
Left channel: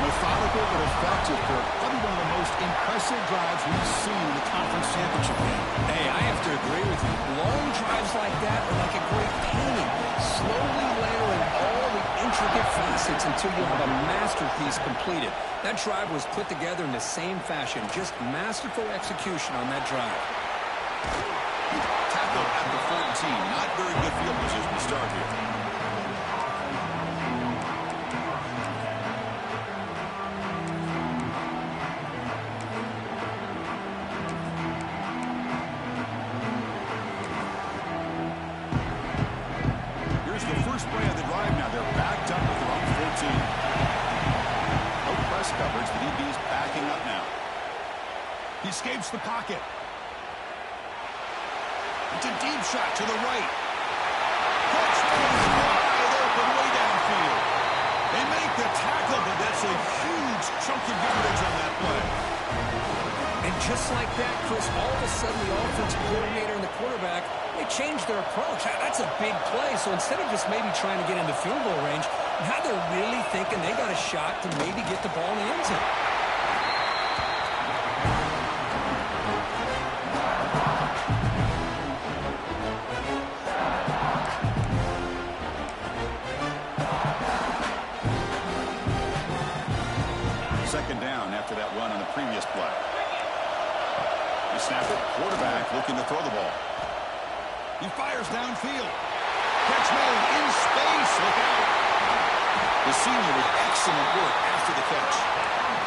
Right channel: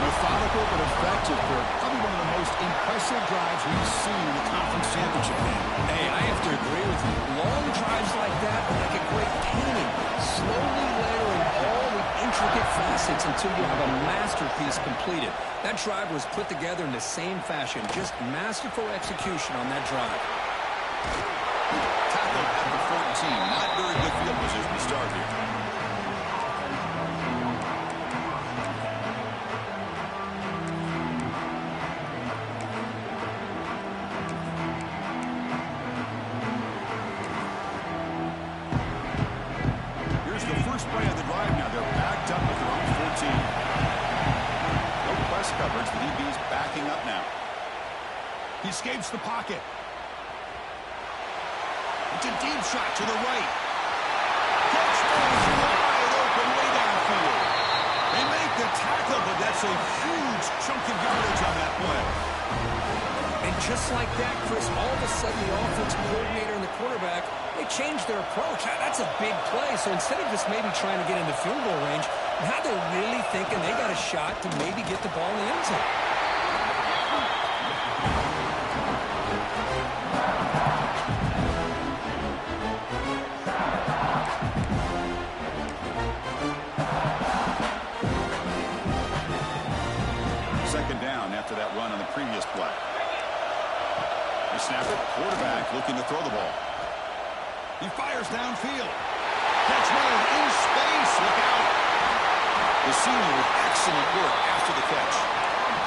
Methodical but effective, Kirk. Probably one of the most impressive drives we've seen in the conference championship game. Hey, I have to agree with you. Long drives like that are like a great painting. Slowly layering all the intricate facets until you have a masterpiece completed. That drive was put together in the same fashion. Just masterful execution on that drive. Tackled at the 14. Not very good field position to start here. Here's the first play of the drive now. They're backed up at their own 14. No press coverage. The DB's backing up now. He escapes the pocket. It's a deep shot to the right. Catch goes wide open way downfield. They make the tackle, but that's a huge chunk of yardage on that play. And just like that, Chris, all of a sudden the offensive coordinator and the quarterback, they changed their approach. That's a big play. So instead of just maybe trying to get into field goal range, now they're really thinking they got a shot to maybe get the ball in the end zone. Second down after that run on the previous play. They snap it. Quarterback looking to throw the ball. He fires downfield. Catch made in space. Look out. The senior with excellent work after the catch.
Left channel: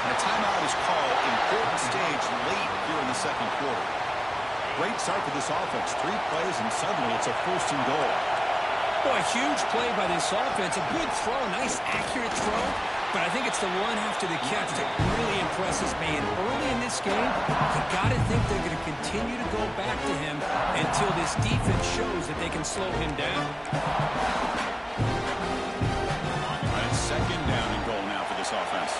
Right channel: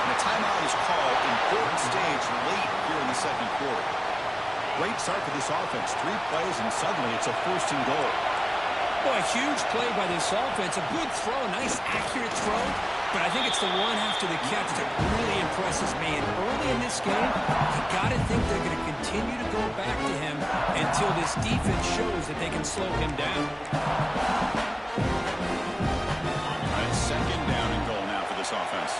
And a timeout is called. Important stage late here in the second quarter. Great start for this offense. 3 plays and suddenly it's a first and goal. Boy, huge play by this offense. A good throw, a nice accurate throw. But I think it's the one after the catch that really impresses me. And early in this game, you got to think they're going to continue to go back to him until this defense shows that they can slow him down. All right, second down and goal now for this offense.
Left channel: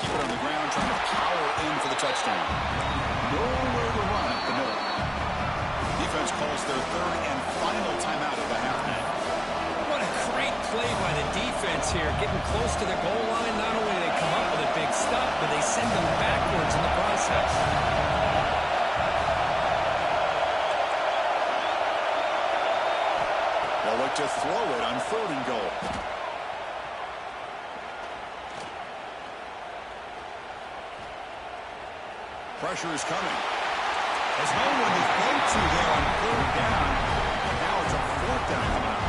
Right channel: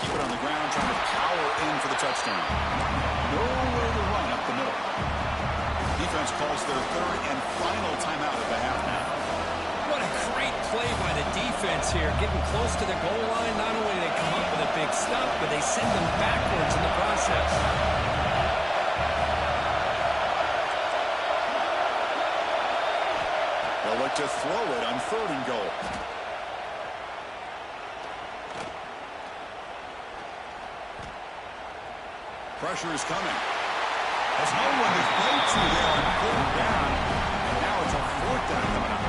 Keep it on the ground, trying to power in for the touchdown. Nowhere to run up the middle. Defense calls their third and final timeout of the half now. What a great play by the defense here. Getting close to the goal line, not only do they come up with a big stop, but they send them backwards in the process. They'll look to throw it on third and goal. Pressure is coming. There's no one to throw to there on third down. And now it's a fourth down coming up.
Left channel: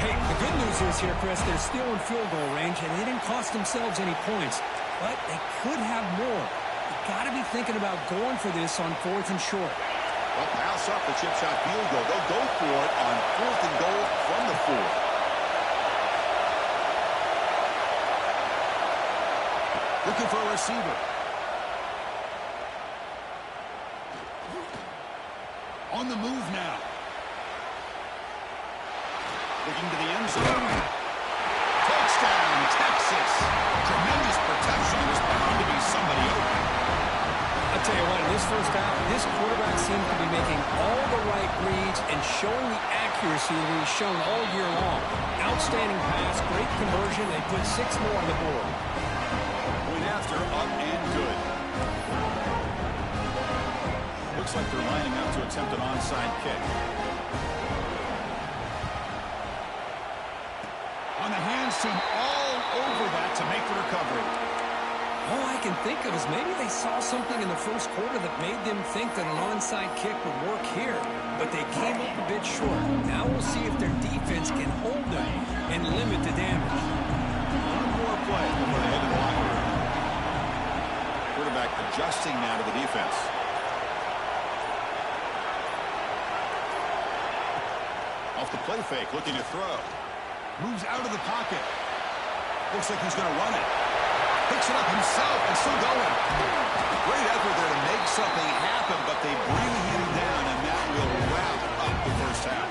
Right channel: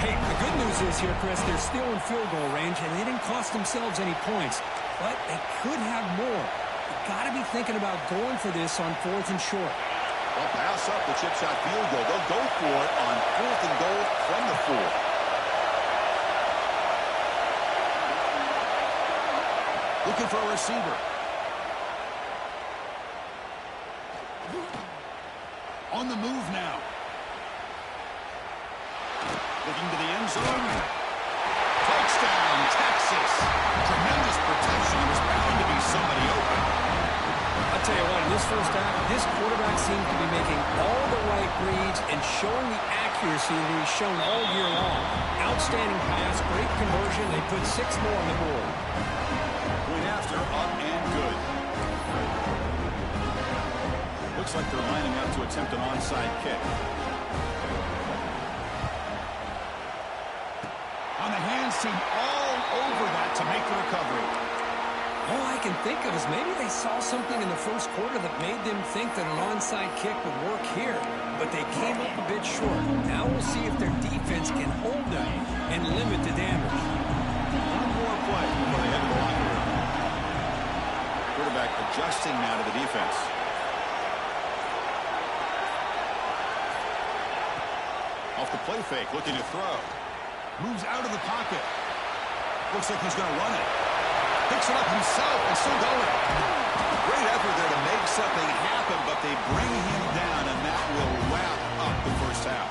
Hey, the good news is here, Chris, they're still in field goal range, and they didn't cost themselves any points. But they could have more. You got to be thinking about going for this on fourth and short. They'll pass up the chip shot field goal. They'll go for it on fourth and goal from the 4. Looking for a receiver. On the move now. Looking to the end zone. Touchdown, Texas. Tremendous protection. There's bound to be somebody open. I'll tell you what, in this first half, this quarterback seems to be making all the right reads and showing the accuracy that he's shown all year long. Outstanding pass, great conversion. They put 6 more on the board. Point after, up and good. Looks like they're lining up to attempt an onside kick. On the hands team all over that to make the recovery. All I can think of is maybe they saw something in the first quarter that made them think that an onside kick would work here. But they came up a bit short. Now we'll see if their defense can hold them and limit the damage. One more play before they head to the locker room. Quarterback adjusting now to the defense. Off the play fake, looking to throw. Moves out of the pocket. Looks like he's going to run it. Picks it up himself and still going. Great effort there to make something happen, but they bring him down, and that will wrap up the first half.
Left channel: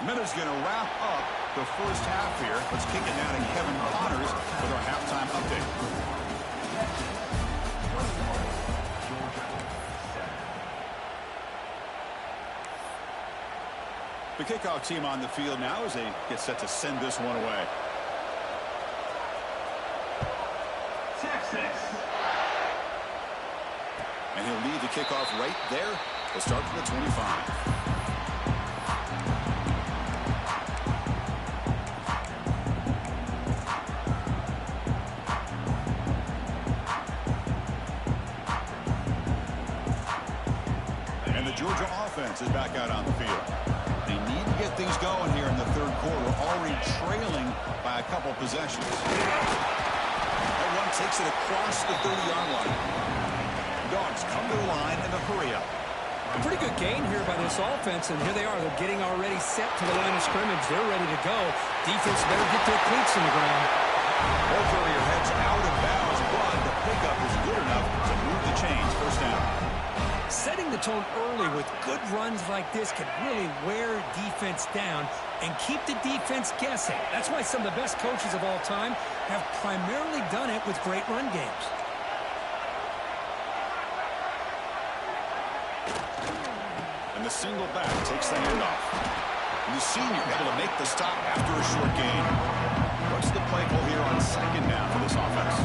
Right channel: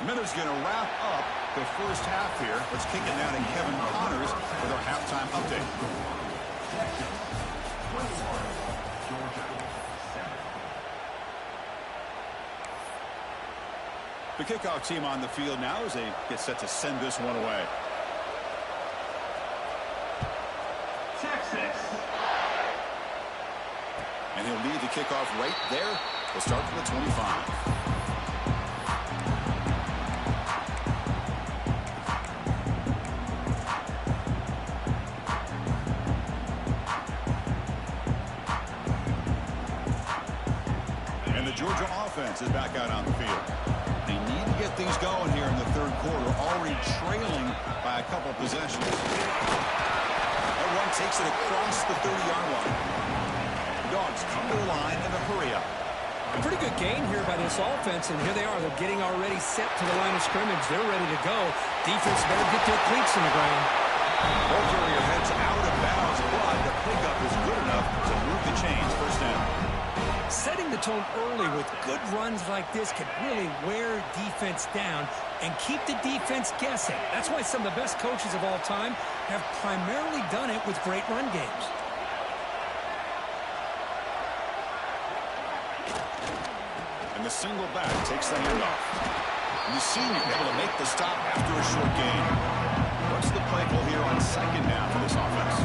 A minute score's going to wrap up the first half here. Let's kick it now to Kevin Connors with our halftime update. Georgia, 7. The kickoff team on the field now as they get set to send this one away. Texas. And he'll lead the kickoff right there. We'll start from the 25. And the Georgia offense is back out on the field. They need to get things going here in the third quarter, already trailing by a couple possessions. That one takes it across the 30-yard line. Dawgs come to the line in a hurry-up. A pretty good gain here by this offense, and here they are. They're getting already set to the line of scrimmage. They're ready to go. Defense better get their cleats in the ground. Ball carrier heads out of bounds, but the pickup is good enough to move the chains. First down. Setting the tone early with good runs like this can really wear defense down and keep the defense guessing. That's why some of the best coaches of all time have primarily done it with great run games. And the single back takes the handoff. And the senior able to make the stop after a short gain. What's the play call here on second down for this offense?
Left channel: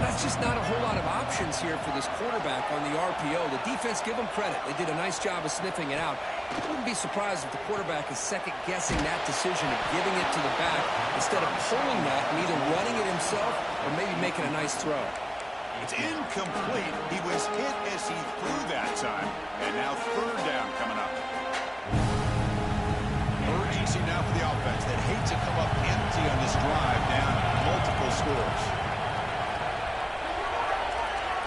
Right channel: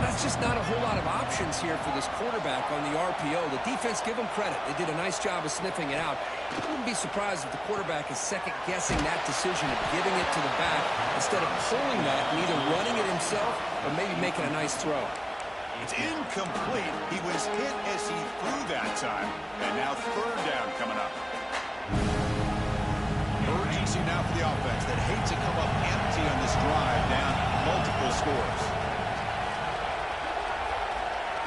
That's just not a whole lot of options here for this quarterback on the RPO. The defense, give them credit. They did a nice job of sniffing it out. I wouldn't be surprised if the quarterback is second-guessing that decision of giving it to the back instead of pulling that and either running it himself or maybe making a nice throw. It's incomplete. He was hit as he threw that time. And now third down coming up. Urgency now for the offense that hates to come up empty on this drive, down multiple scores.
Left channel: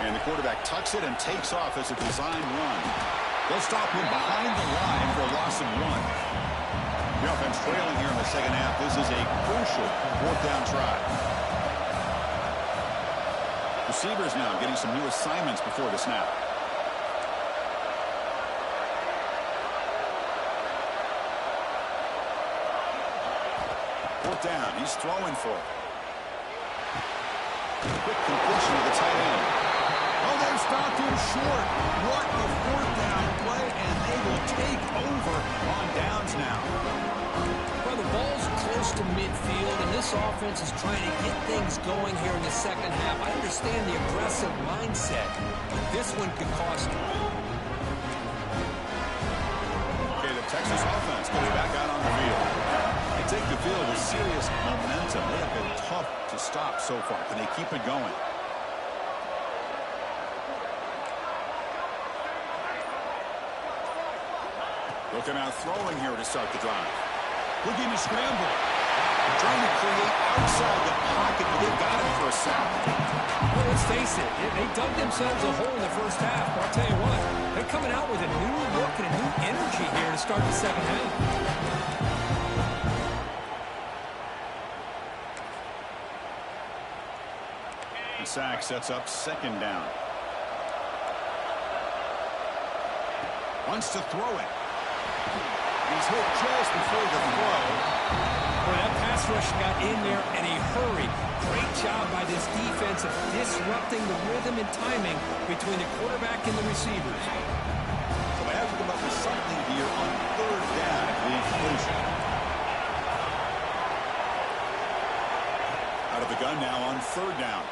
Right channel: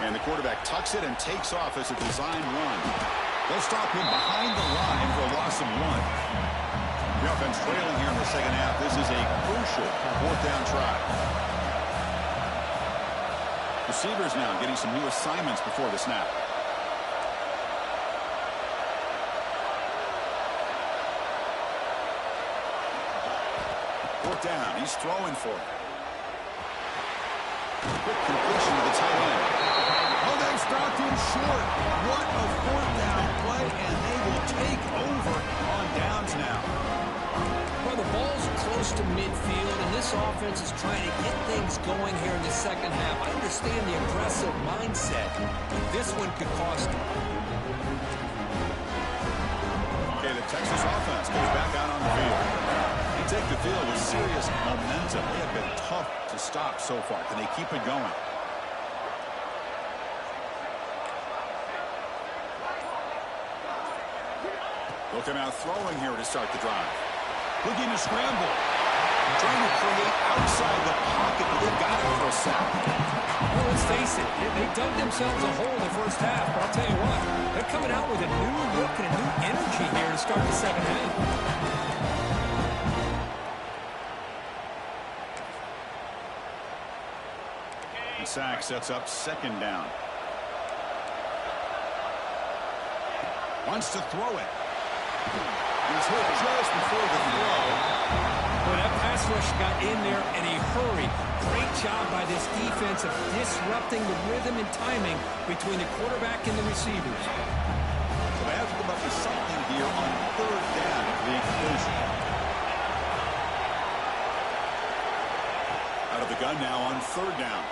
And the quarterback tucks it and takes off as a designed run. They'll stop him behind the line for a loss of 1. The offense trailing here in the second half. This is a crucial fourth down try. Receivers now getting some new assignments before the snap. Fourth down. He's throwing for it. Quick completion to the tight end. Oh, they've stopped him short. What a fourth down play, and they will take over on downs now. Well, the ball's close to midfield, and this offense is trying to get things going here in the second half. I understand the aggressive mindset, but this one could cost them. Okay, the Texas offense goes back out on the field. They take the field with serious momentum. They have been tough to stop so far. Can they keep it going? They'll come out throwing here to start the drive. Looking to scramble. Trying to create outside the pocket, but they've got him for a sack. Well, let's face it, they dug themselves a hole in the first half, but I'll tell you what, they're coming out with a new look and a new energy here to start the second half. The sack sets up second down. Wants to throw it. He's hit just before the throw. Well, that pass rush got in there in a hurry. Great job by this defense of disrupting the rhythm and timing between the quarterback and the receivers. So they have to come up with something here on third down after the incompletion. Out of the gun now on third down.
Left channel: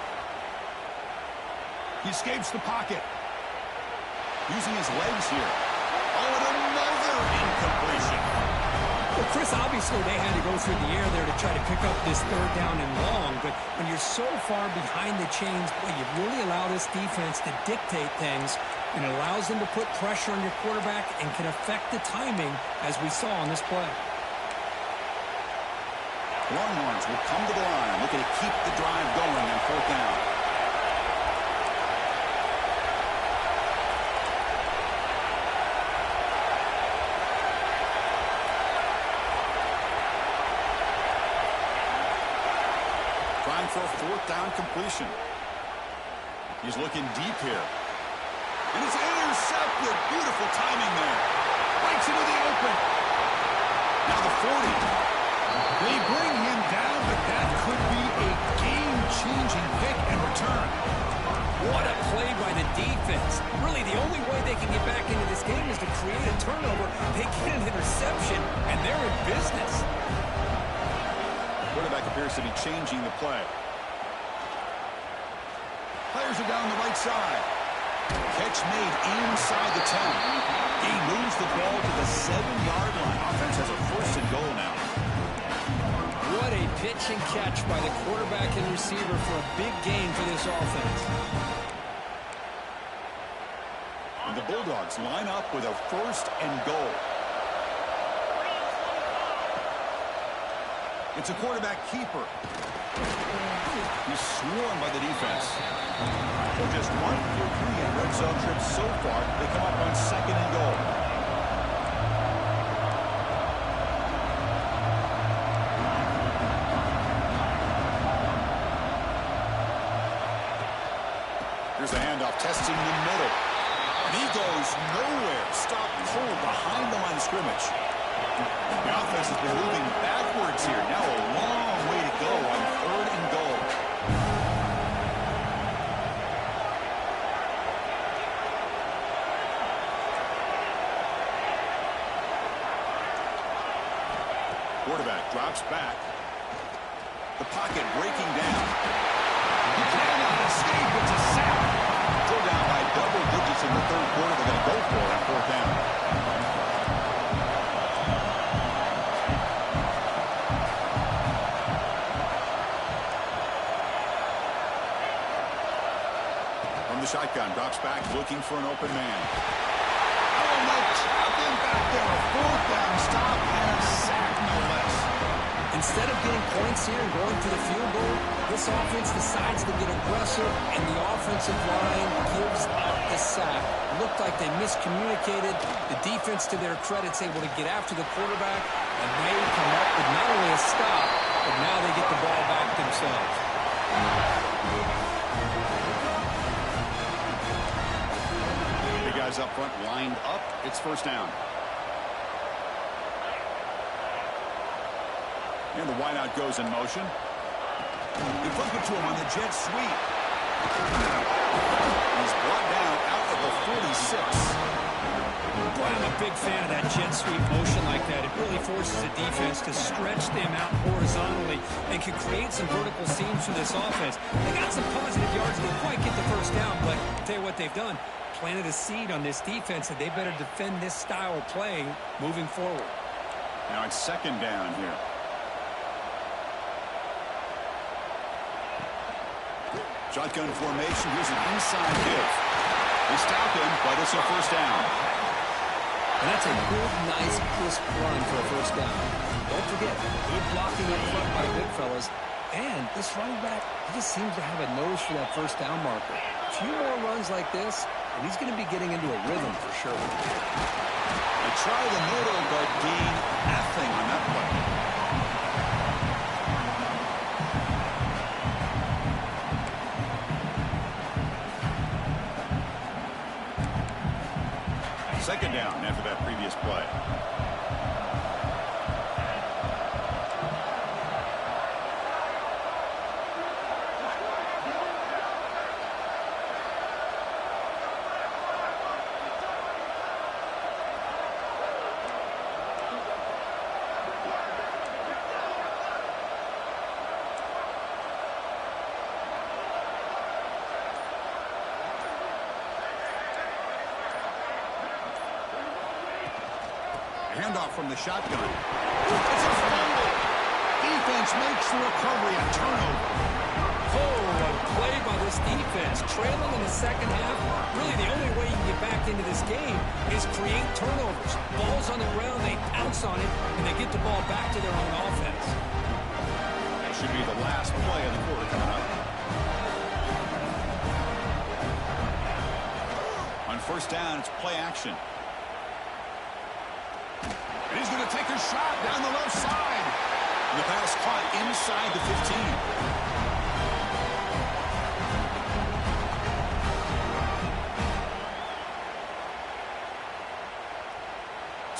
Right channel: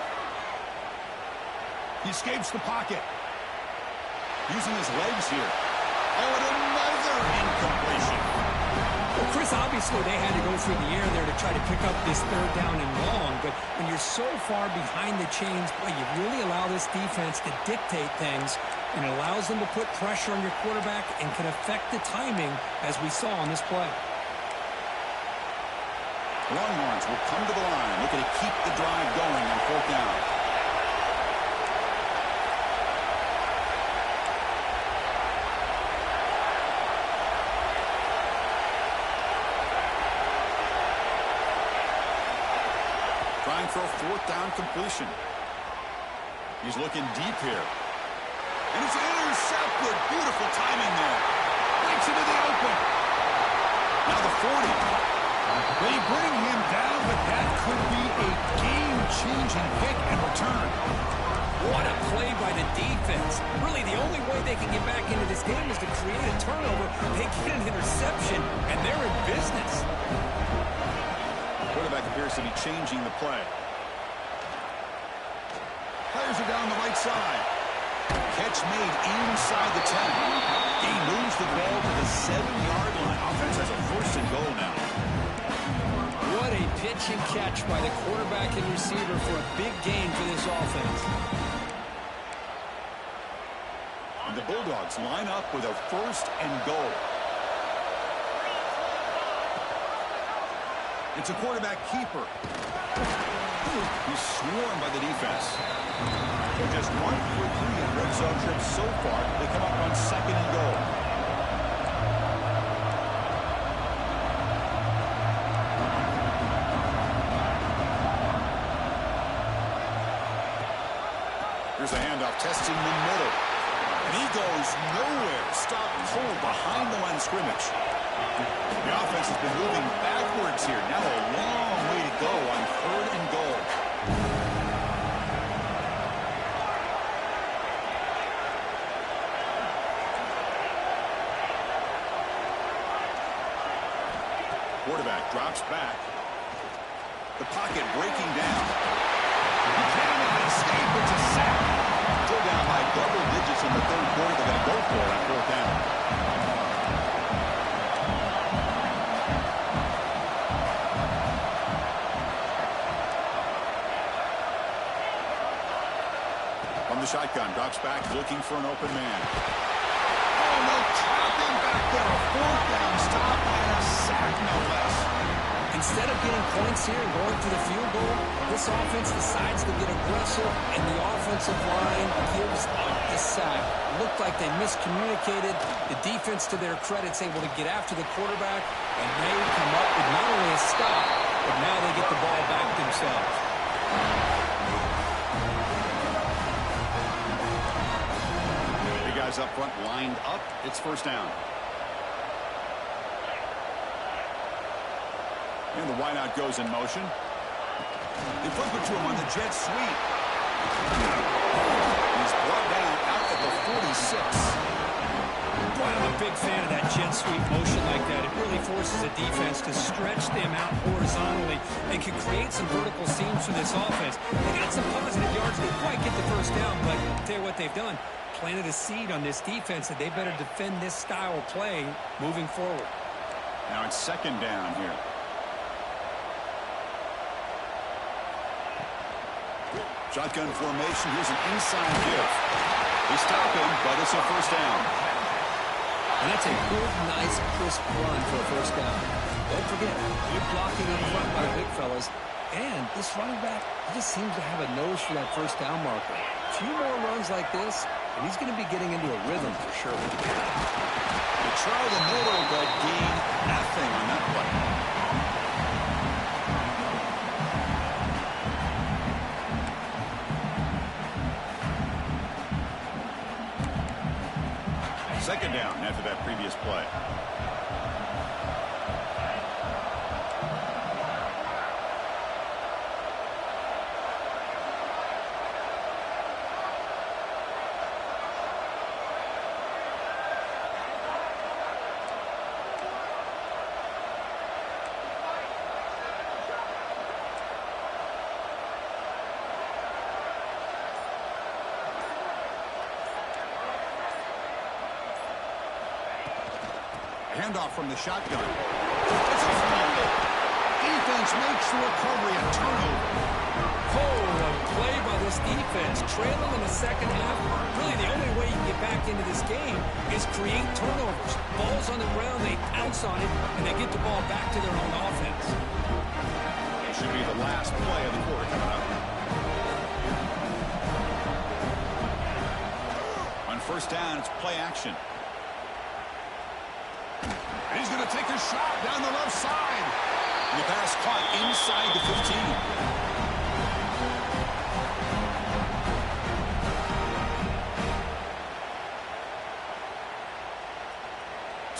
He escapes the pocket. Using his legs here. Oh, and another incompletion. Well, Chris, obviously they had to go through the air there to try to pick up this third down and long, but when you're so far behind the chains, boy, you really allow this defense to dictate things, and it allows them to put pressure on your quarterback and can affect the timing, as we saw on this play. Longhorns will come to the line, looking to keep the drive going on fourth down. Trying for a fourth down completion. He's looking deep here. And it's intercepted. Beautiful timing there. Breaks into the open. Now the 40. They bring him down, but that could be a game-changing pick and return. What a play by the defense. Really, the only way they can get back into this game is to create a turnover. They get an interception, and they're in business. Quarterback appears to be changing the play. Players are down the right side. Catch made inside the 10. He moves the ball to the 7-yard line. Offense has a 1st and goal now. What a pitch and catch by the quarterback and receiver for a big gain for this offense. And the Bulldogs line up with a 1st and goal. It's a quarterback keeper. He's swarmed by the defense. So just 1 for 3 in red zone trips so far. They come up on 2nd and goal. Here's a handoff testing the middle. And he goes nowhere. Stop cold behind the line of scrimmage. The offense has been moving backwards here. Now a long way to go on 3rd and goal. Quarterback drops back. The pocket breaking down. He cannot escape. It's a sack. Go down by double digits in the 3rd quarter. They're going to go for it on 4th down. From the shotgun, drops back, looking for an open man. Oh, no, trapped him back there. A 4th down stop and a sack, no less. Instead of getting points here and going for the field goal, this offense decides to get aggressive, and the offensive line gives up the sack. Looked like they miscommunicated. The defense, to their credit, is able to get after the quarterback, and they come up with not only a stop, but now they get the ball back themselves. The guys up front lined up. It's 1st down. And the wideout goes in motion. They flip it to him on the jet sweep. He's brought down out at the 46. Boy, I'm a big fan of that jet sweep motion like that. It really forces the defense to stretch them out horizontally and can create some vertical seams for this offense. They got some positive yards. Didn't quite get the 1st down, but I'll tell you what they've done. Planted a seed on this defense that they better defend this style of play moving forward. Now it's 2nd down here. Shotgun formation. Here's an inside give. They stop him, but it's a 1st down. And that's a good, nice, crisp run for a 1st down. Don't forget, good blocking up front by the big fellas. And this running back, he just seems to have a nose for that 1st down marker. A few more runs like this, and he's going to be getting into a rhythm for sure. They try the middle, but gain nothing on that play. Second down after that previous play. Handoff from the shotgun. It's a fumble. Defense makes the recovery, a turnover. Oh, a play by this defense. Trailing in the 2nd half. Really, the only way you can get back into this game is create turnovers. Ball's on the ground, they pounce on it, and they get the ball back to their own offense. It should be the last play of the quarter coming up. On 1st down, it's play action. And he's going to take a shot down the left side. And the pass caught inside the 15.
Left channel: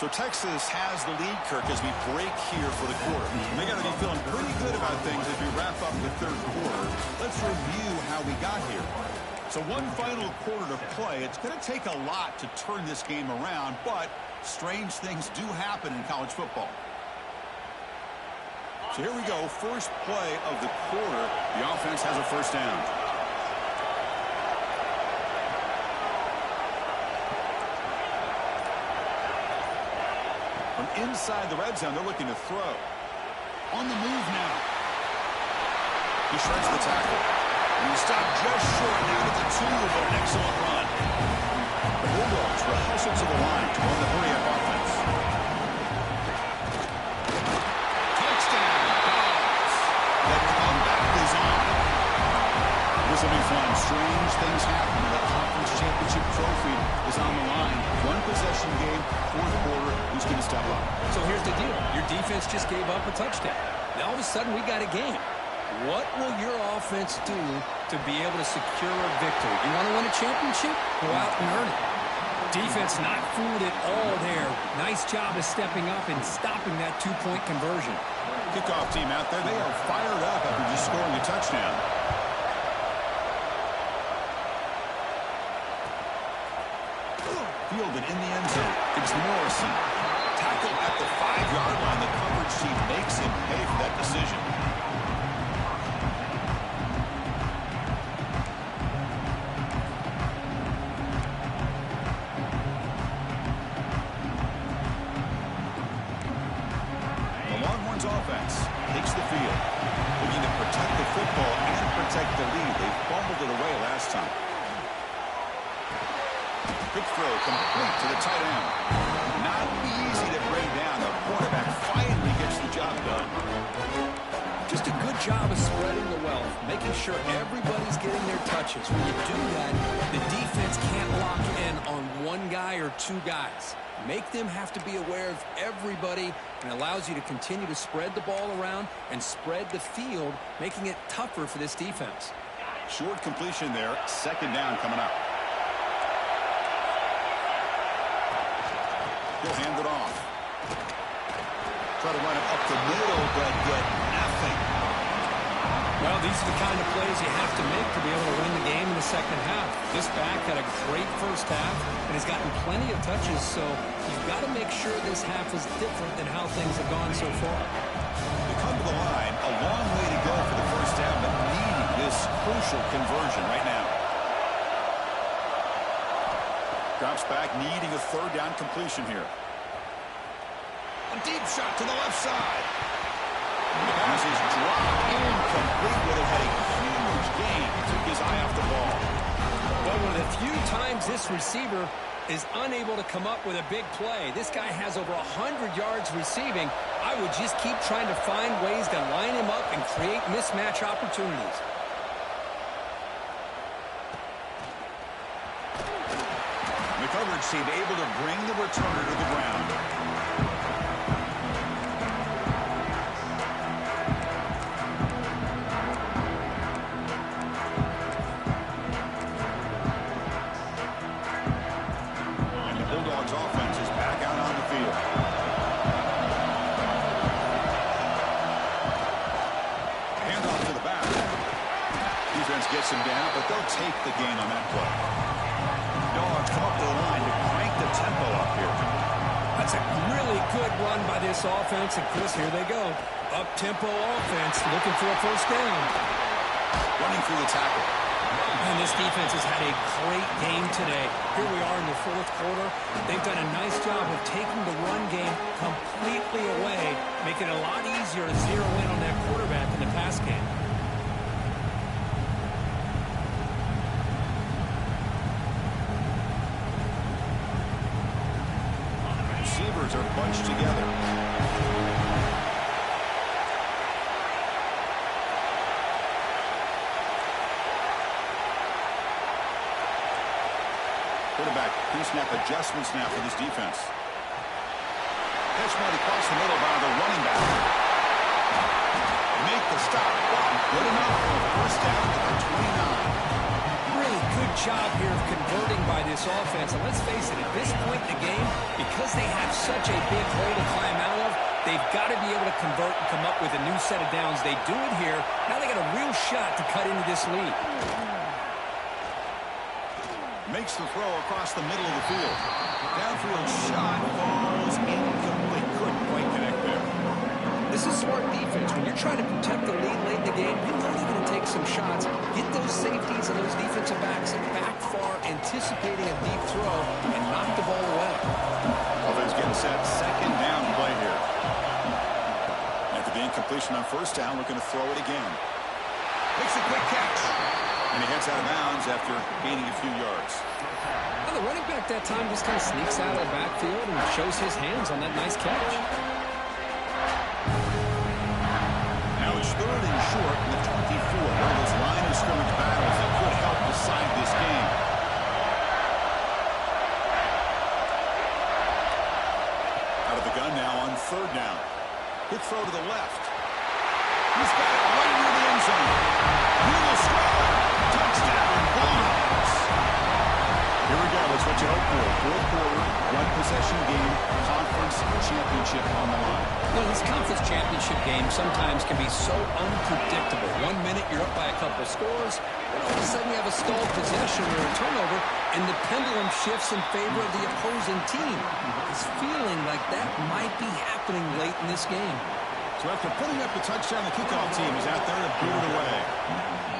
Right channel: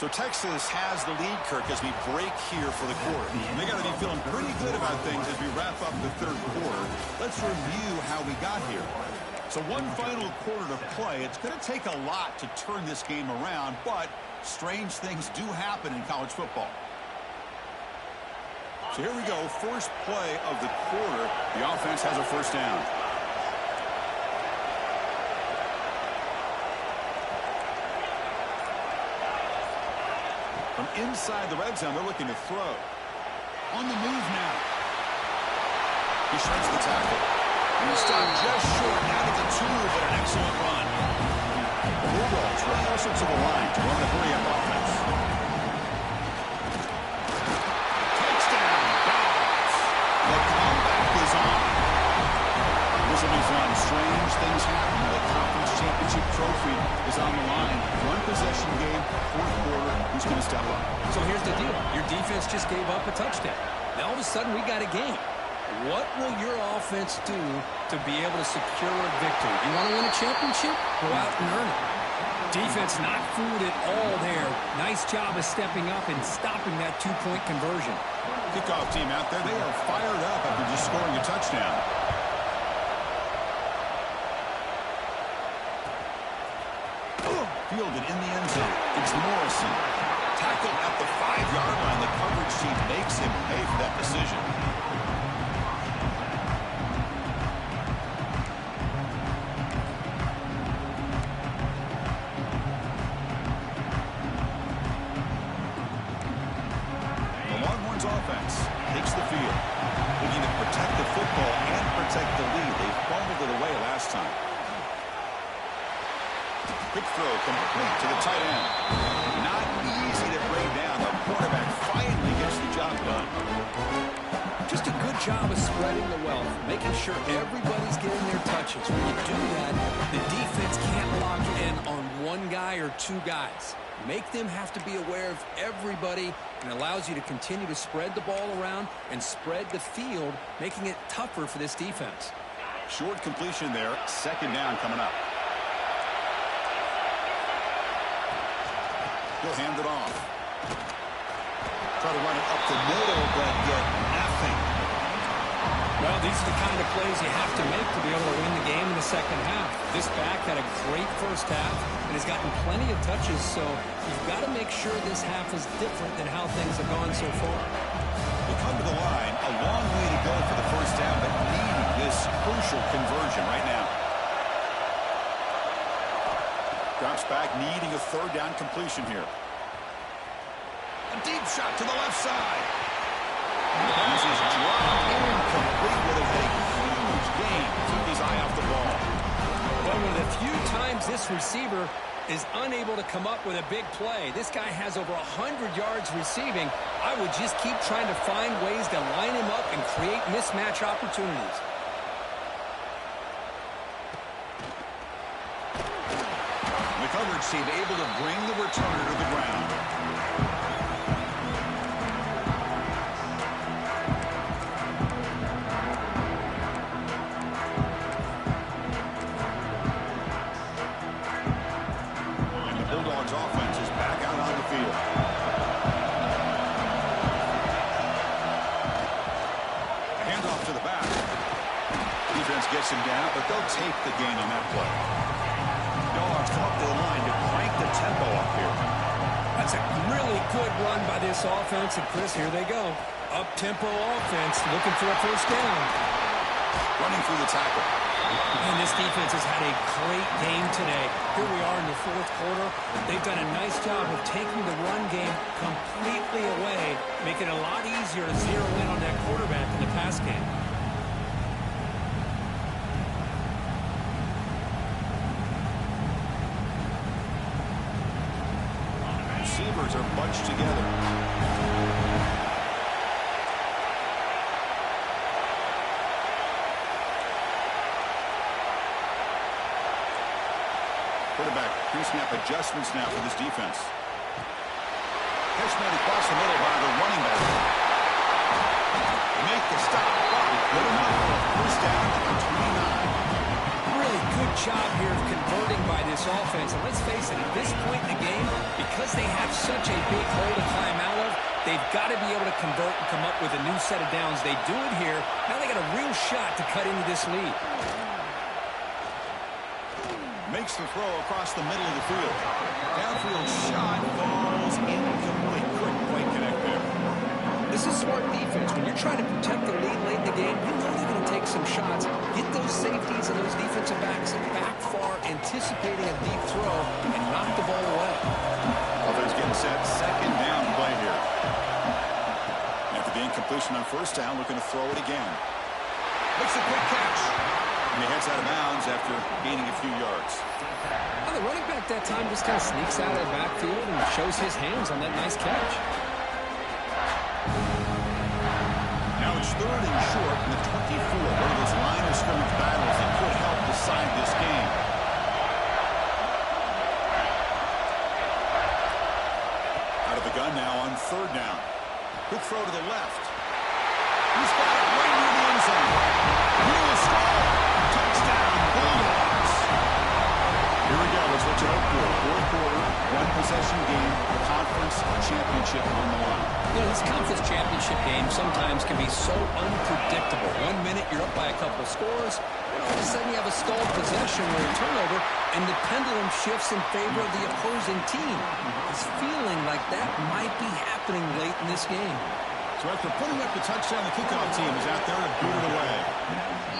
So Texas has the lead, Kirk, as we break here for the quarter. And they got to be feeling pretty good about things as we wrap up the third quarter. Let's review how we got here. So one final quarter to play. It's going to take a lot to turn this game around, but strange things do happen in college football. So here we go. First play of the quarter. The offense has a first down. From inside the red zone, they're looking to throw. On the move now. He shreds the tackle. And he stopped just short. Down at the 2, but an excellent run. The Bulldogs will hustle to the line to run the hurry-up offense. Touchdown, Dawgs. The comeback is on. This will be fun. Strange things happen when the conference championship trophy is on the line. One possession game, fourth quarter. Who's going to step up? So here's the deal. Your defense just gave up a touchdown. Now all of a sudden we got a game. What will your offense do to be able to secure a victory? You want to win a championship? Go out and earn it. Defense not fooled at all there. Nice job of stepping up and stopping that two-point conversion. Kickoff team out there. They are fired up after just scoring a touchdown. Fielded in the end zone. It's Morrison. Tackled at the 5-yard line. The coverage team makes him pay for that decision. The Longhorns offense takes the field, looking to protect the football and protect the lead. They fumbled it away last time. Quick throw complete to the tight end. Not easy to bring down. The quarterback finally gets the job done. Just a good job of spreading the wealth, making sure everybody's getting their touches. When you do that, the defense can't lock in on one guy or two guys. Make them have to be aware of everybody, and allows you to continue to spread the ball around and spread the field, making it tougher for this defense. Short completion there. Second down coming up. He'll hand it off. Try to run it up the middle, but get nothing. Well, these are the kind of plays you have to make to be able to win the game in the second half. This back had a great first half and has gotten plenty of touches, so you've got to make sure this half is different than how things have gone so far. They come to the line, a long way to go for the first down, but needing this crucial conversion right now. Drops back, needing a third down completion here. A deep shot to the left side. The pass is dropped incomplete. Would have had a huge gain. Took his eye off the ball. Well, one of the few times this receiver is unable to come up with a big play. This guy has over 100 yards receiving. I would just keep trying to find ways to line him up and create mismatch opportunities. The coverage team able to bring the returner to the ground. And the Bulldogs offense is back out on the field. Handoff to the back. Defense gets him down, but they'll take the gain on that play. Dawgs come up to the line to crank the tempo up here. That's a really good run by this offense. And, Chris, here they go. Up-tempo offense looking for a first down. Running through the tackle. And this defense has had a great game today. Here we are in the fourth quarter. They've done a nice job of taking the run game completely away, making it a lot easier to zero in on that quarterback in the pass game. Receivers are bunched together. Quarterback pre-snap adjustments now for this defense. Catch made across the middle by the running back. Make the stop. Good enough for a first down at the 29. Really good job here of converting by this offense. And let's face it, at this point in the game, because they have such a big hole to climb out of, they've got to be able to convert and come up with a new set of downs. They do it here. Now they got a real shot to cut into this lead. Makes the throw across the middle of the field. Downfield shot falls incomplete. Couldn't quite connect there. This is smart defense. When you're trying to protect the lead late in the game, you know they're going to take some shots. Get those safeties and those defensive backs back far, anticipating a deep throw, and knock the ball away. Offense getting set. Second down play here. After the incompletion on first down, looking to throw it again. Makes a quick catch. And he heads out of bounds after gaining a few yards. Well, the running back that time just kind of sneaks out of the backfield and shows his hands on that nice catch. Now it's third and short in the 24. One of those line of scrimmage battles that could help decide this game. Out of the gun now on third down. Quick throw to the left. He's got it right near the end zone. He will score. Touchdown, Bulldogs. Here we go. It's what you hope for. Fourth quarter, one-possession game, conference championship on the line. You know, this conference championship game sometimes can be so unpredictable. 1 minute you're up by a couple scores, then all of a sudden you have a stalled possession or a turnover, and the pendulum shifts in favor of the opposing team. It's feeling like that might be happening late in this game. So after putting up the touchdown, the kickoff team is out there to boot it away.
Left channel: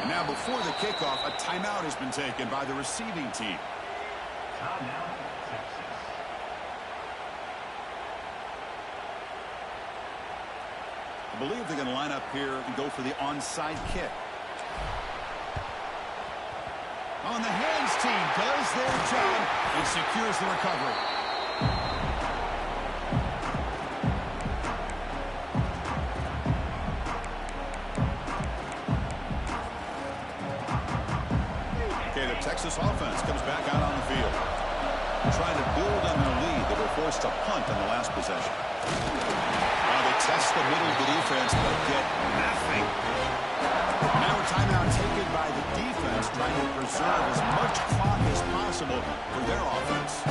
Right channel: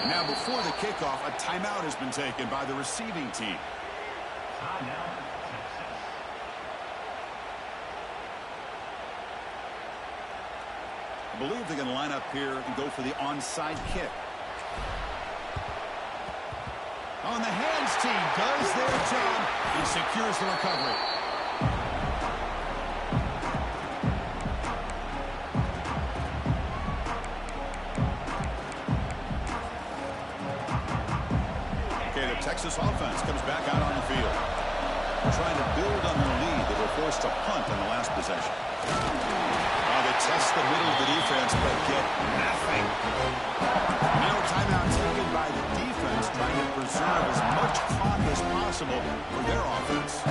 And now before the kickoff, a timeout has been taken by the receiving team. Timeout, Texas. I believe they're going to line up here and go for the onside kick. On the hands team does their job and secures the recovery. Texas offense comes back out on the field. Trying to build on their lead. They were forced to punt on the last possession. They test the middle of the defense, but get nothing. Now a timeout taken by the defense, trying to preserve as much clock as possible for their offense.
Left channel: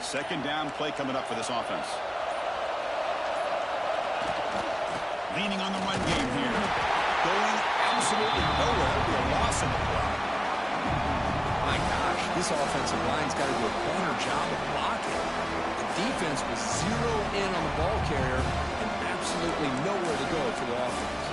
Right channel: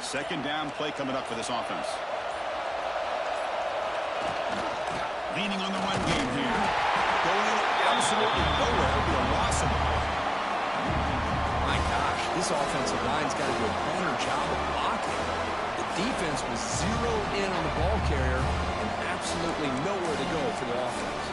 Second down play coming up for this offense. Leaning on the run game here. Going absolutely nowhere. It'll be a loss in the play. My gosh, this offensive line's got to do a better job of blocking. The defense was zeroed in on the ball carrier and absolutely nowhere to go for the offense.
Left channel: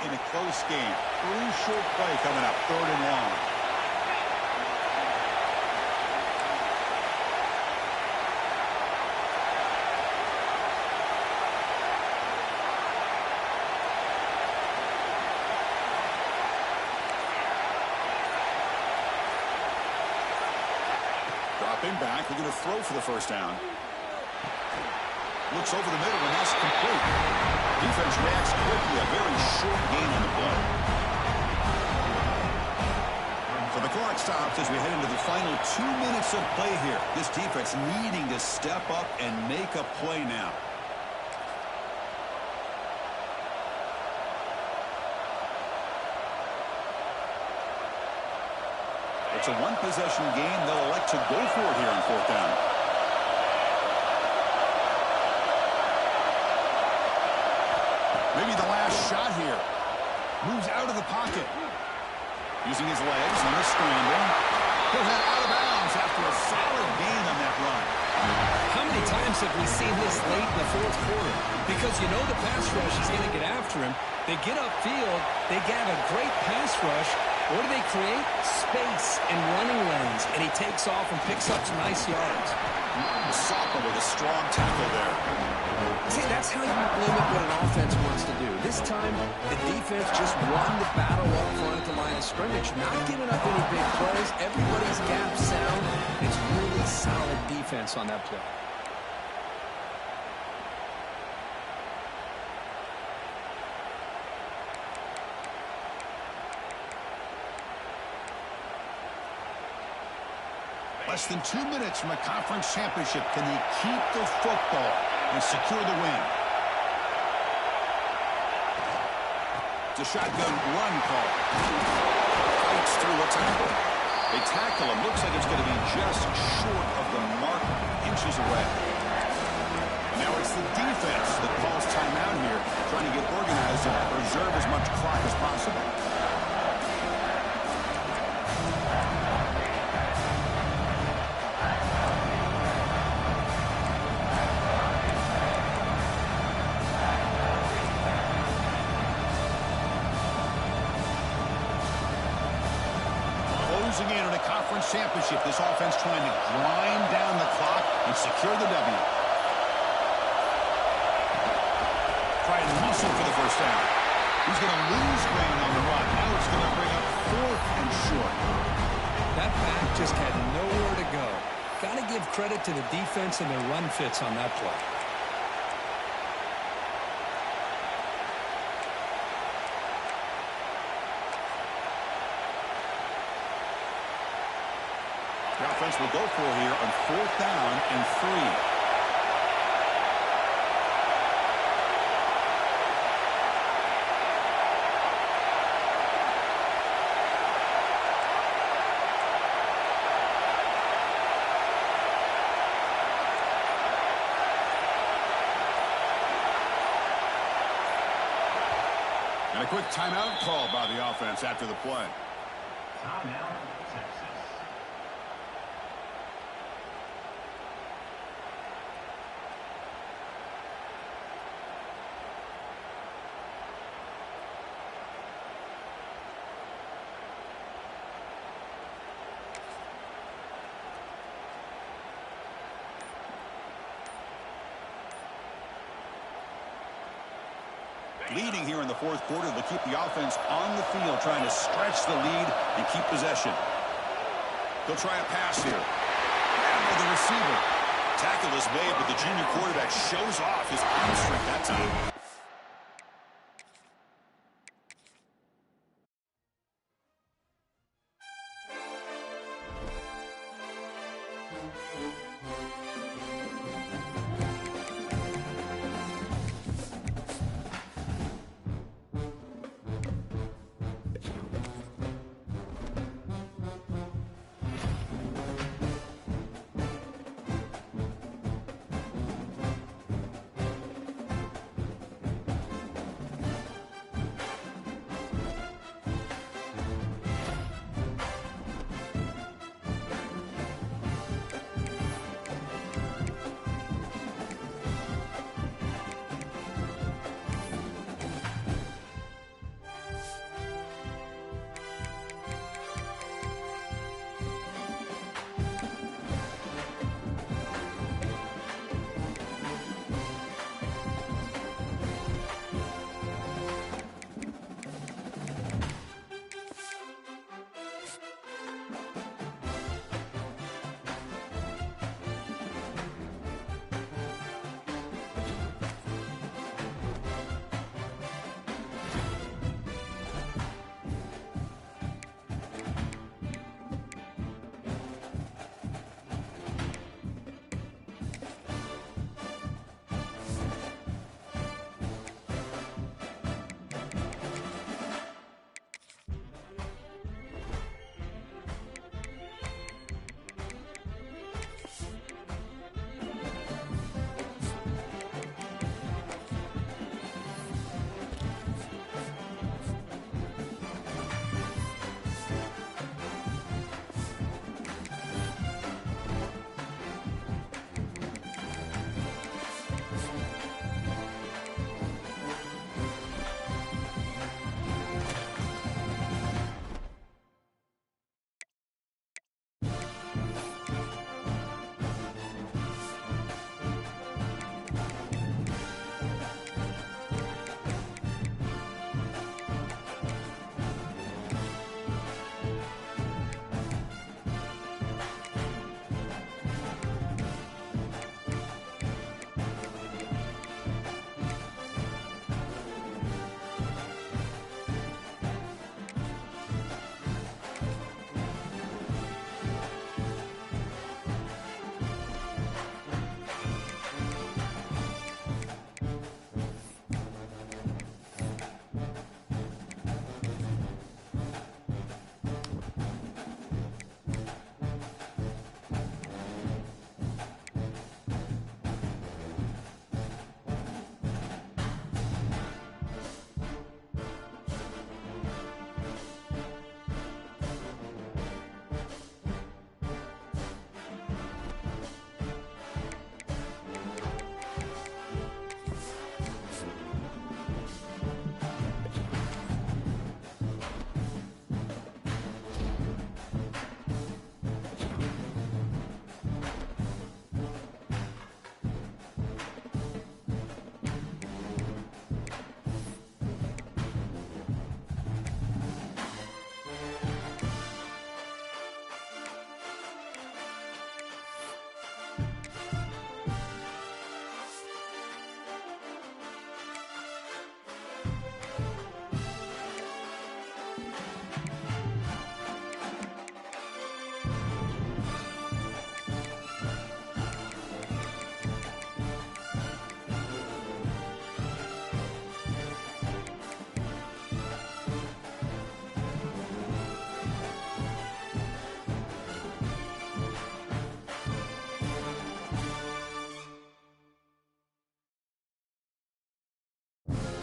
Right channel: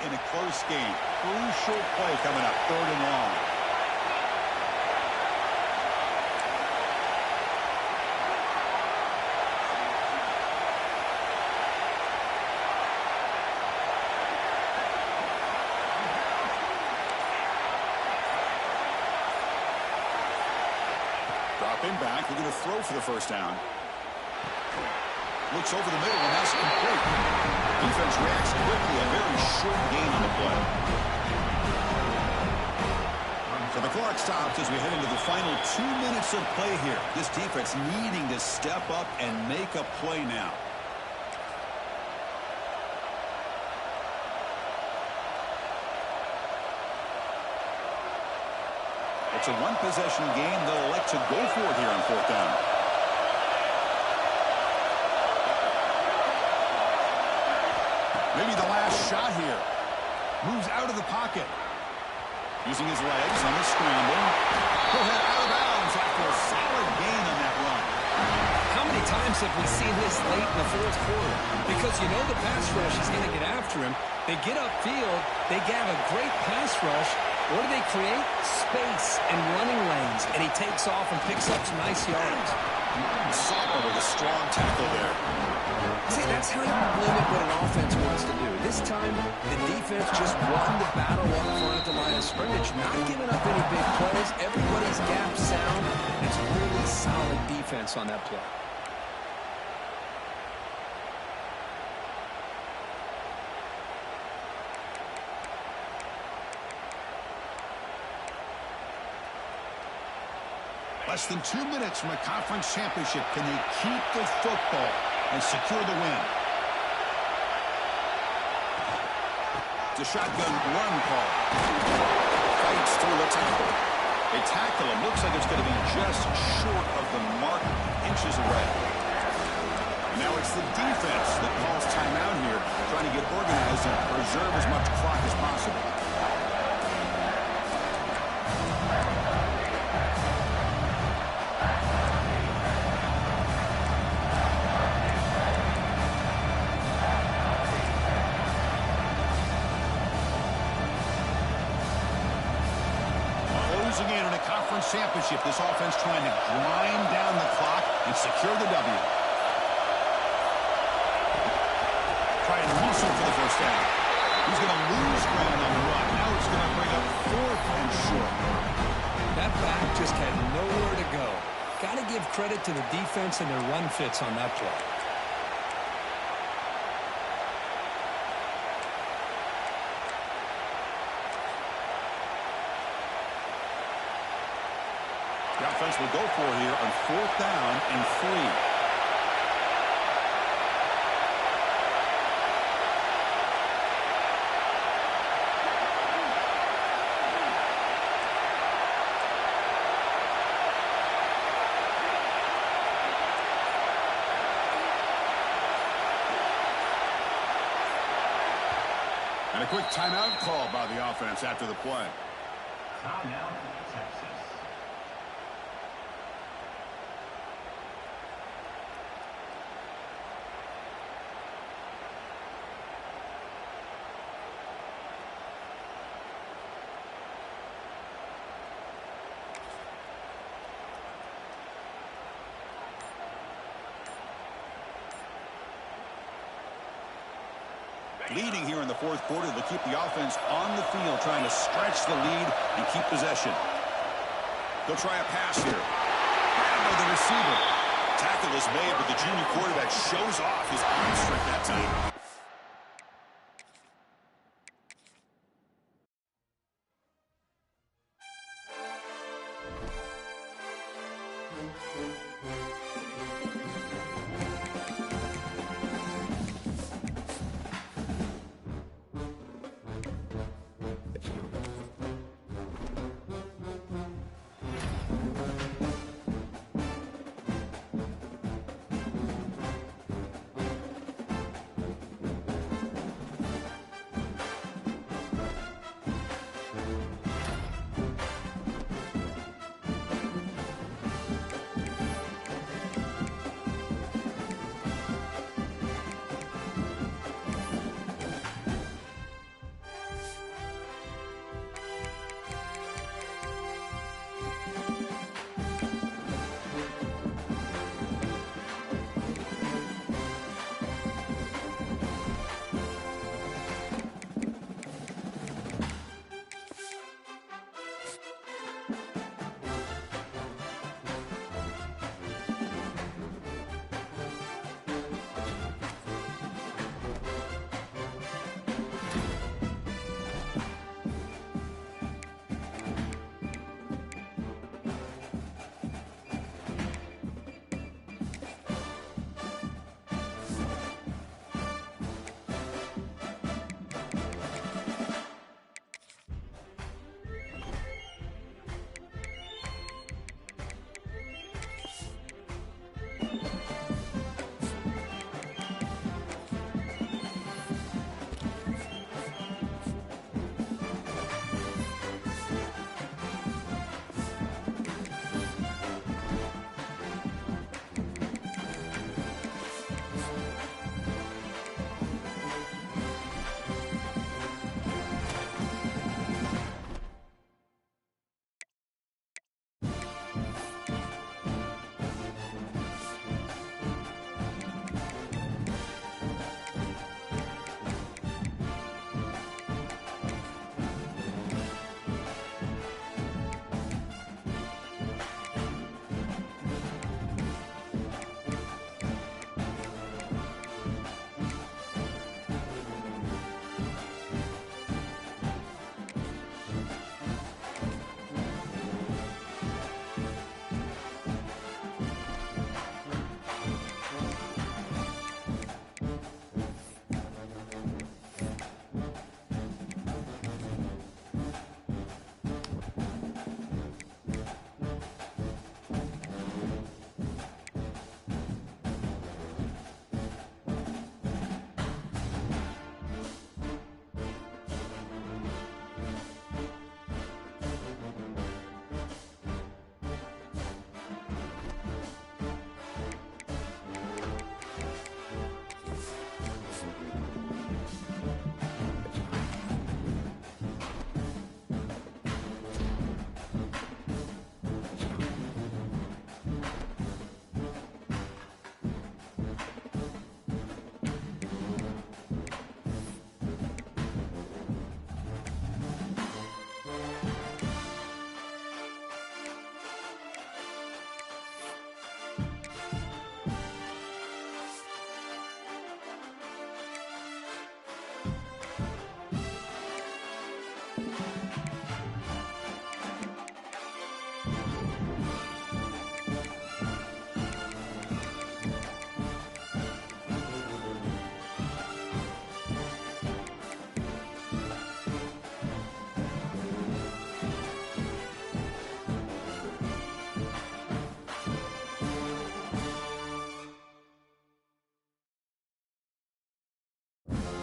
In a close game. Crucial play coming up. Third and long. Dropping back. They're going to throw for the first down. Looks over the middle, and that's complete. Defense reacts quickly. A very short gain on the play. So the clock stops as we head into the final 2 minutes of play here. This defense needing to step up and make a play now. It's a one-possession game. They'll elect to go for it here on fourth down. Maybe the last shot here. Moves out of the pocket. Using his legs on the scramble. He'll head out of bounds after a solid gain on that run. How many times have we seen this late in the fourth quarter? Because you know the pass rush is going to get after him. They get upfield. They have a great pass rush. What do they create? Space and running lanes. And he takes off and picks up some nice yards. Soppa with a strong tackle there. See, that's how you limit what an offense wants to do. This time, the defense just won the battle up front at the line of scrimmage, not giving up any big plays. Everybody's gap sound. It's really solid defense on that play. Less than 2 minutes from a conference championship. Can they keep the football and secure the win? It's a shotgun run call. Fights through a tackle. They tackle him. Looks like it's going to be just short of the mark, inches away. And now it's the defense that calls timeout here, trying to get organized and preserve as much clock as possible. Closing in on a conference championship, this offense trying to grind down the clock and secure the W. Try and muscle for the first down. He's going to lose ground on the run. Now it's going to bring up 4th and short. That back just had nowhere to go. Got to give credit to the defense and their run fits on that play. The offense will go for here on 4th down and 3. And a quick timeout call by the offense after the play. Timeout, Texas. Leading here in the 4th quarter, they'll keep the offense on the field, trying to stretch the lead and keep possession. They'll try a pass here. Grabbed by the receiver. Tackle is made, but the junior quarterback shows off his arm strength that time. Texas.